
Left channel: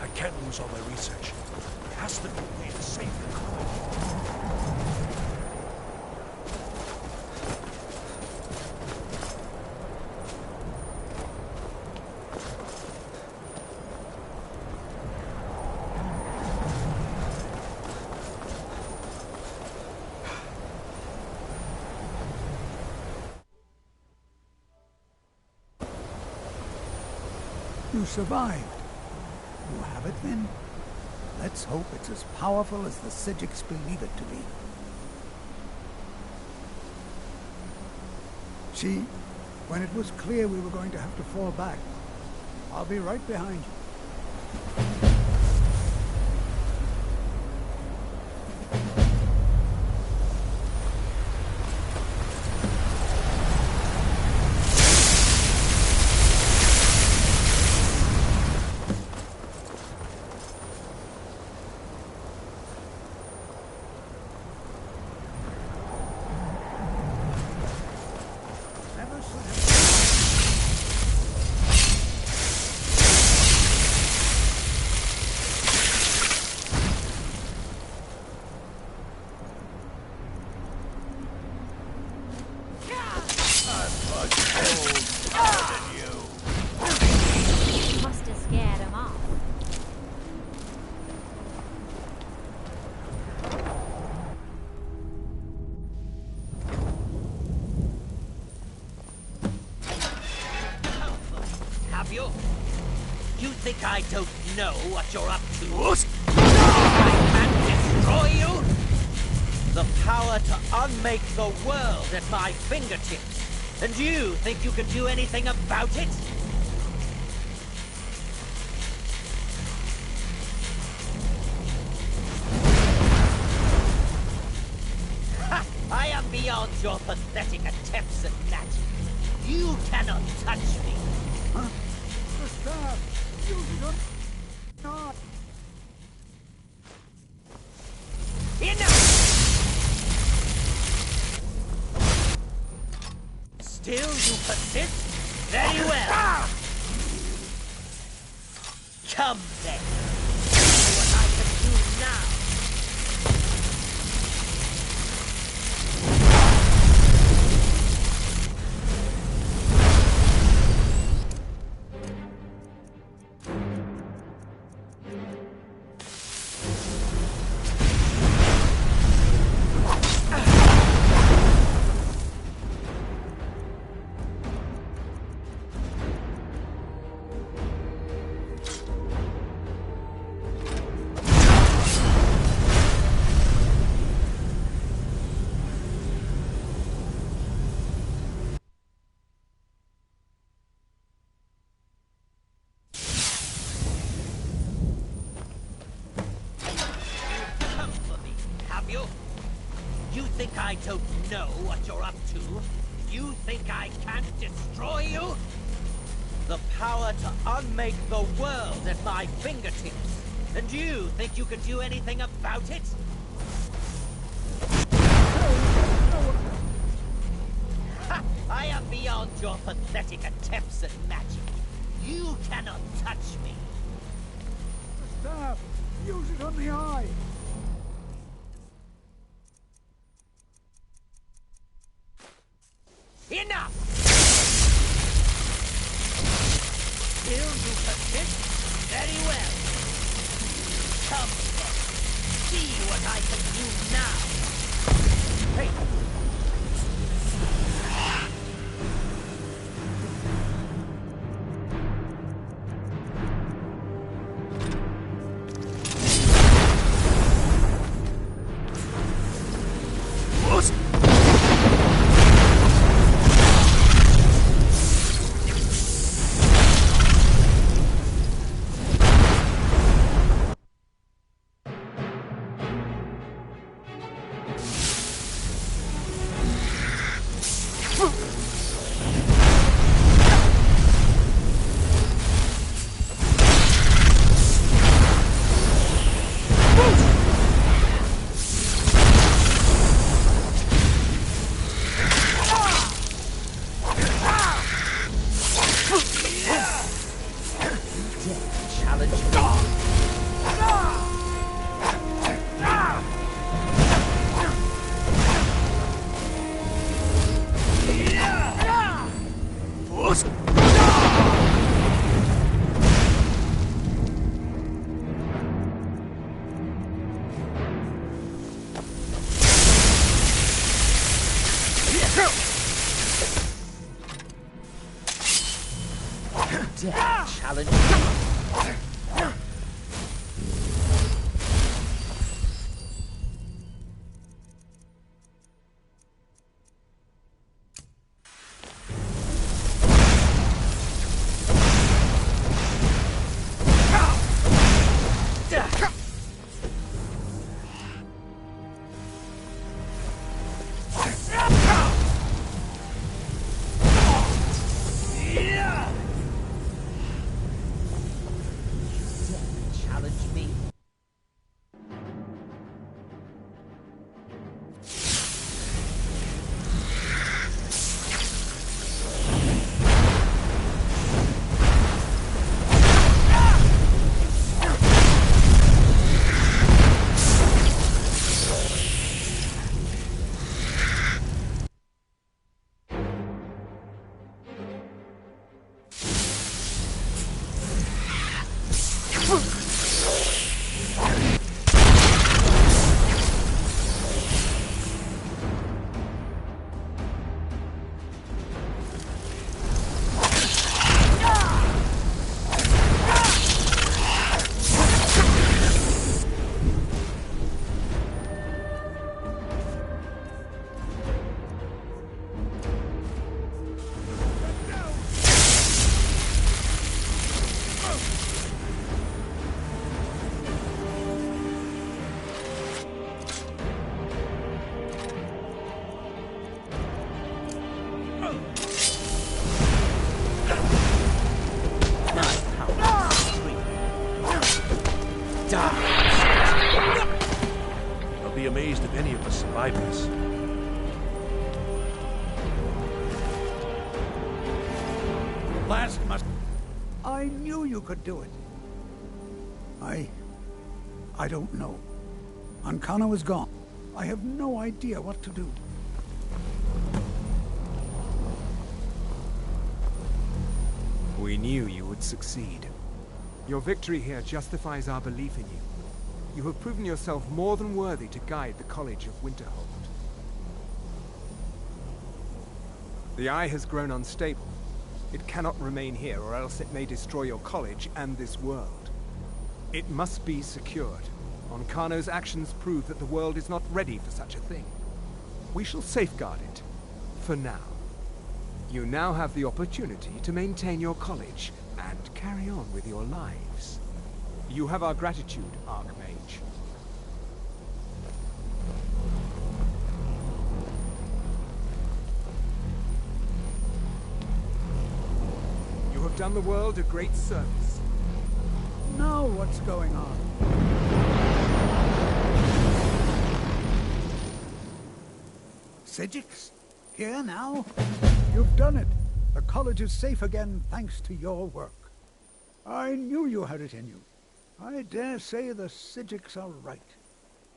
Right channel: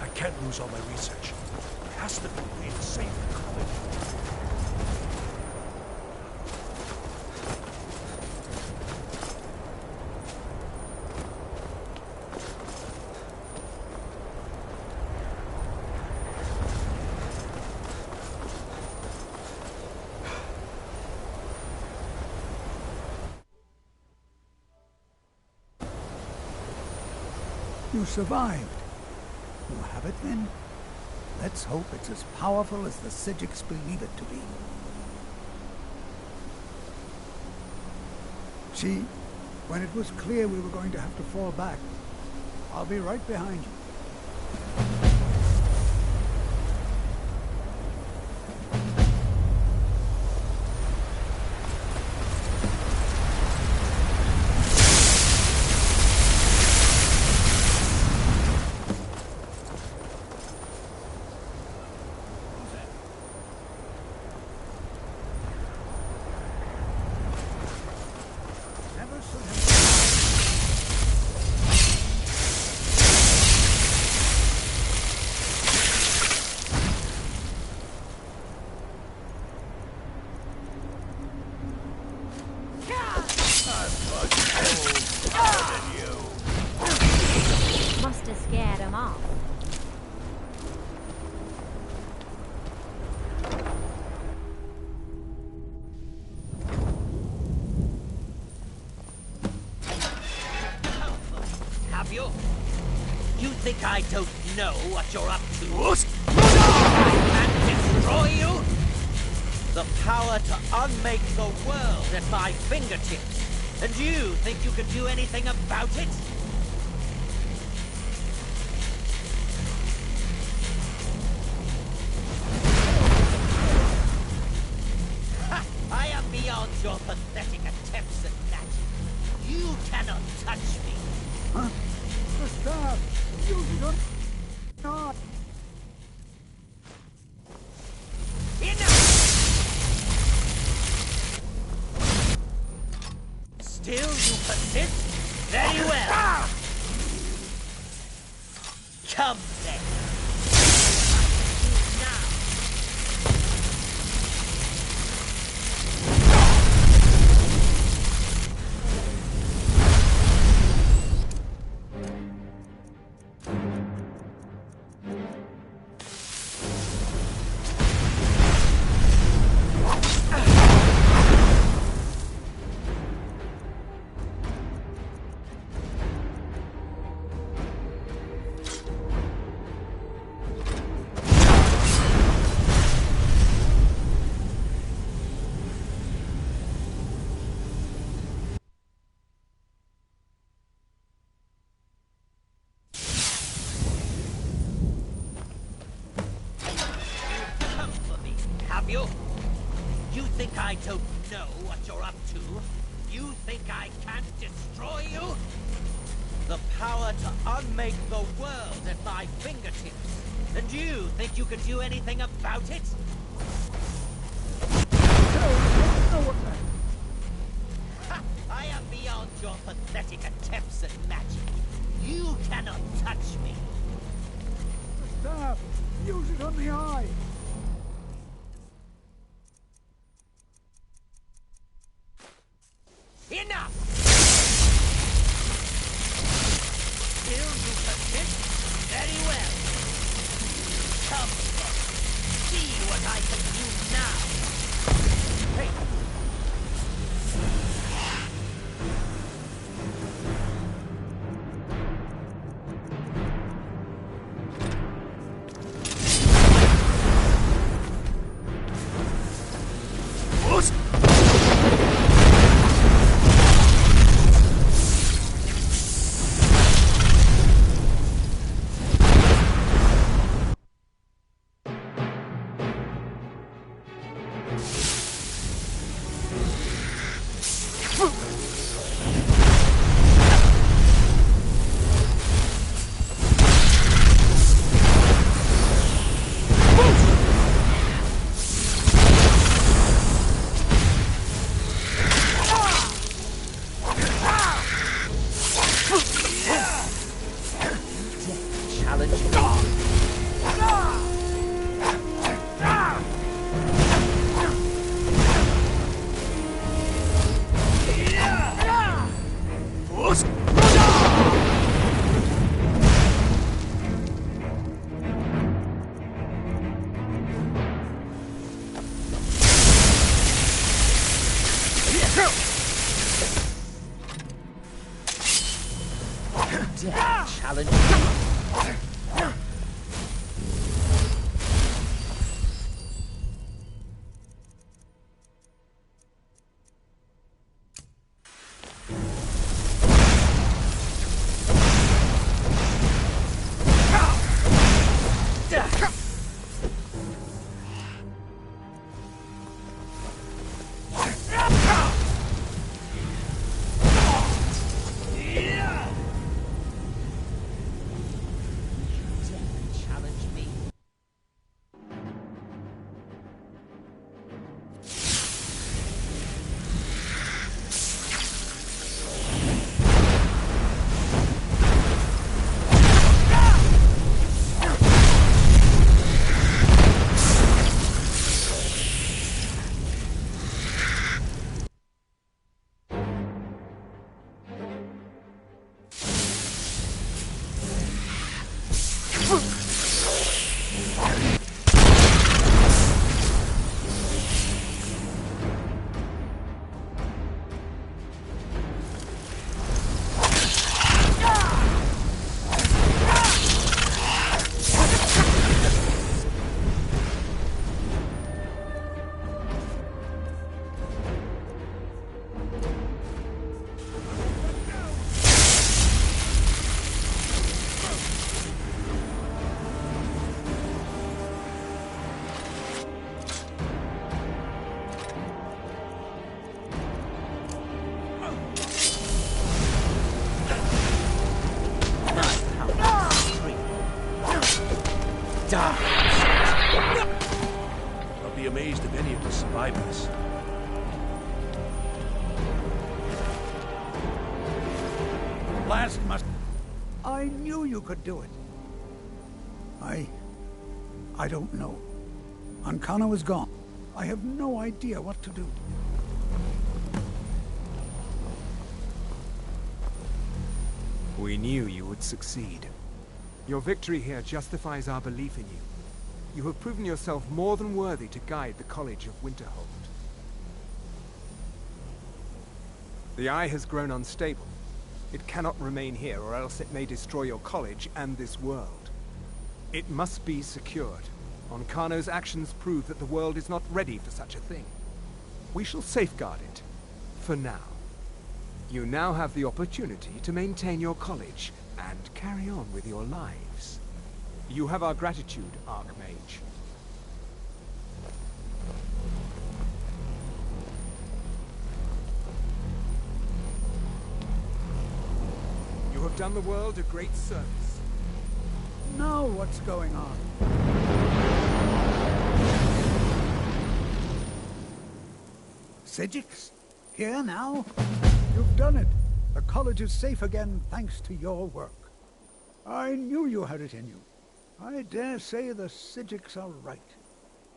I can't lose all my research. There has to be a way to save the college. You survived. You have it, then? Let's hope it's as powerful as the Psijics believe it to be. See, when it was clear we were going to have to fall back, I'll be right behind you. Never should have... Must have scared him off. Have you? You think I don't know what you're up to? What? I can't destroy you? The power to unmake the world at my fingertips. And you think you can do anything about it? Ha! I am beyond your pathetic attempts at magic. You cannot touch me. Huh? The staff! Use it on... not! Enough! Still you persist? Very well. Come then. See what I can do now. You? You think I don't know what you're up to? You think I can't destroy you? The power to unmake the world at my fingertips. And you think you can do anything about it? Ha! I am beyond your pathetic attempts at magic. You cannot touch me. The staff! Use it on the eye! Enough! Still you persist? Very well. Come then. See what I can do now. Hey! I'll be amazed if any of us survive this. The blast must... I knew you could do it. I don't know. Ancano is gone. I have no idea what to do. We knew you would succeed. Your victory here justifies our belief in you. You have proven yourself more than worthy to guide the College of Winterhold. The Eye has grown unstable. It cannot remain here, or else it may destroy your college and this world. It must be secured. Ancano's actions prove that the world is not ready for such a thing. We shall safeguard it, for now. You now have the opportunity to maintain your college and carry on with your lives. You have our gratitude, Arch-mage. You have done the world a great service. Now what's going on? Sigix? Here now? You've done it. The college is safe again thanks to your work. I knew you had it in you. I dare say the Sigix are right.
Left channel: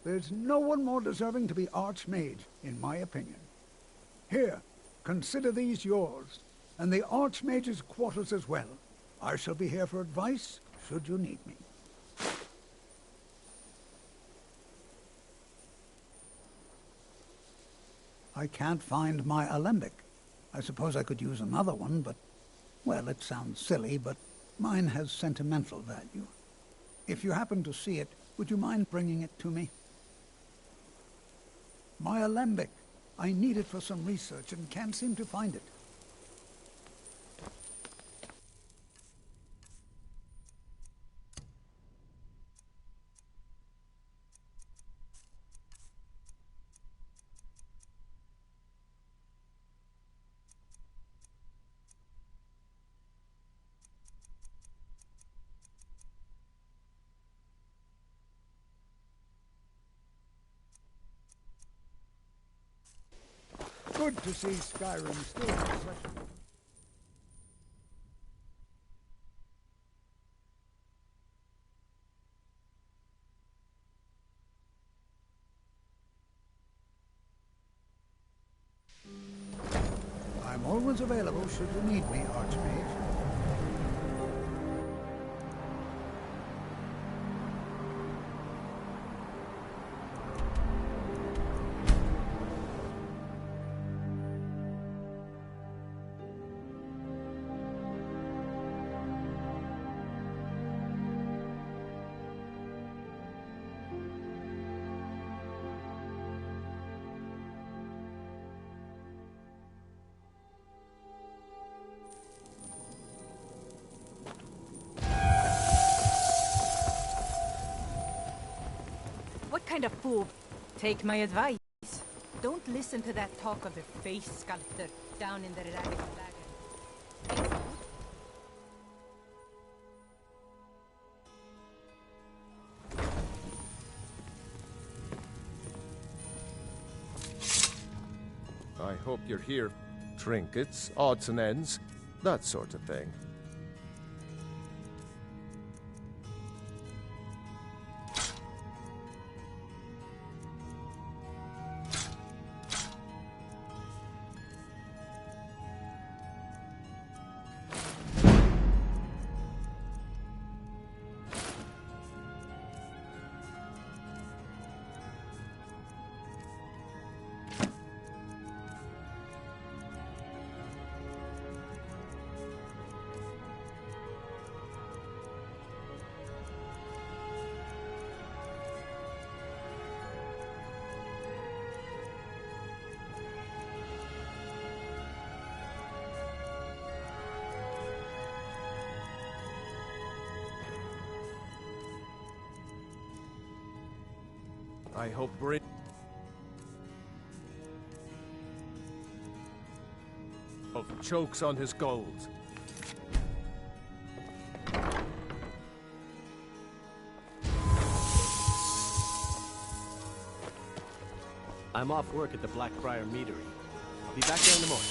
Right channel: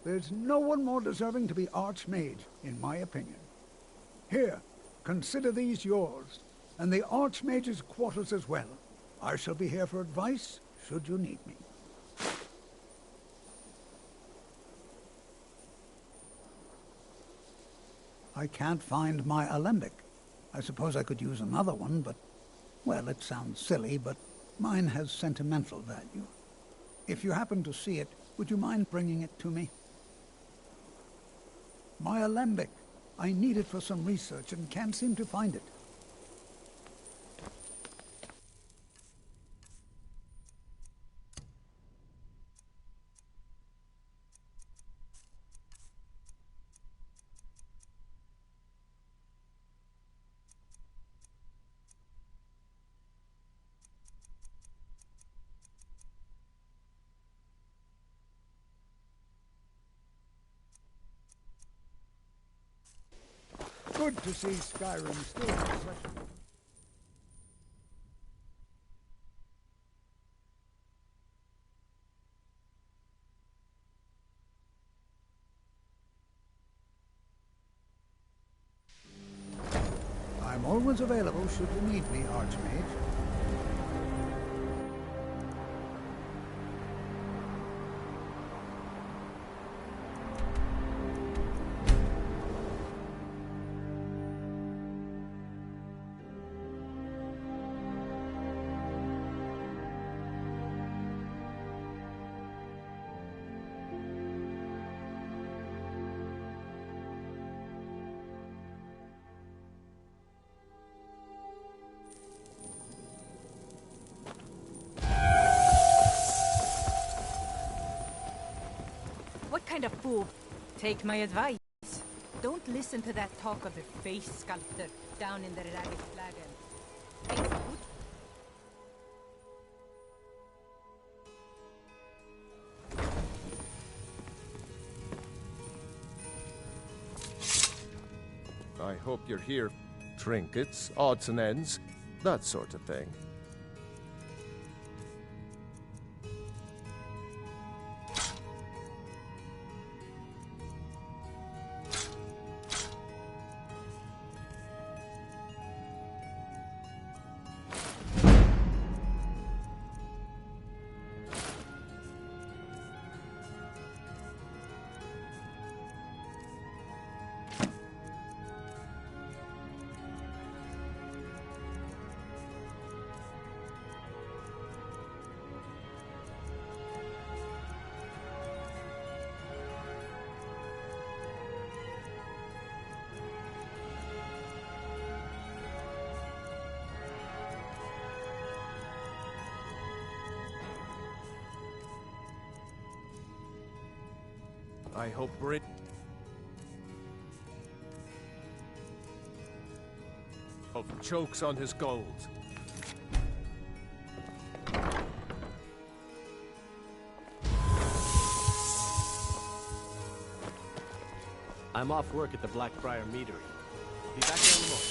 There's no one more deserving to be Arch-mage, in my opinion. Here, consider these yours, and the Arch-mage's quarters as well. I shall be here for advice, should you need me. I can't find my alembic. I suppose I could use another one, but, well, it sounds silly, but mine has sentimental value. If you happen to see it, would you mind bringing it to me? My alembic. I need it for some research and can't seem to find it. Good to see Skyrim still in session. I'm always available should you need me, Arch-mage. What kind of fool? Take my advice. Don't listen to that talk of the face sculptor down in the ragged flagon. I hope you're here. Trinkets, odds and ends, that sort of thing. I hope chokes on his gold. I'm off work at the Blackbriar Meadery. I'll be back there in the morning.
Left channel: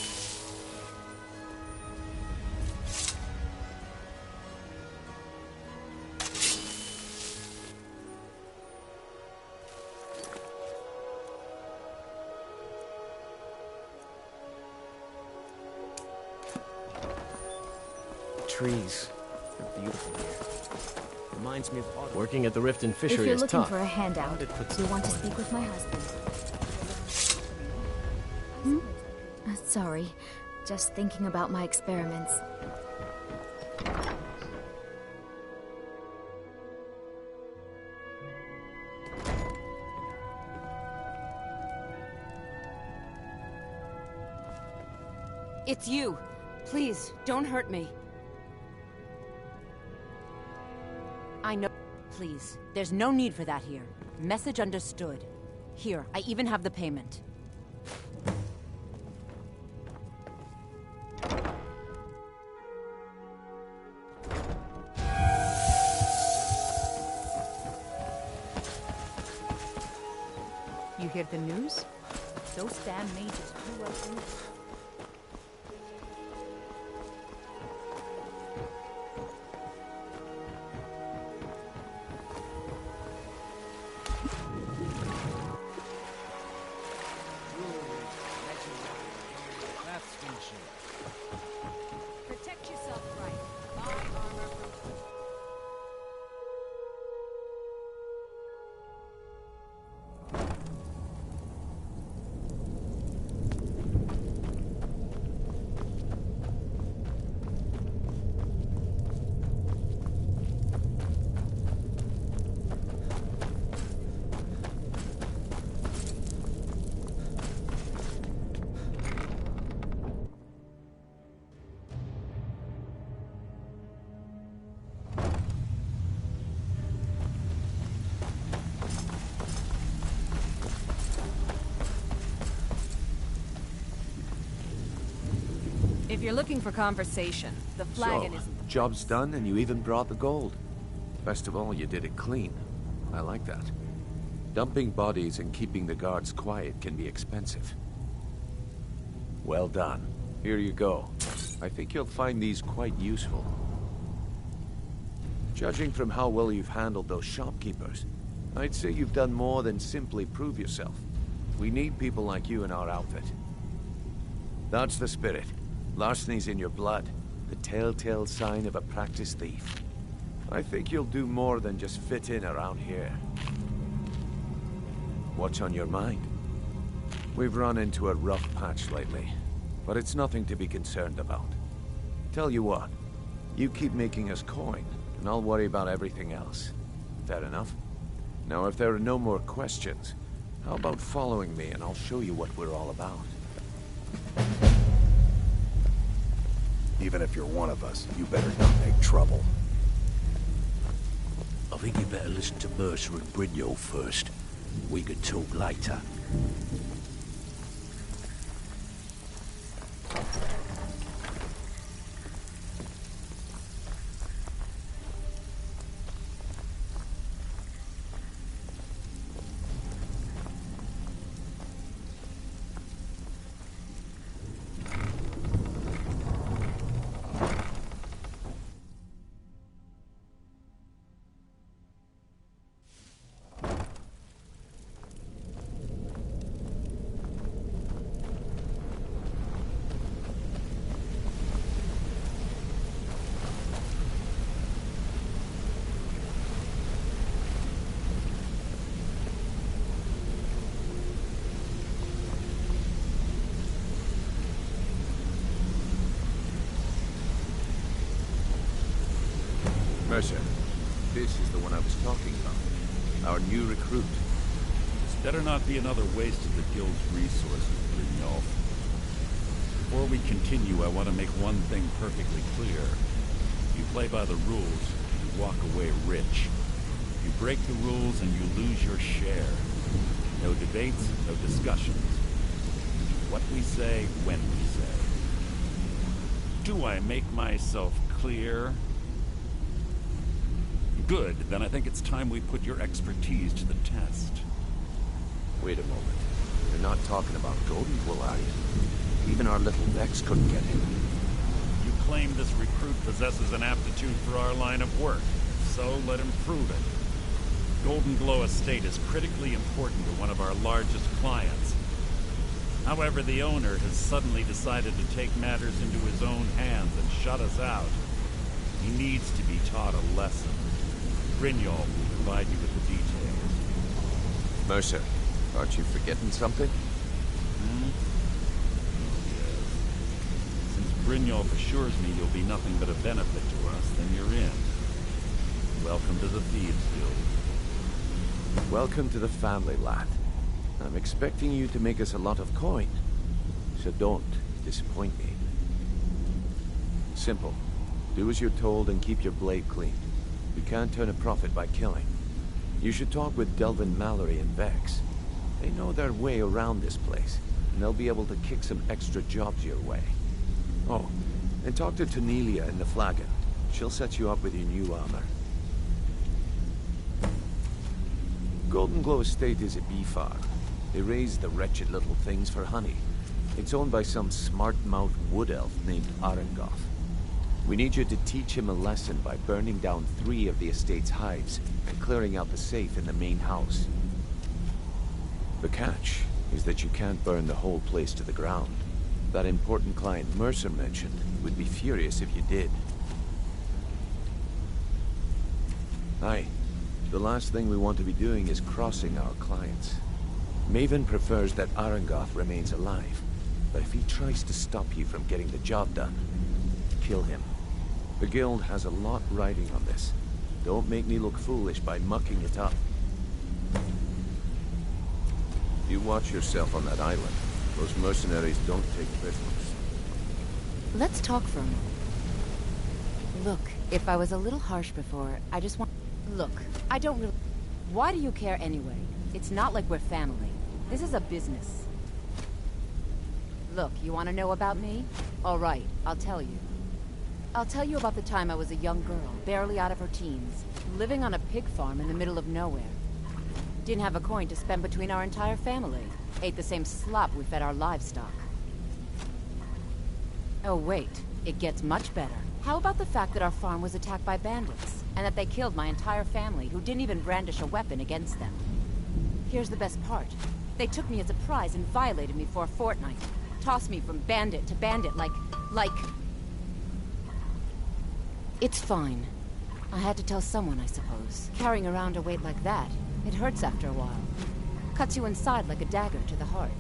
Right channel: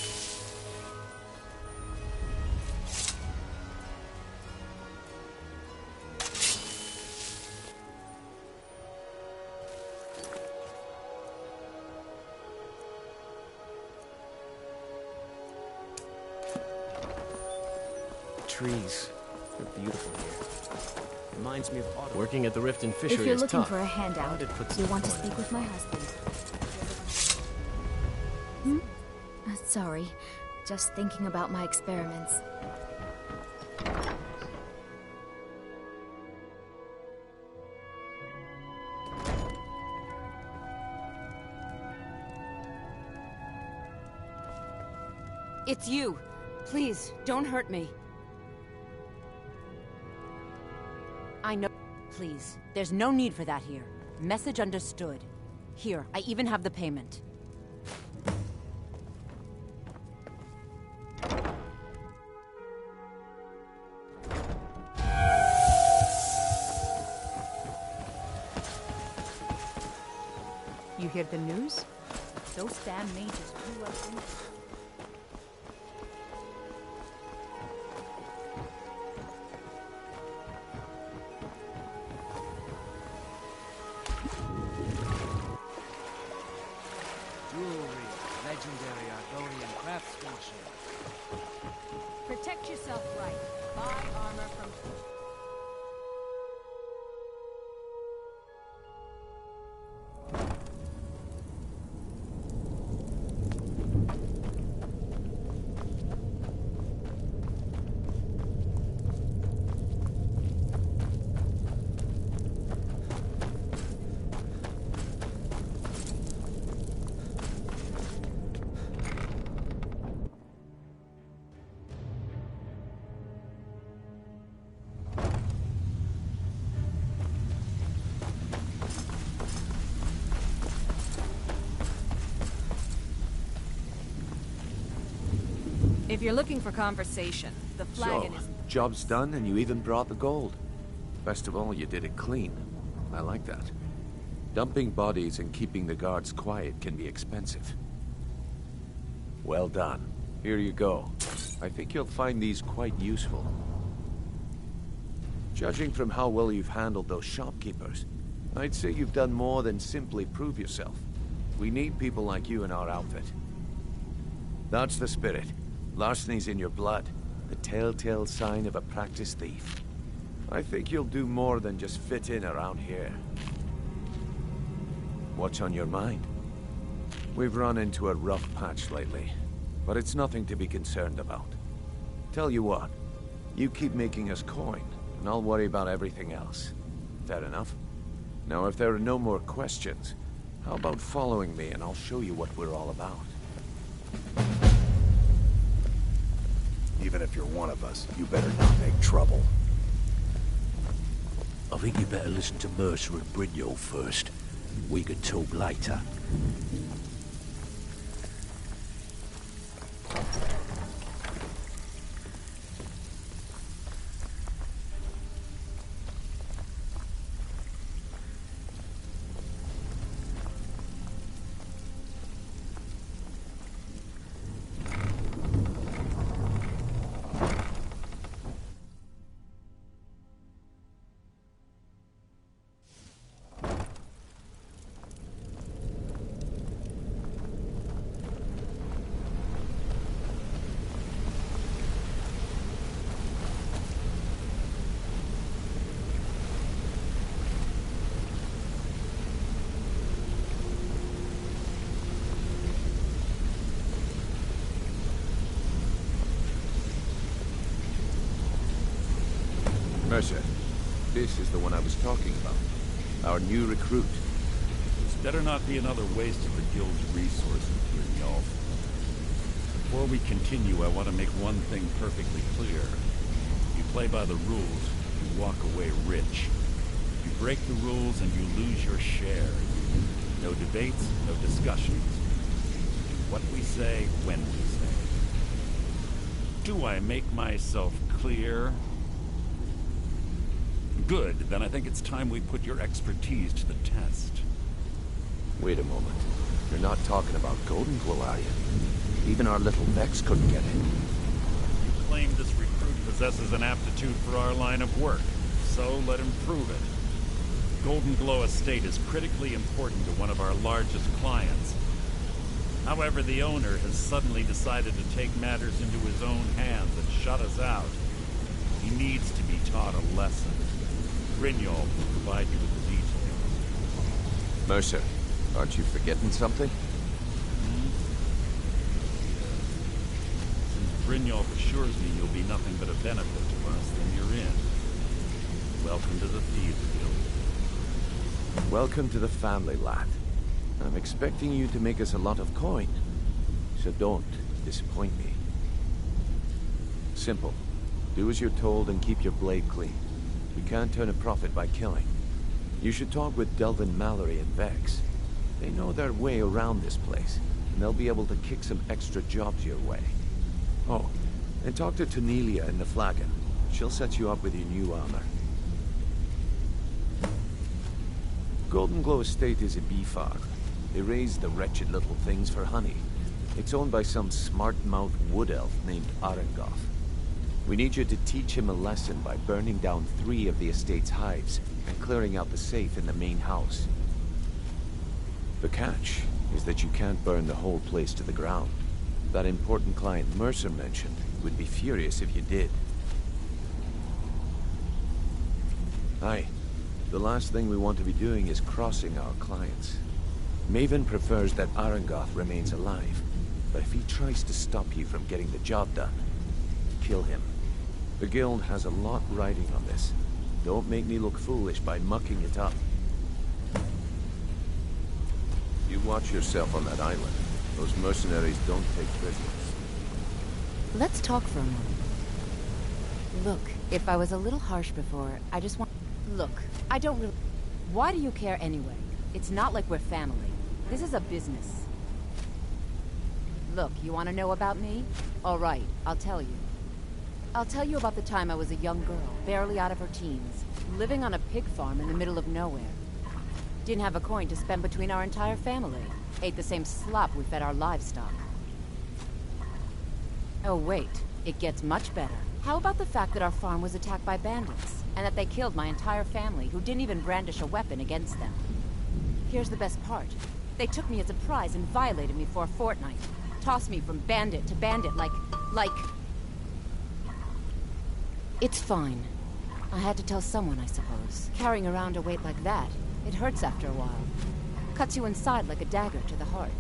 Trees. They're beautiful here. Reminds me of autumn. Working at the Rift and Fishery If you're is looking tough. for a handout, you want to speak with my husband. Sorry. Just thinking about my experiments. It's you. Please, don't hurt me. I know. Please, there's no need for that here. Message understood. Here, I even have the payment. You hear the news? Those damn mages blew up in... Jewelry, legendary Argonian craftsmanship. Protect yourself right. Buy armor from... If you're looking for conversation, the flagon So, isn't the job's done and you even brought the gold. Best of all, you did it clean. I like that. Dumping bodies and keeping the guards quiet can be expensive. Well done. Here you go. I think you'll find these quite useful. Judging from how well you've handled those shopkeepers, I'd say you've done more than simply prove yourself. We need people like you in our outfit. That's the spirit. Larceny's in your blood, the telltale sign of a practiced thief. I think you'll do more than just fit in around here. What's on your mind? We've run into a rough patch lately, but it's nothing to be concerned about. Tell you what, you keep making us coin, and I'll worry about everything else. Fair enough? Now, if there are no more questions, how about following me and I'll show you what we're all about? Even if you're one of us, you better not make trouble. I think you better listen to Mercer and Brynjolf first. We can talk later. Mercer, this is the one I was talking about. Our new recruit. This better not be another waste of the Guild's resources, Brynjolf. Before we continue, I want to make one thing perfectly clear. You play by the rules, you walk away rich. You break the rules and you lose your share. No debates, no discussions. We do what we say, when we say. Do I make myself clear? Good, then I think it's time we put your expertise to the test. Wait a moment. You're not talking about Golden Glow, are you? Even our little Vex couldn't get in. You claim this recruit possesses an aptitude for our line of work, so let him prove it. Golden Glow Estate is critically important to one of our largest clients. However, the owner has suddenly decided to take matters into his own hands and shut us out. He needs to be taught a lesson. Brynjolf will provide you with the details. Mercer, aren't you forgetting something? Hmm? Oh, yes. Since Brynjolf assures me you'll be nothing but a benefit to us, then you're in. Welcome to the Thieves Guild. Welcome to the family, lad. I'm expecting you to make us a lot of coin. So don't disappoint me. Simple. Do as you're told and keep your blade clean. We can't turn a profit by killing. You should talk with Delvin Mallory and Vex. They know their way around this place, and they'll be able to kick some extra jobs your way. Oh, and talk to Tanelia in the Flagon. She'll set you up with your new armor. Golden Glow Estate is a bee farm. They raise the wretched little things for honey. It's owned by some smart-mouthed wood elf named Arangoth. We need you to teach him a lesson by burning down 3 of the estate's hives and clearing out the safe in the main house. The catch is that you can't burn the whole place to the ground. That important client Mercer mentioned would be furious if you did. Aye. The last thing we want to be doing is crossing our clients. Maven prefers that Arangoth remains alive, but if he tries to stop you from getting the job done, kill him. The Guild has a lot riding on this. Don't make me look foolish by mucking it up. You watch yourself on that island. Those mercenaries don't take prisoners. Let's talk for a moment. Look, if I was a little harsh before, I just want... Look, I don't really... Why do you care anyway? It's not like we're family. This is a business. Look, you want to know about me? All right, I'll tell you. I'll tell you about the time I was a young girl, barely out of her teens, living on a pig farm in the middle of nowhere. Didn't have a coin to spend between our entire family. Ate the same slop we fed our livestock. Oh wait, it gets much better. How about the fact that our farm was attacked by bandits, and that they killed my entire family, who didn't even brandish a weapon against them? Here's the best part. They took me as a prize and violated me for a fortnight. Tossed me from bandit to bandit like... It's fine. I had to tell someone, I suppose. Carrying around a weight like that, it hurts after a while. Cuts you inside like a dagger to the heart.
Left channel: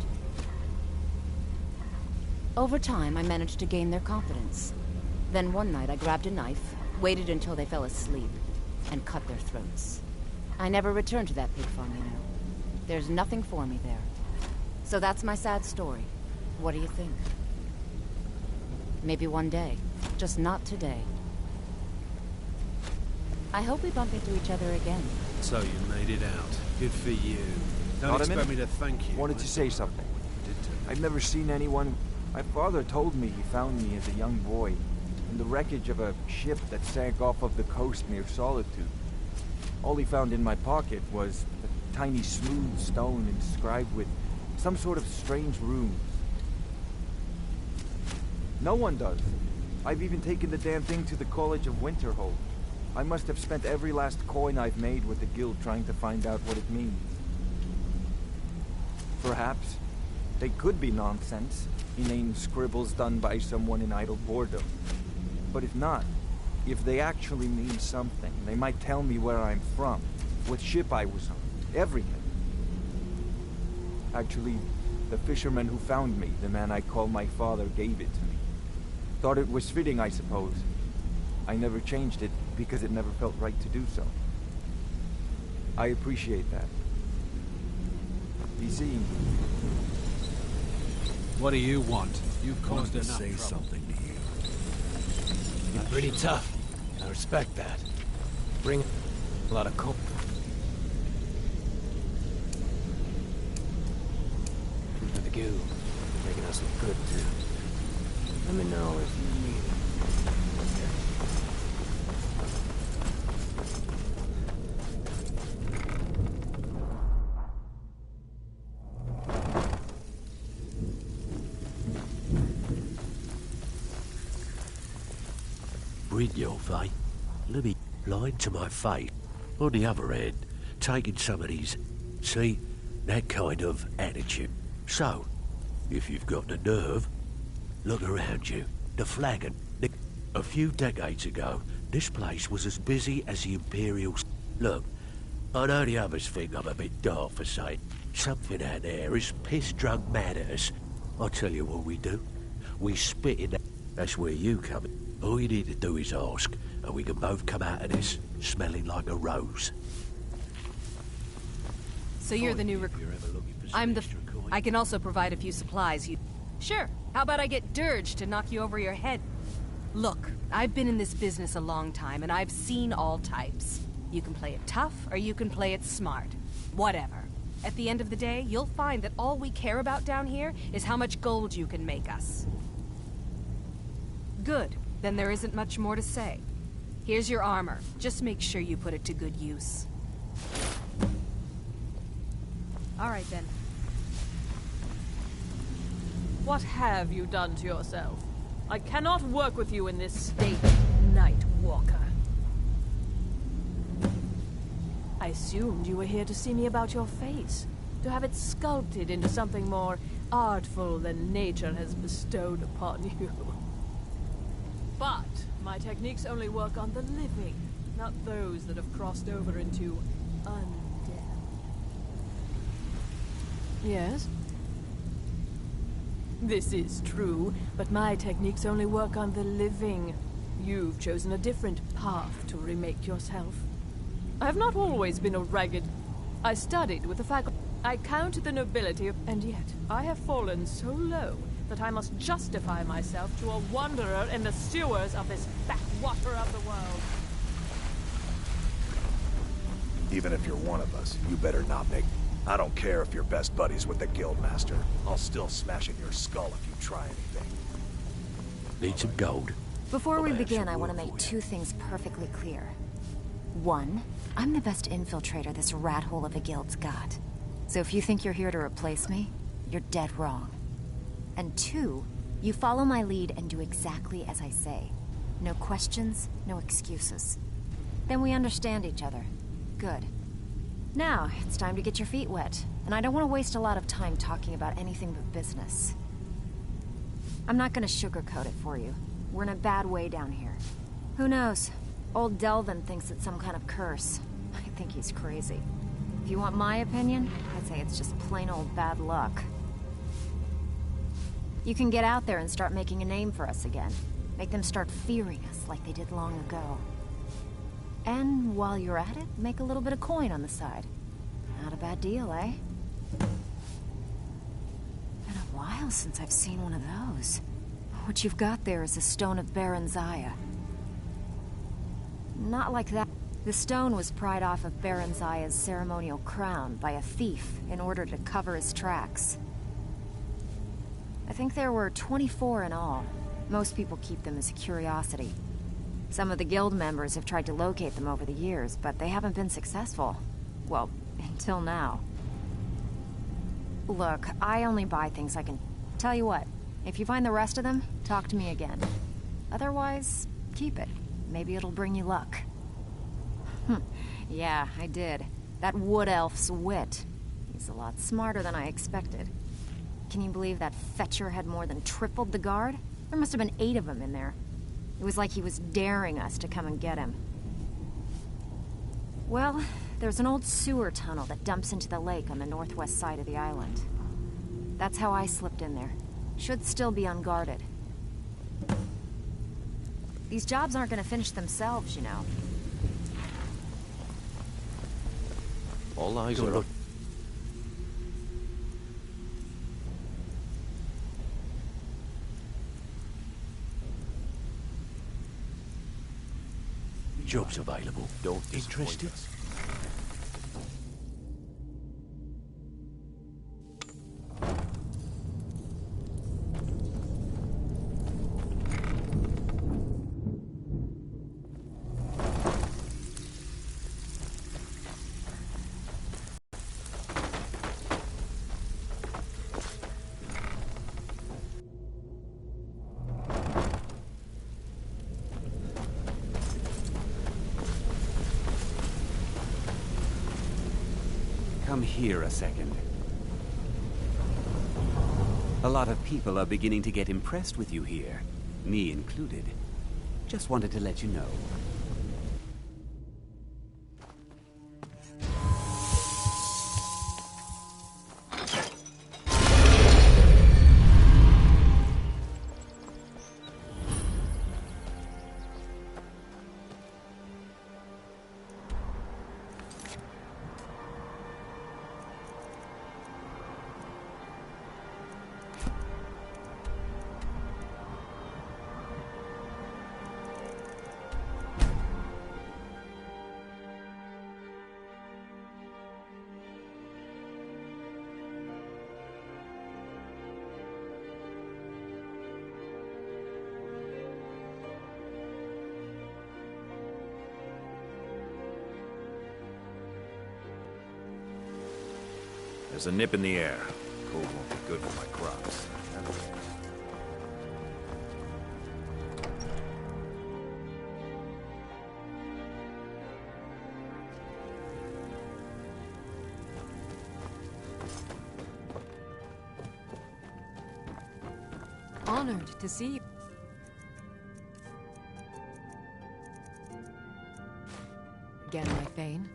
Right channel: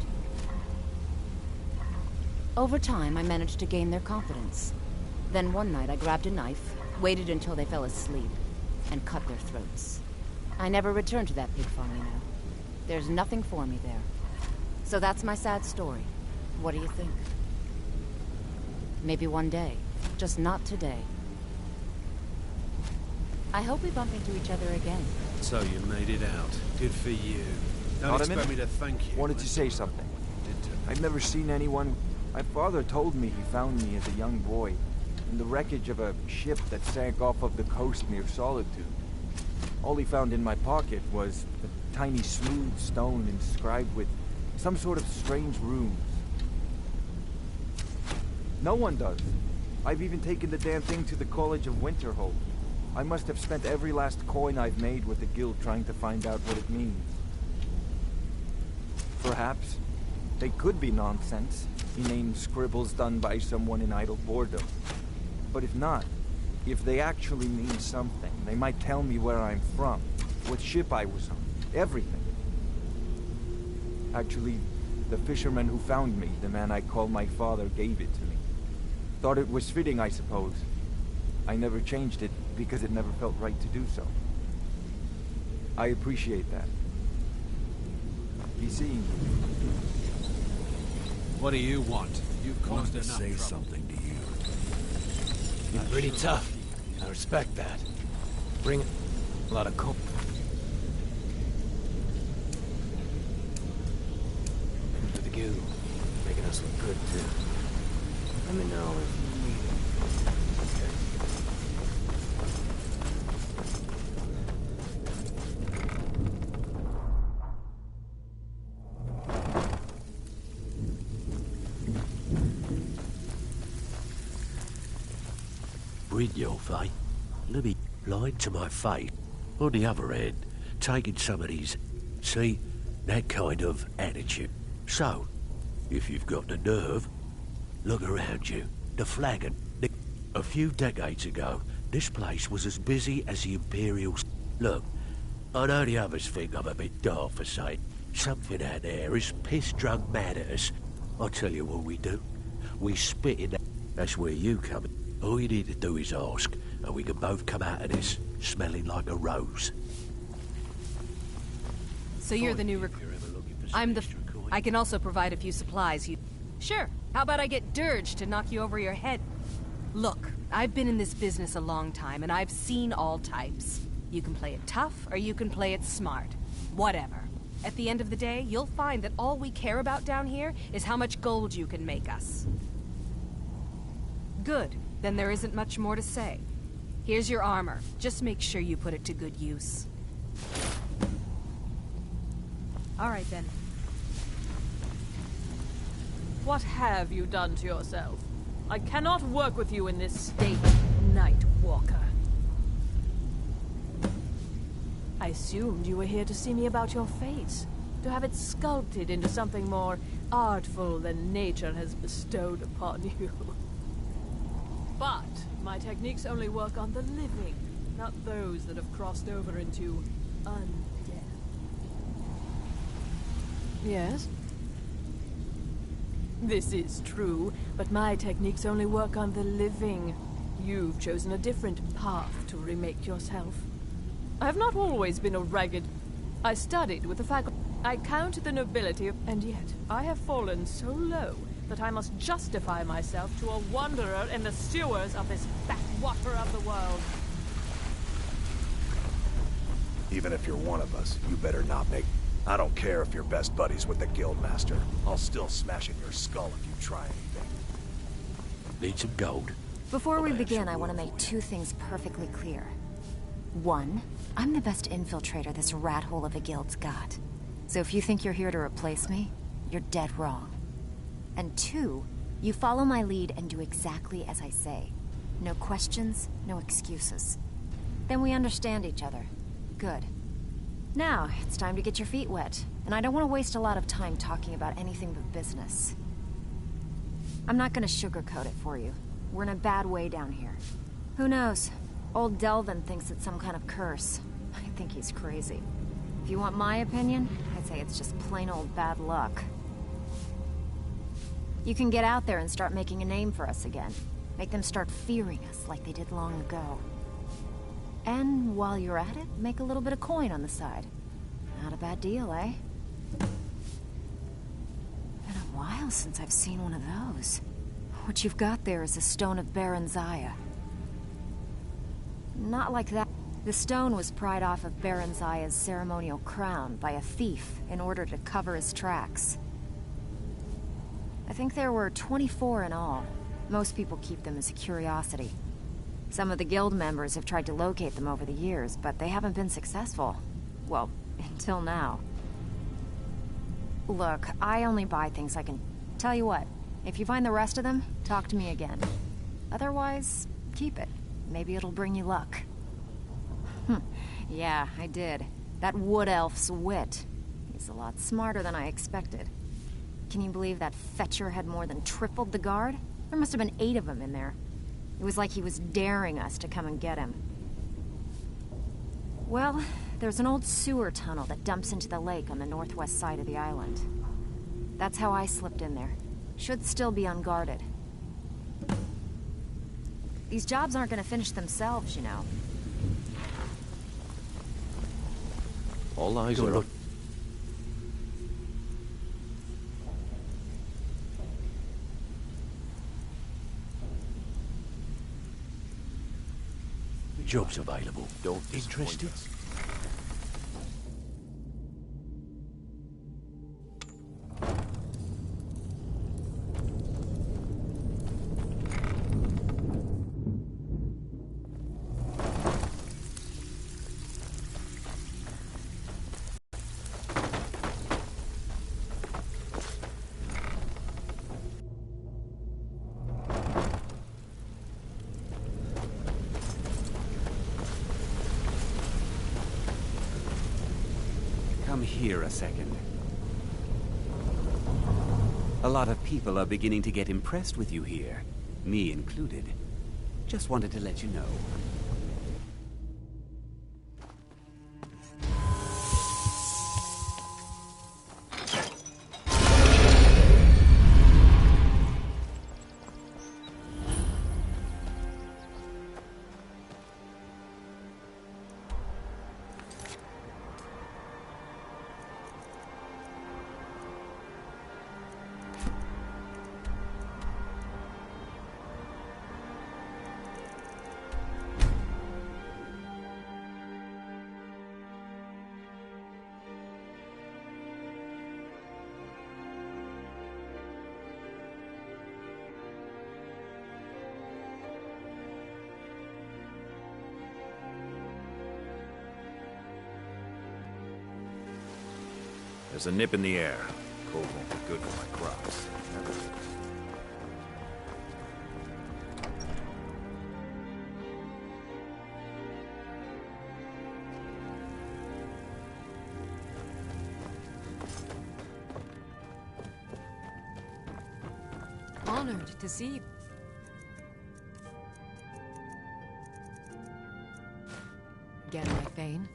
Over time, I managed to gain their confidence. Then one night I grabbed a knife, waited until they fell asleep, and cut their throats. I never returned to that pig farm, you know. There's nothing for me there. So that's my sad story. What do you think? Maybe one day. Just not today. I hope we bump into each other again. So you made it out. Good for you. Don't expect me to thank you. Wanted to say something. I've never seen anyone... My father told me he found me as a young boy in the wreckage of a ship that sank off of the coast near Solitude. All he found in my pocket was a tiny smooth stone inscribed with some sort of strange runes. No one does. I've even taken the damn thing to the College of Winterhold. I must have spent every last coin I've made with the guild trying to find out what it means. Perhaps they could be nonsense, inane scribbles done by someone in idle boredom. But if not, if they actually mean something, they might tell me where I'm from, what ship I was on, everything. Actually, the fisherman who found me, the man I call my father, gave it to me. Thought it was fitting, I suppose. I never changed it because it never felt right to do so. I appreciate that. Be seeing you. What do you want? You've caused enough trouble. Say something to you. You're pretty tough. I respect that. Bring a lot of coal. For the guild. Making us look good, too. Let me know if you need it. Brynjolf, eh? Let me lie to my face. On the other hand, taking some of these... See? That kind of attitude. So, if you've got the nerve, look around you. The flagon. A few decades ago, this place was as busy as the Imperial... Look, I know the others think I'm a bit dark for saying something out there is piss-drunk mad at us. I'll tell you what we do. We spit in that... That's where you come in. All you need to do is ask, and we can both come out of this smelling like a rose. So you're the new recruit. I'm the... I can also provide a few supplies. Sure. How about I get Dirge to knock you over your head? Look, I've been in this business a long time, and I've seen all types. You can play it tough, or you can play it smart. Whatever. At the end of the day, you'll find that all we care about down here is how much gold you can make us. Good. Then there isn't much more to say. Here's your armor. Just make sure you put it to good use. All right, then. What have you done to yourself? I cannot work with you in this state, Night Walker. I assumed you were here to see me about your face, to have it sculpted into something more artful than nature has bestowed upon you. But my techniques only work on the living, not those that have crossed over into undead. Yes? This is true, but my techniques only work on the living. You've chosen a different path to remake yourself. I have not always been a ragged... I studied with the faculty. I counted the nobility of... And yet, I have fallen so low that I must justify myself to a wanderer in the sewers of this backwater of the world. Even if you're one of us, you better not make... I don't care if you're best buddies with the Guildmaster. I'll still smash in your skull if you try anything. Need some gold? Before we begin, I want to make two things perfectly clear. One, I'm the best infiltrator this rat hole of a guild's got. So if you think you're here to replace me, you're dead wrong. And two, you follow my lead and do exactly as I say. No questions, no excuses. Then we understand each other. Good. Now, it's time to get your feet wet, and I don't want to waste a lot of time talking about anything but business. I'm not gonna sugarcoat it for you. We're in a bad way down here. Who knows? Old Delvin thinks it's some kind of curse. I think he's crazy. If you want my opinion, I'd say it's just plain old bad luck. You can get out there and start making a name for us again. Make them start fearing us like they did long ago. And while you're at it, make a little bit of coin on the side. Not a bad deal, eh? Been a while since I've seen one of those. What you've got there is a stone of Baron Zaya. Not like that. The stone was pried off of Baron Zaya's ceremonial crown by a thief in order to cover his tracks. I think there were 24 in all. Most people keep them as a curiosity. Some of the guild members have tried to locate them over the years, but they haven't been successful. Well, until now. Look, I only buy things I can... Tell you what, if you find the rest of them, talk to me again. Otherwise, keep it. Maybe it'll bring you luck. Yeah, I did. That wood elf's wit. He's a lot smarter than I expected. Can you believe that fetcher had more than tripled the guard? There must have been 8 of them in there. It was like he was daring us to come and get him. Well, there's an old sewer tunnel that dumps into the lake on the northwest side of the island. That's how I slipped in there. Should still be unguarded. These jobs aren't gonna finish themselves, you know. All eyes are up. Jobs available. Don't interested? Come here a second. A lot of people are beginning to get impressed with you here, me included. Just wanted to let you know. There's a nip in the air. Cold won't be good for my crops. Never is. Honored to see you. Again, my Thane.